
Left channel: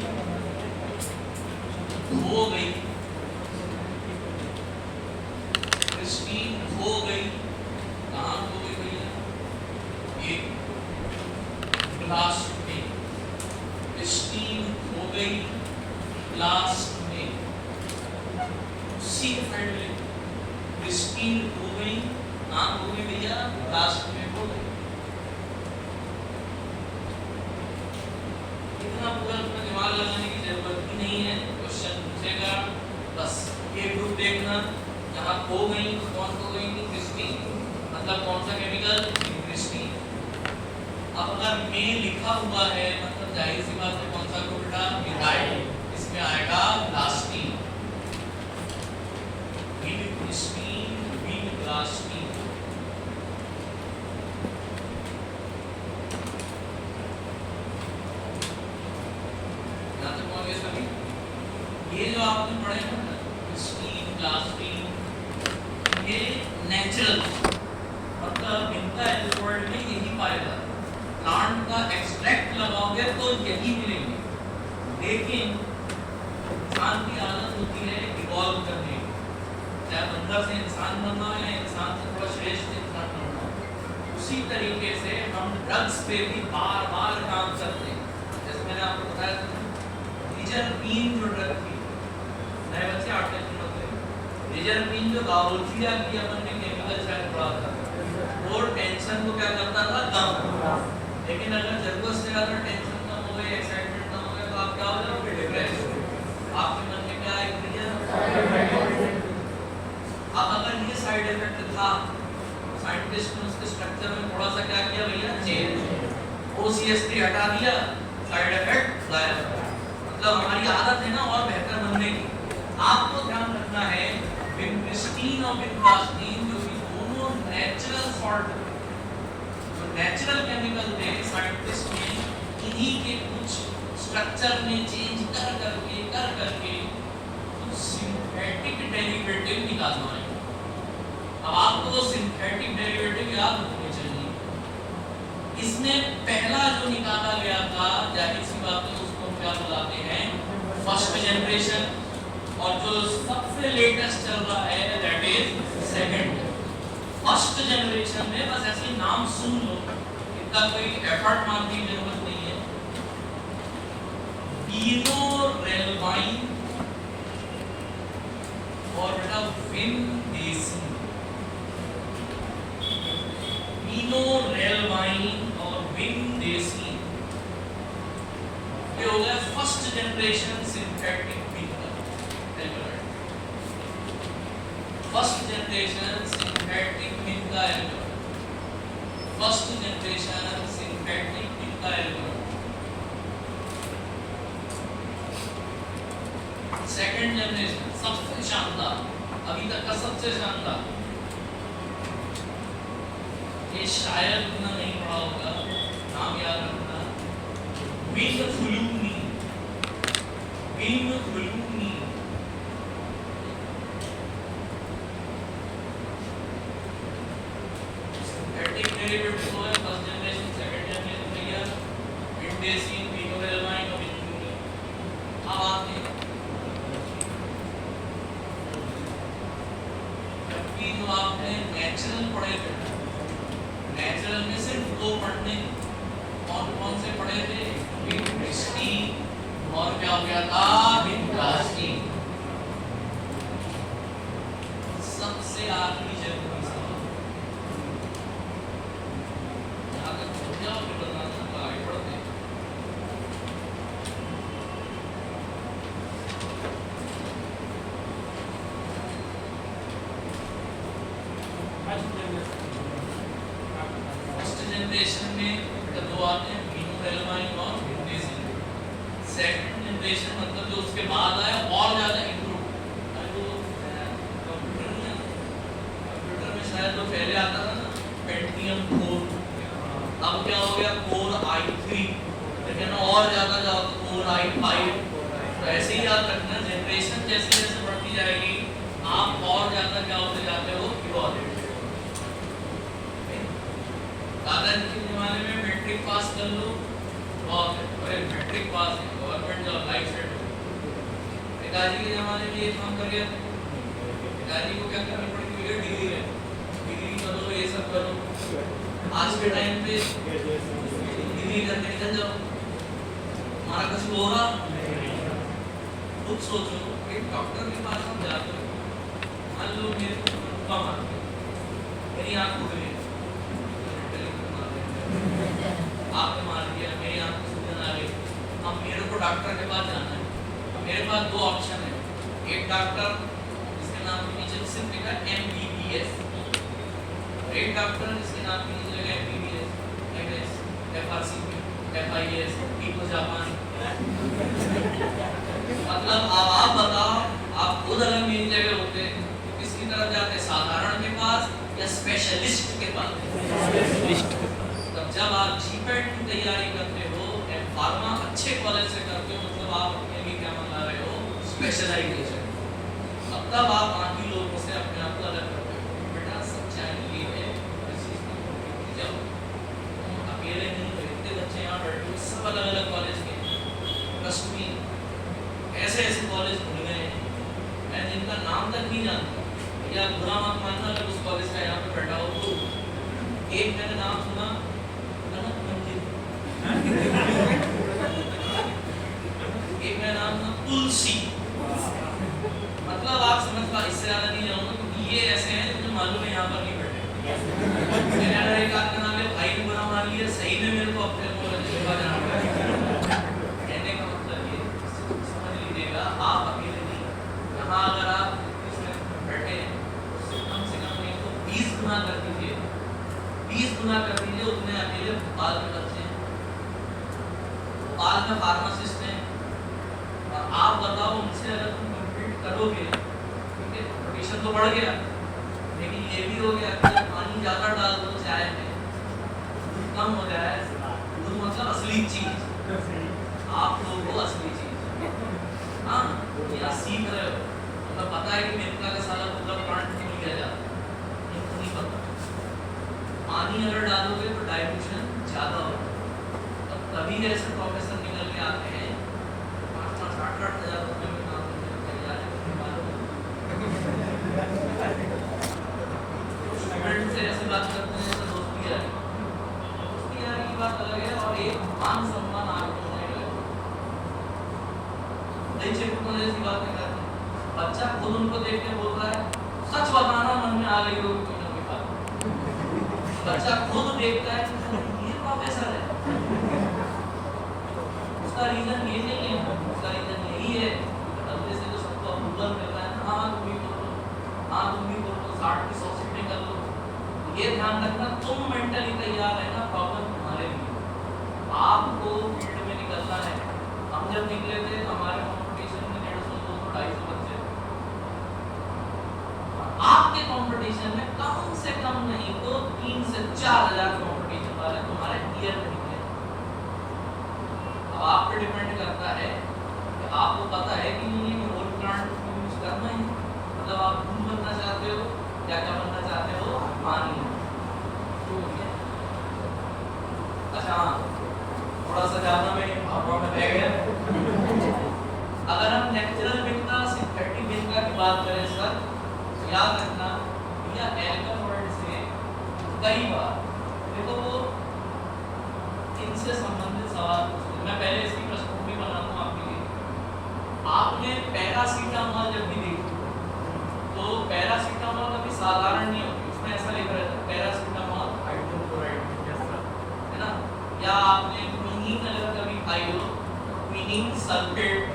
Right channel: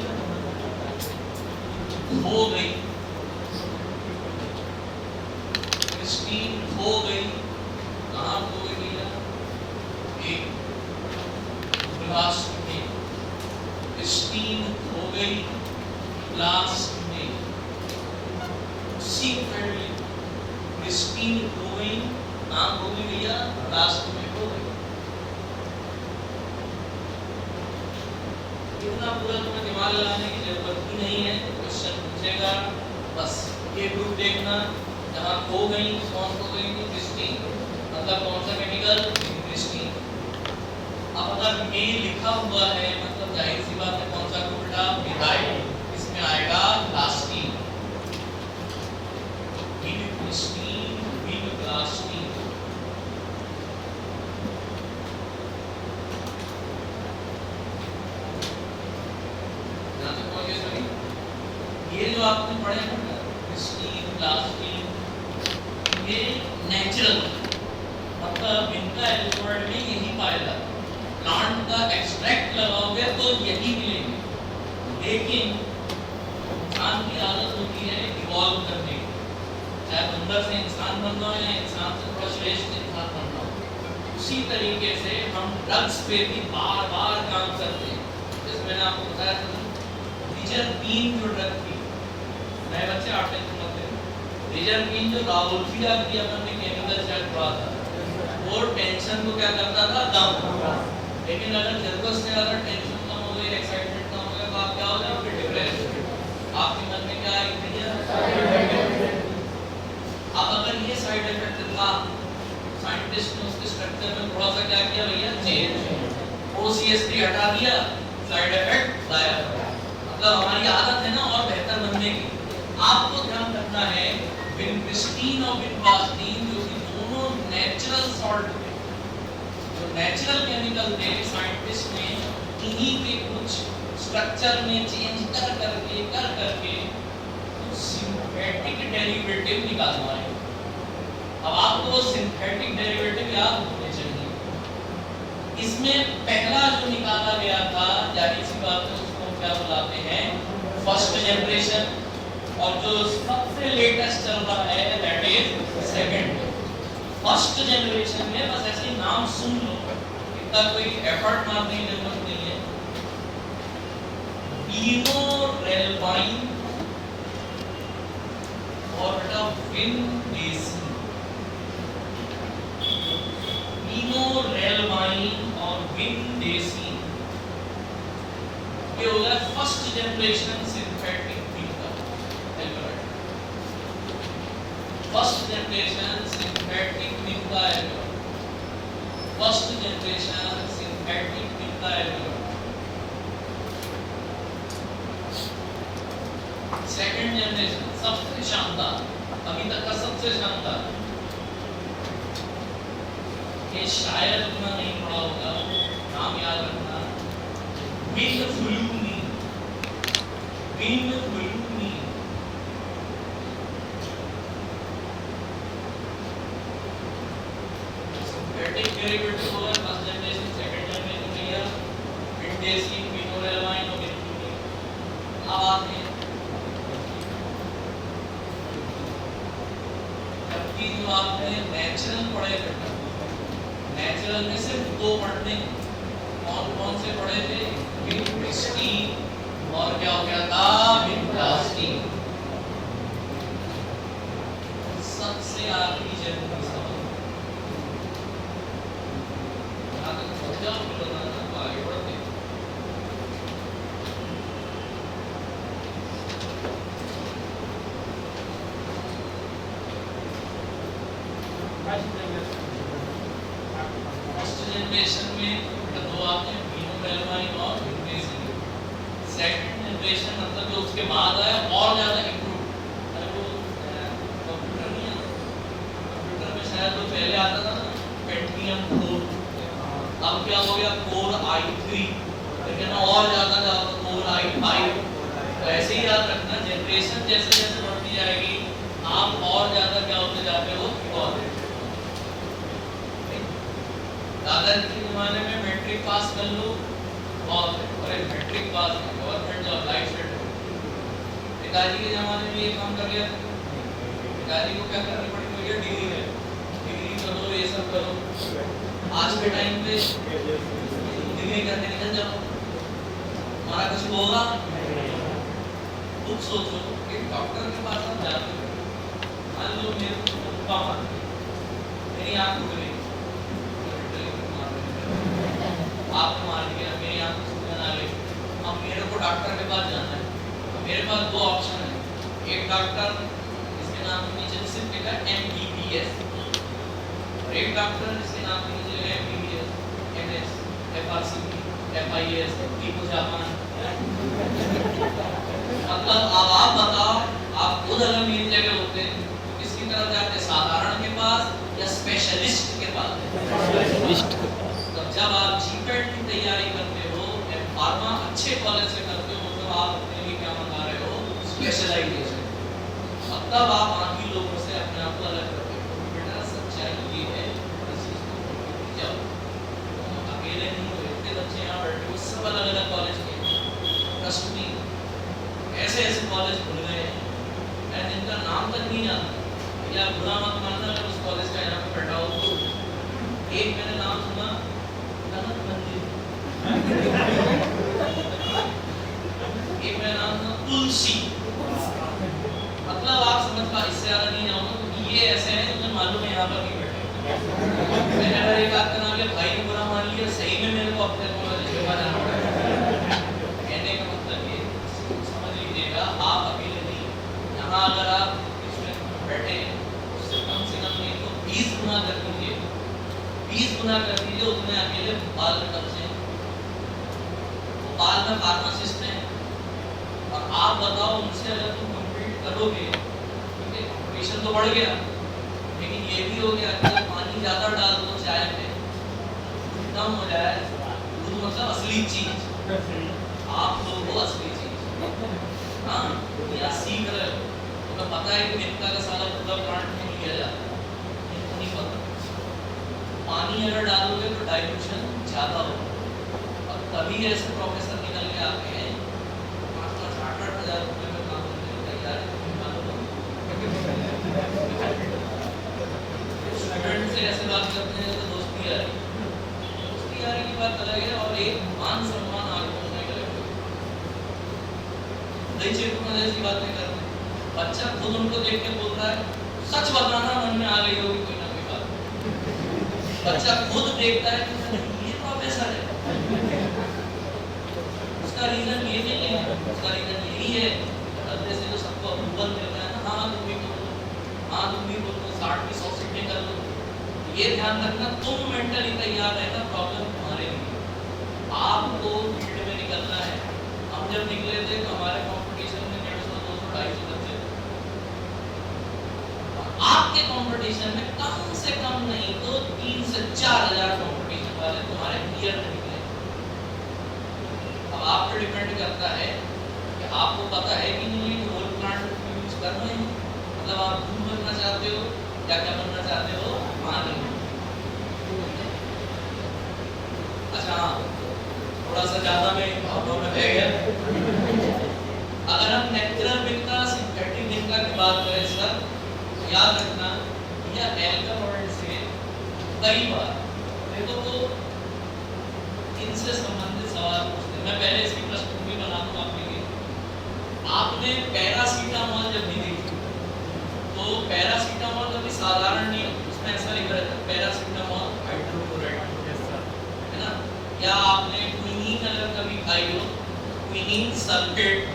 हो गई, हिस्टीन हो गई, कहाँ हो गई भैया, एक ब्लास्ट में। हिस्टीन हो गई ब्लास्ट में, सीक्वेंटली हिस्टीन हो गई, कहाँ हो गई भैया ब्लास्ट में हो गई। इतना पूरा तुम्हें दिमाग लगाने की जरूरत ही नहीं है, क्वेश्चन पूछेगा बस ये ग्रुप देखना, जहाँ खो गई कौन खो गई हिस्टीन, मतलब कौन सा केमिकल हिस्टीन। अब अगर में लिखा हुआ है मतलब जाहिर सी बात है कौन सा ग्रुप बेटा मिथाइल, इसमें आएगा प्लास्टीन, हिस्टीन विन प्लास्टीन। ये जो आपने पढ़े हैं ना हिस्टीन प्लास्टीन, ये नेचुरल मतलब इनका एल्कोहल में यही पाया जाता है, प्लांट का एक्सट्रैक्ट लगाओगे तो यही मिलेंगे। लेकिन इंसान की आदत होती है इवॉल्व करने की, चाहे अंदर से इंसान बनना है या इंसान से थोड़ा श्रेष्ठ इंसान बनना है। उसी तरीके से हम ड्रग्स पे भी बार बार काम करते हैं। जैसे मैंने आपको बताया था रिजर्पीन जो ड्रग थी, नए बच्चे आप टेंशन मत लें, रिजर्पीन जो गाउल्फिया की अपन ने केमिकल शायद पढ़ा था, वो टेंशन को क्या करता था कम। लेकिन अगर जरूरत से ज्यादा टेंशन कम हो गई, एक्साइटमेंट कम हो गया तो आप क्या हो जाओगे डिप्रेस, आपके मन में क्या आएगी। अब अगर ये साइड इफेक्ट था, साइंटिस्ट ने उसके स्ट्रक्चर में थोड़ा सा क्या किया भैया चेंज, OCH3 हटा दिया, साइड इफेक्ट गायब। मतलब हमारी आदत है ना और बेहतर बनने की। आपको ध्यान रखना है विनक्रिस्टीन और विनप्लास्टीन जो कि दोनों नेचुरल सॉल्ट, जो नेचुरल केमिकल थे, साइंटिस्ट ने इन्हीं के कुछ स्ट्रक्चर में चेंज कर करके कुछ सिंथेटिक डेरिवेटिव निकालना है। अब आपको वो सिंथेटिक डेरिवेटिव याद होने चाहिए। इसमें पहला जो निकाला गया था, जाहिर सी बात है उसको क्या बुलाते हैं फर्स्ट जनरेशन, और जो सबसे लेटेस्ट चल रहा है that is second. First generation में बस ऐसे नाम सुन लो, इतना कोई एफर्ट मारने की जरूरत नहीं है। ईनोरेल्वाइन और बेटा विनडेसिन, ईनोरेल्वाइन और विनडेसिन, ये हो गया first generation synthetic first generation synthetic methyl. Second generation सबसे शानदार, अभी तक का सबसे शानदार। ये शायद इतना नहीं पढ़ा होगा, नाम याद रखना, विंग फ्लूनी, विंग फ्लूनी। सिंथेटिक डेरिवेटिव हो गया फर्स्ट जनरेशन, सेकंड जनरेशन में गया विंडेसिन, फिनोएलवाइन और विंडुलिन। अब आते हैं जबकि जो आपने नेचुरल पढ़े थे, नेचुरल में सिर्फ दो पढ़ने, कौन कौन से पढ़े थे? विंडस्टीन और क्या हो गया था? विंडस्टीन। सबसे आखिरी जरूरी सवाल, आगे समझ जाओ फिर आगे बढ़ते हैं। फर्स्ट जनरेशन में दो आते हैं, फिनोएलवाइन और विंडेसिन। सेकंड जनरेशन मतलब जो उसके बाद आया और ज्यादा इम्प्रूव। जो कंप्यूटर नहीं है, कंप्यूटर में शायद जो पहले आता था ना पेंटियम 4, अब क्या हो गया कोर i3, लेकिन और ज्यादा ज्यादा कोर i5। तो ऐसे ही याद रखना, जनरेशन जैसे जैसे बढ़ती जाएगी आप और ज्यादा क्या होते जाते हो? इवॉल्व। दादाजी के जमाने में मैट्रिक पास कर लो बहुत है, और matric pass government job life set हो। पिताजी के जमाने में ये काम कर गया, पिताजी को क्या करनी पड़ती है? डिग्री है, डिग्री करो, ये सब करो। आज के टाइम पे डिग्री करके निकल जाओ, हमारा कुछ होगा? खुद सोचो, एक डॉक्टर के पास हम जाते हो, मान लो मेरी आँख उगली, आपने मान लिया मेरी आँख सूजन आ गई, अब मेरे को डॉक्टर के पास जाना है। अब मेरे पास दो ऑप्शन है, एक डॉक्टर इसके नाम के नीचे सिर्फ लिखा MBBS, और एक डॉक्टर इसके नाम के नीचे लिखा MBBS, MS, FRCP, FIS, टीपो जापान। मतलब अब आप बताओ, आप खुद अगर मेरी जगह होते तो किसकी तरफ जाते? साधारण के पास या स्पेशलिस्ट के पास? स्पेशलिस्ट के पास। तब जब आप जीपेट की तैयारी करते हो, फार्मा अच्छे कॉलेज से करते हो, मतलब आप अपने लिए क्या मंगा रहे हो? स्पेशलाइजेशन। मतलब आप बाकी लोगों से अपने आप को अलग करते हो। बेटा सच्चाई ये है, जाओ अकेले नहीं हो, इतने बच्चे यहाँ बैठे हो, सब अलग अलग कॉलेज के, ट्रस्ट मी ऐसे ऐसे कॉलेज खुल गए हैं मैं जिनका नाम तक नहीं जानता। या बुरा मत मानना अगर उस कॉलेज का यहाँ पे बैठा हो तो। एक मैंने नाम सुना कनक मंदिर, एक मैंने नाम सुना तुलसी। मतलब आप समझ पा, इससे ज्यादा नहीं जाऊंगा क्योंकि ये ऐसे हैं मुझे मालूम है यहाँ पर नहीं बैठे। मैंने अगर एक आध का नाम ले, भाई ने बुरा मान लिया, सही में मेरे को अपने कॉलेज में जाना पड़ेगा। कहने का मतलब ये समझ लीजिएगा, आप अकेले नहीं, यहाँ अगर आप इसमें बैठे हैं उससे कम से कम नहीं तो 20 गुना कर दीजिए, 20 गुना कर दीजिए उतने अकेले भोपाल में बच्चे हैं, भोपाल में फार्मासिस्ट हैं। और आप बताओ उनसे अगर तुम कम्पीट करोगे, ठीक है कंपटीशन तो बढ़ गया, लेकिन ये भी हो गया कि जब पानी ज़्यादा डाल दो चाय में, दूध कम हो जाए, दूध मतलब असली चीज, आप लोगों को असली चीज, हाँ या सीख रहे हो, तुम्हें पता है कि मित्ता का सारा मतलब प्लांट में लिया जाता है, इनको नहीं पता। पानी अगर डालोगे तो डाइल्यूशन ज़्यादा होगा। अब तभी ऐसे प्रोफेसर निकल के आते हैं 5,000-8,000 रुपये में काम करने के तैयार है। स्टूडेंट से ऐसे बात करते हैं तो दोस्ती यारी की बात अलग है, और एक मान सम्मान आगे होने का नहीं चाहिए, ऐसी बात नहीं करते। बच्चा खुद उनको देख के बोल रहा है, सच बताना मन में आ गई होगी कोई ना कोई बात। बच्चा खुद देखता है कि ये प्रोफेसर है, उसका रीजन ये नहीं है, उसका रीजन यही है बदलते से जो सबको अप्रूवल मिल रहा है ना, हाँ तुम भी बोलो, हाँ तुम भी बोलो, 60 की 100 सीटें कर लो। ये ध्यान रखना, तुम मेंटली तैयार रहना, प्रॉब्लम तुम्हारे लिए। आपको फील्ड में निकलना है। हम जब निकले थे तो हमारे कंपटीशन में 150, 200, 250 कंडीशन में कम से कम नहीं तो 3 से 4,000 नोटिफिकेशन वाले तुम्हारे क्लियर नहीं है। अब आप पे डिपेंड करता है कि आपको पता है कि नहीं कि होल प्लांट यूज करना है, मतलब आप दूध बनना चाहते हो या क्या बनना चाहते हो, पानी। अच्छा थोड़ा सा ज्यादा में भावनाओं में बह गया। अगर हम नेचुरल मिल्क सिंथेटिक मिल्क की बात करें सर, तो याद रखना या एल्कोहल में कई बार देखो तो इनसे संबंधित सवाल पूछते हैं। मैं पहले इसकी प्रश्नोत्तरी बना दूं आपके लिए। आपने पैरासीटामोल जब भी देखी तो पैरासीटामोल कभी साधारण नहीं होती, उसमें ऐसा लिखा रहता है पैरासीटामोल हाइड्रोक्लोराइड, है ना। या आपने क्विनीन अगर कभी खाई हो, क्विनीन सल्फेट,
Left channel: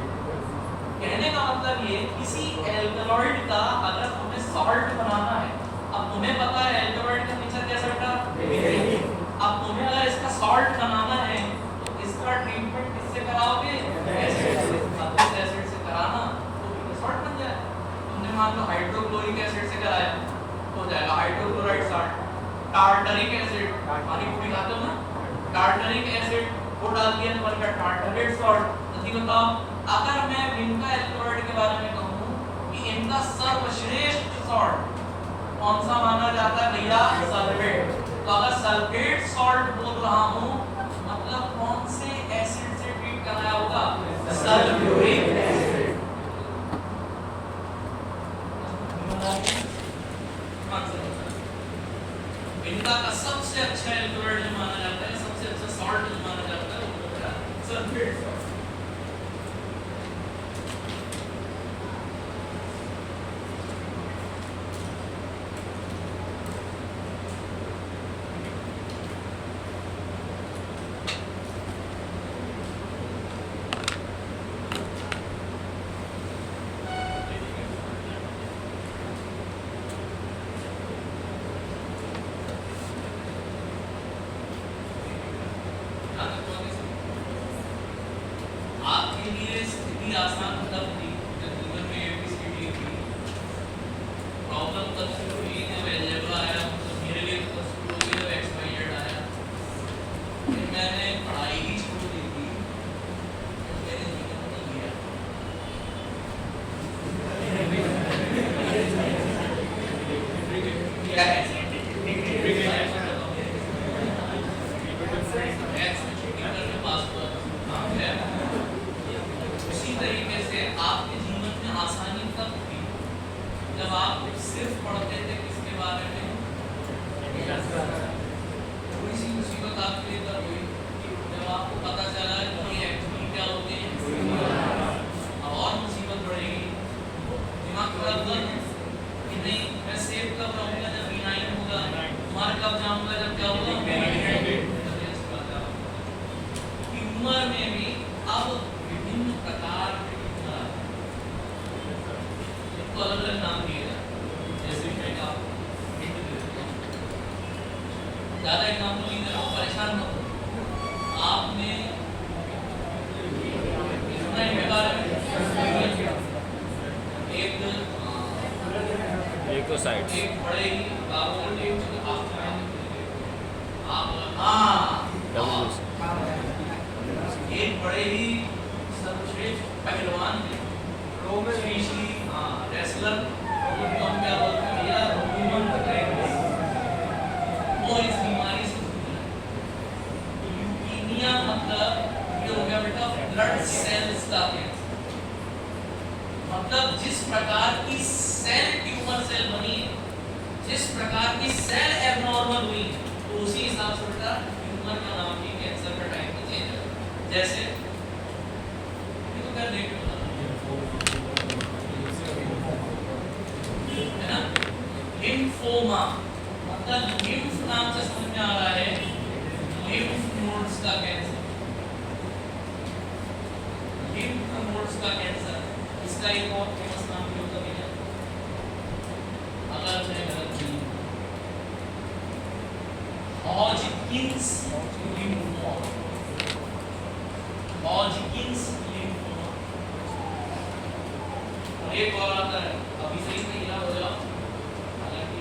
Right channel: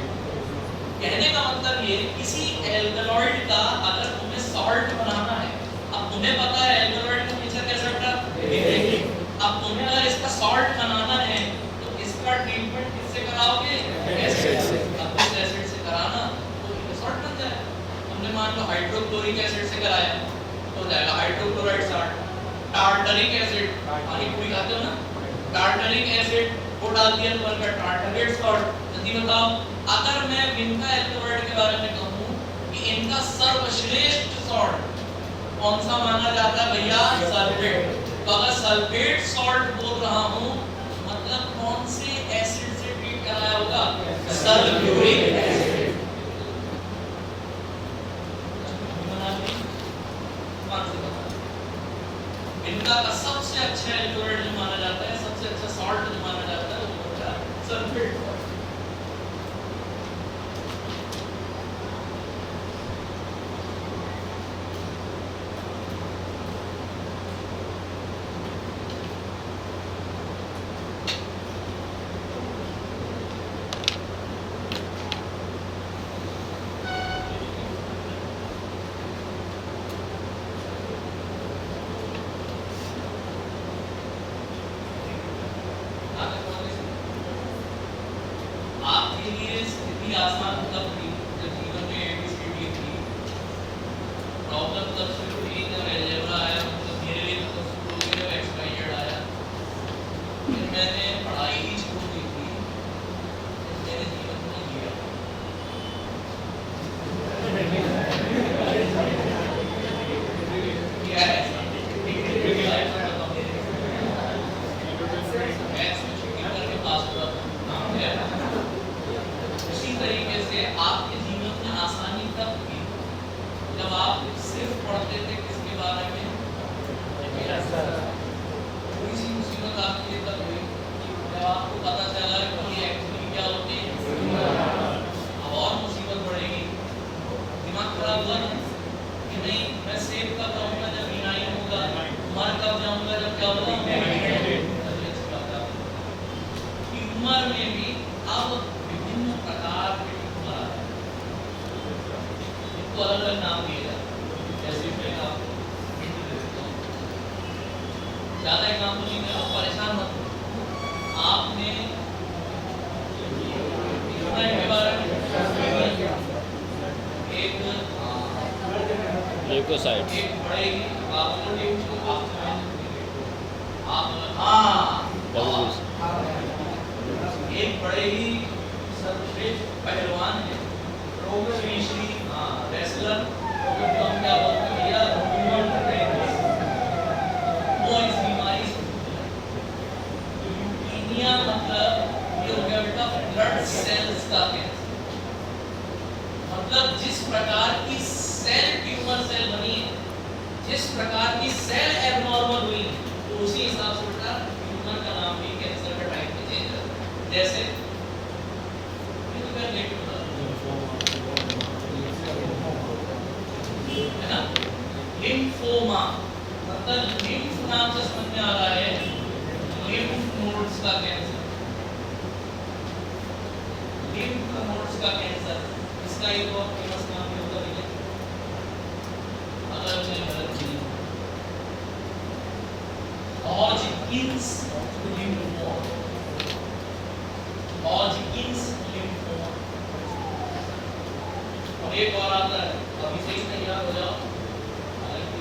कहने का मतलब ये किसी एल्कलॉइड का अगर तुम्हें सॉल्ट बनाना है, अब तुम्हें पता है एल्कलॉइड का नेचर कैसा होता है, अब तुम्हें अगर इसका सॉल्ट बनाना है तो इसका ट्रीटमेंट किससे कराओगे, एसिड से। अब उस एसिड से कराना तो ये सॉल्ट बन जाए। तुमने मान लो हाइड्रोक्लोरिक एसिड से कराया तो हो जाएगा हाइड्रोक्लोराइड सॉल्ट। टार्टरिक एसिड, पानी पूरी खाते हो ना, टार्टरिक एसिड वो डाल दिया तो बनकर टार्टरेट सॉल्ट। जल्दी बताओ, अगर मैं इनका एल्कलॉइड के बारे में कहूं कि इनका सर्वश्रेष्ठ सॉल्ट कौन सा माना जाता है भैया, सल्फेट। तो अगर सल्फेट सॉल्ट बोल रहा हूं मतलब कौन से एसिड से ट्रीट कराया होगा, सल्फ्यूरिक एसिड। इनका का सबसे अच्छा एल्कलॉइड जो माना जाता है, सबसे अच्छा सॉल्ट जो माना जाता है वो होता है सल्फेट सॉल्ट। आपके लिए स्थिति आसान तब थी जब जीवन में एक स्थिति थी, प्रॉब्लम तब शुरू हुई जब अलजेब्रा आया, मतलब मेरे लिए तब शुरू हुई जब एक्सपायर्ड आया। फिर मैंने पढ़ाई ही छोड़ दी थी, मेरे जीवन में गया क्या है तरीके से आपके जीवन में आसानी तब थी जब आप सिर्फ पढ़ते थे किसके बारे में, थोड़ी सी मुसीबत आपके लिए तब हुई जब आपको पता चला कि ये एक्चुअली क्या होती है। अब और मुसीबत बढ़ेगी, दिमाग खराब हुआ ना कि नहीं मैं सेव कब रहूंगा जब बीनाई होगा, मर कब जाऊंगा जब क्या होगा, उम्र में भी अब विभिन्न प्रकार के ट्यूमर इनको अलग अलग नाम दिए जाते, जैसे मैंने आपको हिंट दे दिया। ज्यादा एग्जाम्पल नहीं दे रहा हूं, परेशान मत हो। आपने इतना इनके बारे में एक तो साइड एक बड़े ही हाँ एक बड़े ही सर्वश्रेष्ठ पहलवान है, श्री रेसलर, उनको हम क्या बोलते हैं भैया, ह्यूमन रेस। वो इस बीमारी से ल्यूकीमिया, मतलब ये हो गया बेटा ब्लड सेल्स का कैंसर। मतलब जिस प्रकार की सेल ट्यूमर सेल बनी है, जिस प्रकार की सेल एबनॉर्मल हुई है, तो उसी हिसाब से बेटा ट्यूमर का नाम भी कैंसर का टाइप में चेंज है। जैसे ये तो क्या देख है ना, लिम्फोमा, मतलब लिम्फ नाम से समझ में आ रहा है लिम्फ नोड्स का कैंसर, लिम्फ नोड्स का कैंसर। इसका एक और फेमस नाम भी होता है अलग अलग चीज, हॉजकिंस लिम्फोमा, हॉजकिंस लिम्फोमा। और एक और आता है, अभी से ही तैयार हो जाओ, हालांकि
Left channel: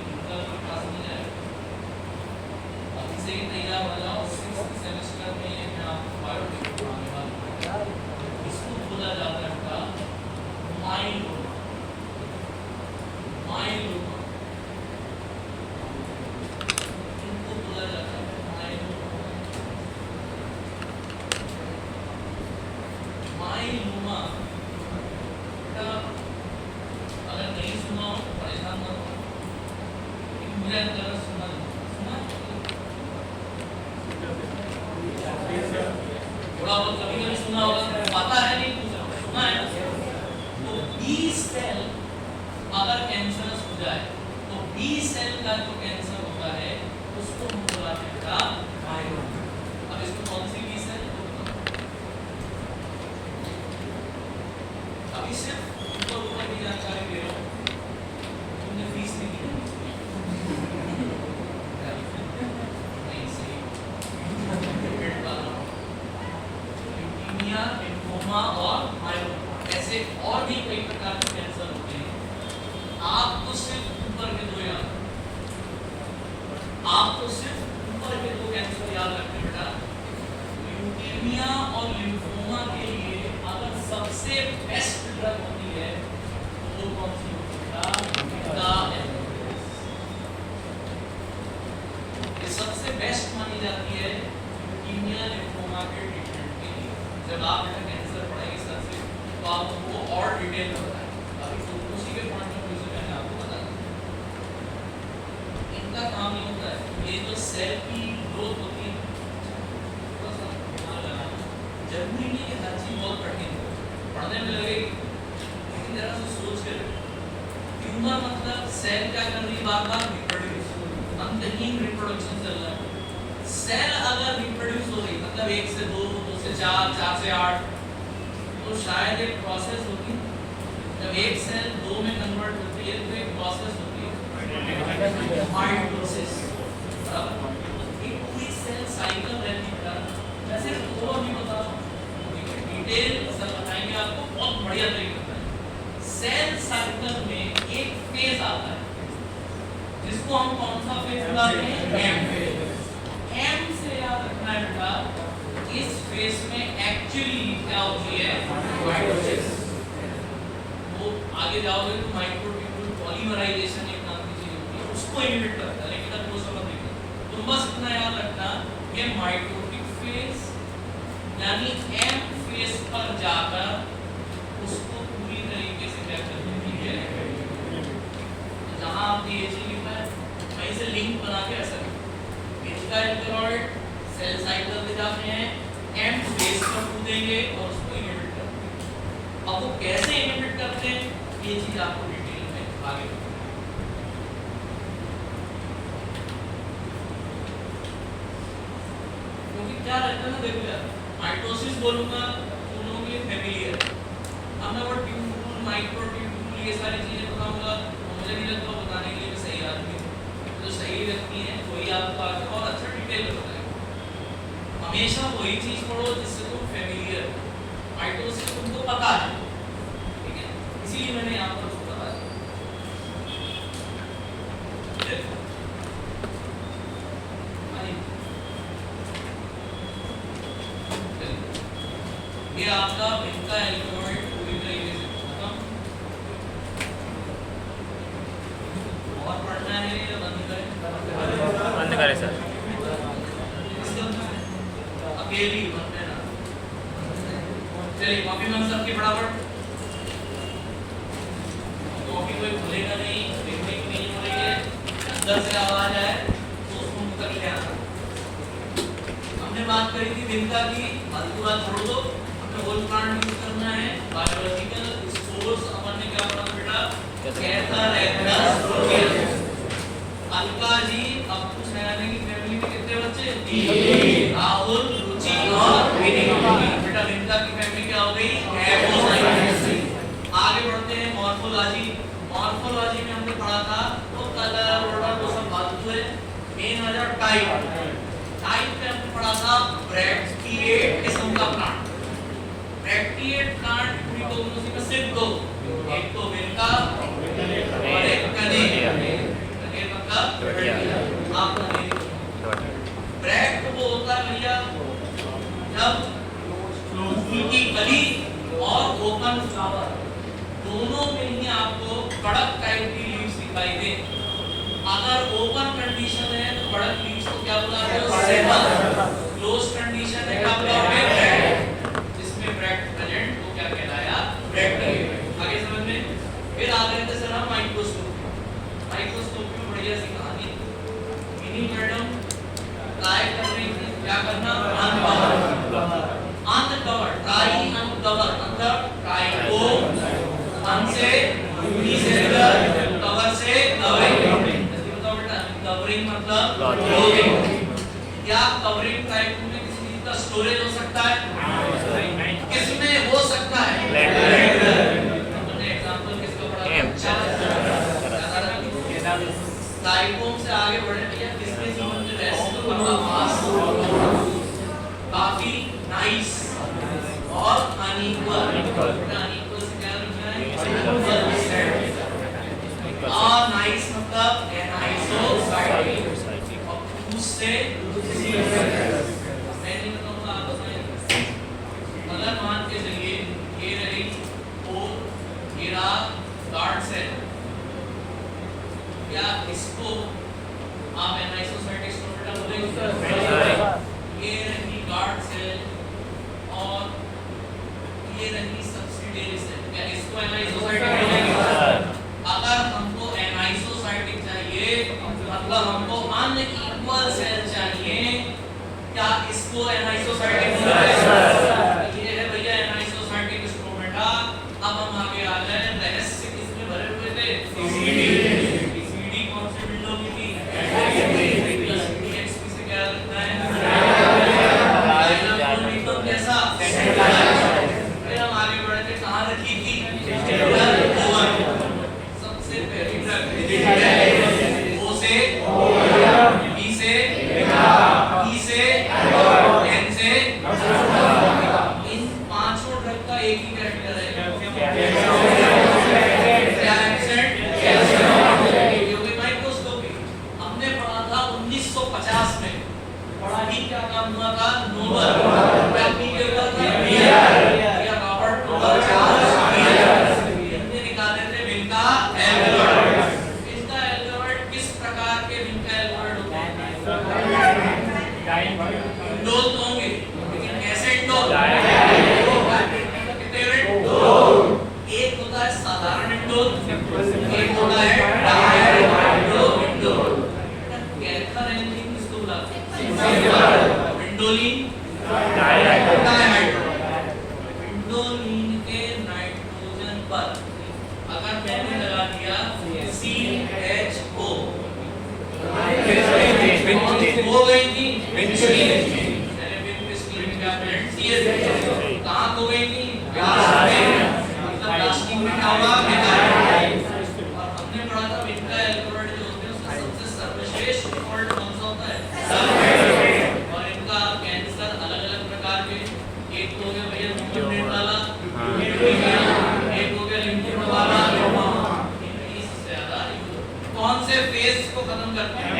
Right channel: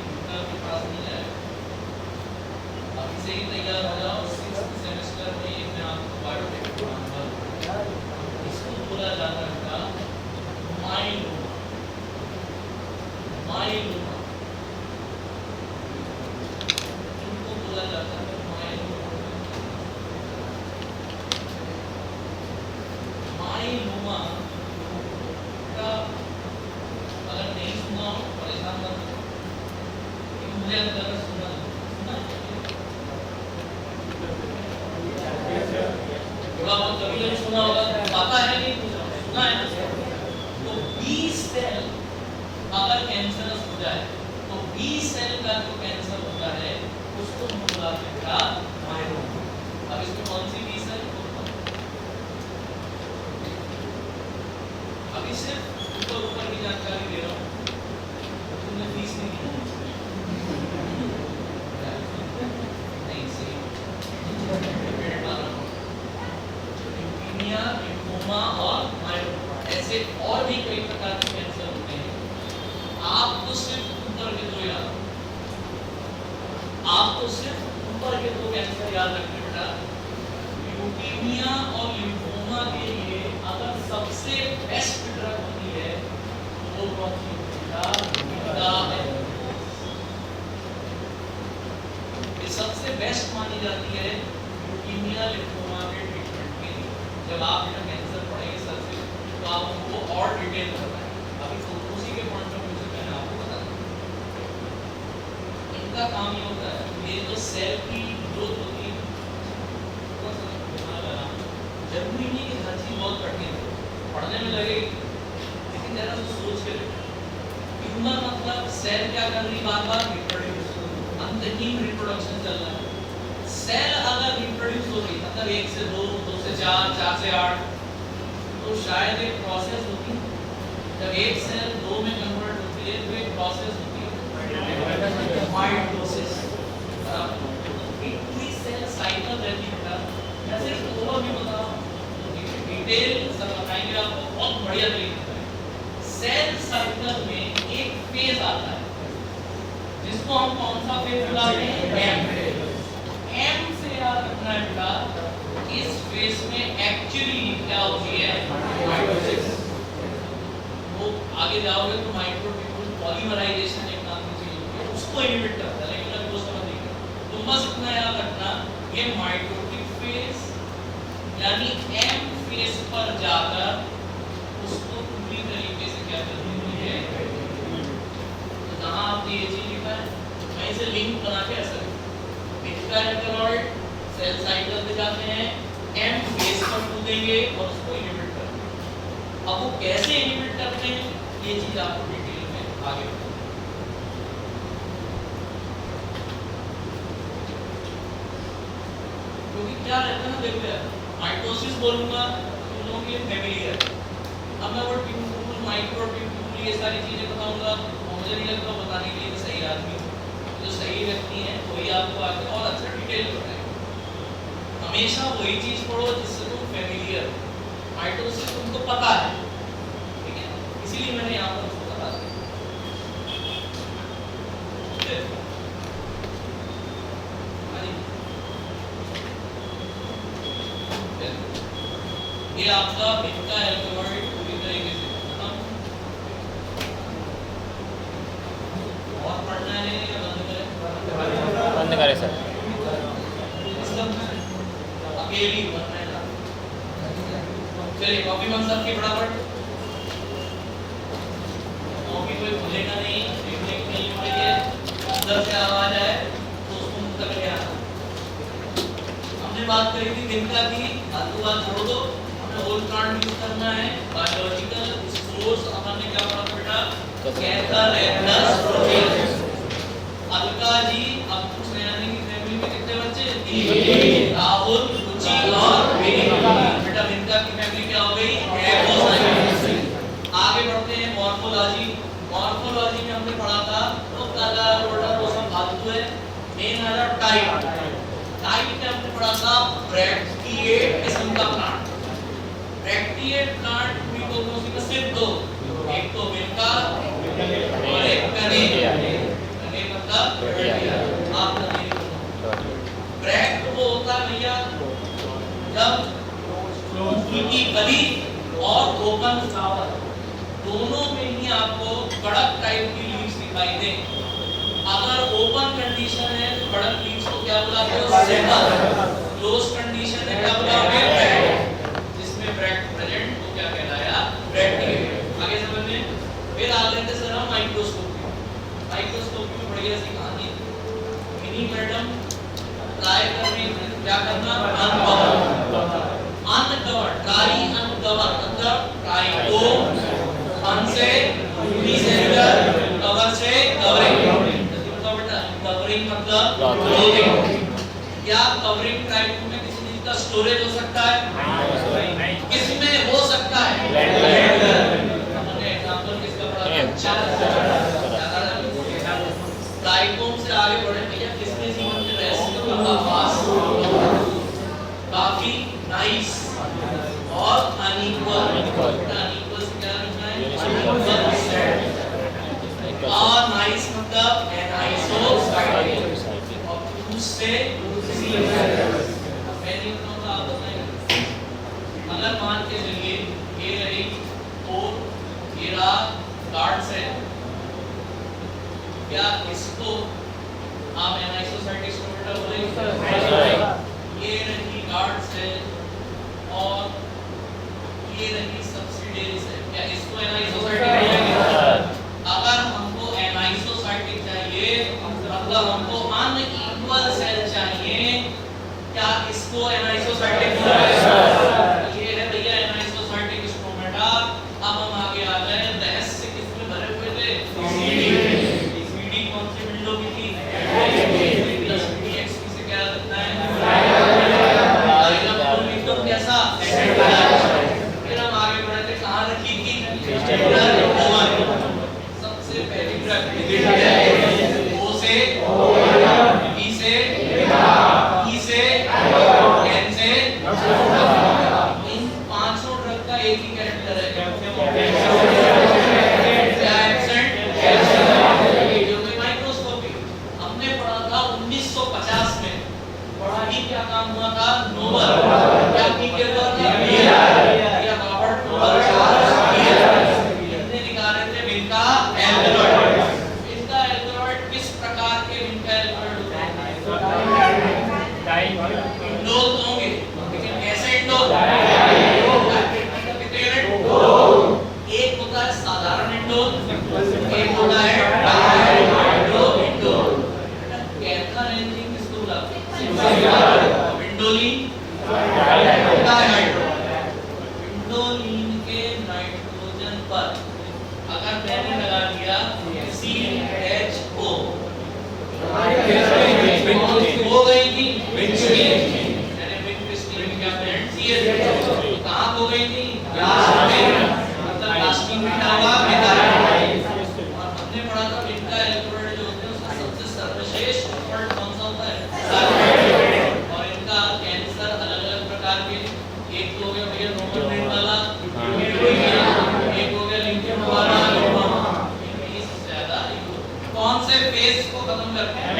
सुना है ना? तो बी सेल अगर कैंसरस हो जाए तो बी सेल का जो कैंसर होता है उसको हम बुलाते हैं बेटा माइलोमा। अब इसमें कौन सी बी सेल? अभी सिर्फ ऊपर की जानकारी दे रहा हूँ, तुमने फीस नहीं दी नहीं सही ल्यूकीमिया, लिम्फोमा और माइलोमा, ऐसे और भी कई प्रकार के कैंसर होते हैं। आपको सिर्फ ऊपर के दो याद, आपको सिर्फ ऊपर के दो कैंसर याद रखने बेटा। ल्यूकीमिया और लिम्फोमा के लिए अगर सबसे बेस्ट ड्रग होती है तो वो कौन सी होती है? ये सबसे बेस्ट मानी जाती है ल्यूकीमिया लिम्फोमा के ट्रीटमेंट के लिए। जब आप बेटा कैंसर पढ़ेंगे सबसे तो आप उनको और डिटेल में बताएं। अभी तो उसी के पॉइंट ऑफ व्यू से मैंने आपको बता दिया। इनका काम ये होता है, ये जो सेल की ग्रोथ होती है थोड़ा सा दिमाग लगाना, जरूरी नहीं कि हर चीज बहुत कठिन हो, पढ़ने में लगेगी, लेकिन जरा सा सोच के ह्यूमन मतलब सेल क्या कर रही है? बार-बार रिप्रोड्यूस, अंतहीन रिप्रोडक्शन चल रहा है। सेल अगर रिप्रोड्यूस हो रही मतलब 1 से 2, 2 से 4, 4 से 8, तो शायद एक प्रोसेस होती है। जब एक सेल 2 में कन्वर्ट होती है तो एक प्रोसेस होती है माइटोसिस। एक पूरी सेल साइकिल रहती है बेटा। मैं सिर्फ थोड़ा भी बताऊं डिटेल सब बताएंगे आपको बहुत बढ़िया तरीके से। सेल साइकिल में एक फेज आता है जिसको हम कौन सा फेज बुलाते हैं? M phase. एम से याद रखना है बेटा, इस फेज में एक्चुअली क्या होती है? माइटोसिस। वो आगे जाओगे तो माइक्रोट्यूब्यूल पॉलीमराइजेशन एक नाम की चीज होती है, उसको इनहिबिट करता है, लेकिन अब वो समझिएगा। तो बस इतना याद रखना, ये माइटोटिक फेज यानी एम फेज पर जाकर उसको पूरी तरीके से क्या कर देती है? जहां आप ये चीज लिखा है वहीं से लिंक बना के असर इनका एल्कलॉइड सेल साइकिल दिखाते हैं, एम फेज पर कूदेंगे और उसको इनहिबिट करते हैं। अब वो कैसे इनहिबिट करते हैं ये चीज आपको डिटेल में आगे क्योंकि क्या रहता है ना, देखो यार माइटोसिस बोलूंगा तो लोगे फैमिलियर, अब मैं वो ट्यूब्यूल माइक्रोट्यूब्यूल ये सारी चीजें बताऊंगा तो मुझे नहीं लगता बताने के लिए सही आदमी जो सही व्यक्ति है वही आपको आगे और अच्छा डिटेल में बताएगा। हमेशा वही चीज पढ़ो जिससे तुम फैमिलियर, माइटोसिस तुमको पता है, ठीक है, इसीलिए मैंने यहाँ पर उसको बता दिया। ये आपका इनका एल्कोहॉल पूरी तरीके से खत्म। और पढ़ना है या बंद करें? बंद करें सर। अकेली बनने ना, चलिए कॉपी बन सबकी फटाफट। कॉपी कोई भूलेगा नहीं, लिखने की नहीं हो रही है, अंदर से आवाज आए तो उसको मुंह तक ले आना। हमने बात करी थी दिनका की, आलू बात छोड़ दो, हमें होल प्लांट यूज करना है, बायोलॉजिकल स्पोर्स हमने क्या पढ़ा बेटा? कैथर एथनस प्रोटीन। अलका जी अब पूछ रहे हैं कि फैमिली में कितने बच्चे? 3। राहुल, रुचि और विनीत। बेटा विनीता की फैमिली क्या हो गई? आगे बढ़ते हैं मॉर्फोलॉजी। मॉर्फोलॉजी में हमने पढ़ा था वो कलर ऑर्डर वो सब फालतू है, मेन आ जाए टाइप। टाइप में हमने पढ़ा था ब्रैक्टिएट किस्म का प्लांट। ब्रैक्टिएट प्लांट पूरी कोलोसी में सिर्फ 2, एक तो विनका और एक कनेरिया। कनेरिया मतलब आप ब्रैक्ट वो होता है भैया जब फूल की कली और ओपन फ्लावर दोनों में ही आपको कड़क टाइप की लीव्स दिखाई दे। अगर ओपन कंडीशन है तो कड़क लीव्स को क्या बुलाते हो? सेपल। क्लोज कंडीशन है क्या बुलाओगे? जिसमें ब्रैक्ट प्रेजेंट वो क्या कहलाया? ब्रैक्ट। आगे समझे? फिर आगे रहते सर हम माइक्रोस्कोप। माइक्रोस्कोप में बढ़िया सी कहानी मिनी मैडम ट्राई करने की क्या करना? अनकवर, ट्राई अनकवर मतलब ट्राई हो सकता है? किसमें हो सकता है? हमने एग्जांपल किसका पढ़ा? ट्राइकोम से आगे बढ़े भैया, किसके जीवन में रेस्ट का पास काफी नाइस और अनइक्वल। अनइक्वल से क्या लिखना है? नाइस मतलब एनाइसोसाइटिक और उससे अगर मान के चलिए ये रही तो ये रहा गार्ड सेल, क्या इसको आप एनाइसोसाइटिक स्ट्रक्चर बोलेंगे? ये रही गार्ड सेल और ये रही सब्सिडियरी सेल, क्या इसको एनाइसोसाइटिक बोलेंगे? अगर हमको एनाइसोसाइटिक चाहिए मतलब हमको अनइक्वल सेल चाहिए, क्या इसको एनाइसोसाइटिक बोलेंगे? ये है भैया एनाइसोसाइटिक स्ट्रोमेटा। अब हम आगे आ जाए, रहस्य किसमें भरे हुए थे? सीडी कौन से विंडो की थी? एक्सपी से क्या लगता है? एकदम कैसा? फिर हम आगे बढ़े थे, कहाँ रखी थी? सबसे पहली ड्रग ओ से, बी से, ई से, एन से, इन पांचों ड्रग का एक ही कैरेक्टर है, क्या एब्सेंट? माइक्रोस्कोपी हमने पढ़ा था 1950 में, बड़ा ही क्या काम हुआ था? नोबल निकाले थे विनका एल्बर्ट। विनका एल्बर्ट किस प्रकार के विनका एल्बर्ट होते हैं? इंडोल तो होंगे, लेकिन कैसे इंडोल? एक होता है साधारण इंडोल, एक होता है इंडोल। कैथा रेंजिंग किसको बुलाते हैं? विंडोलिन डाइहाइड्रो। विंडोलिन के नाइट्रोजन पर अगर मैंने लगा दिया CHO हो गई थी कहाँ हो गई थी? मतलब प्लास्टिक में क्या हुआ? और हमने पढ़ा था विनका एल्बर्ट जो होते हैं उसका सबसे सर्वश्रेष्ठ सॉल्ट कौन सा होता है? और इनका कैंसर अलग-अलग प्रकार के, एक हो गया भैया नोमोनिक वाला, एक हो गया लिम्फोमा वाला, इस ज्यादा कौन से फेज को खत्म करते हैं?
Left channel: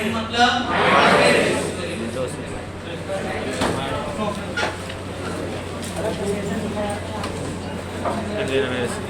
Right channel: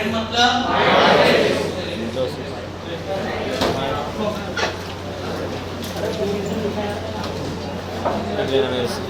एम मतलब मेरे से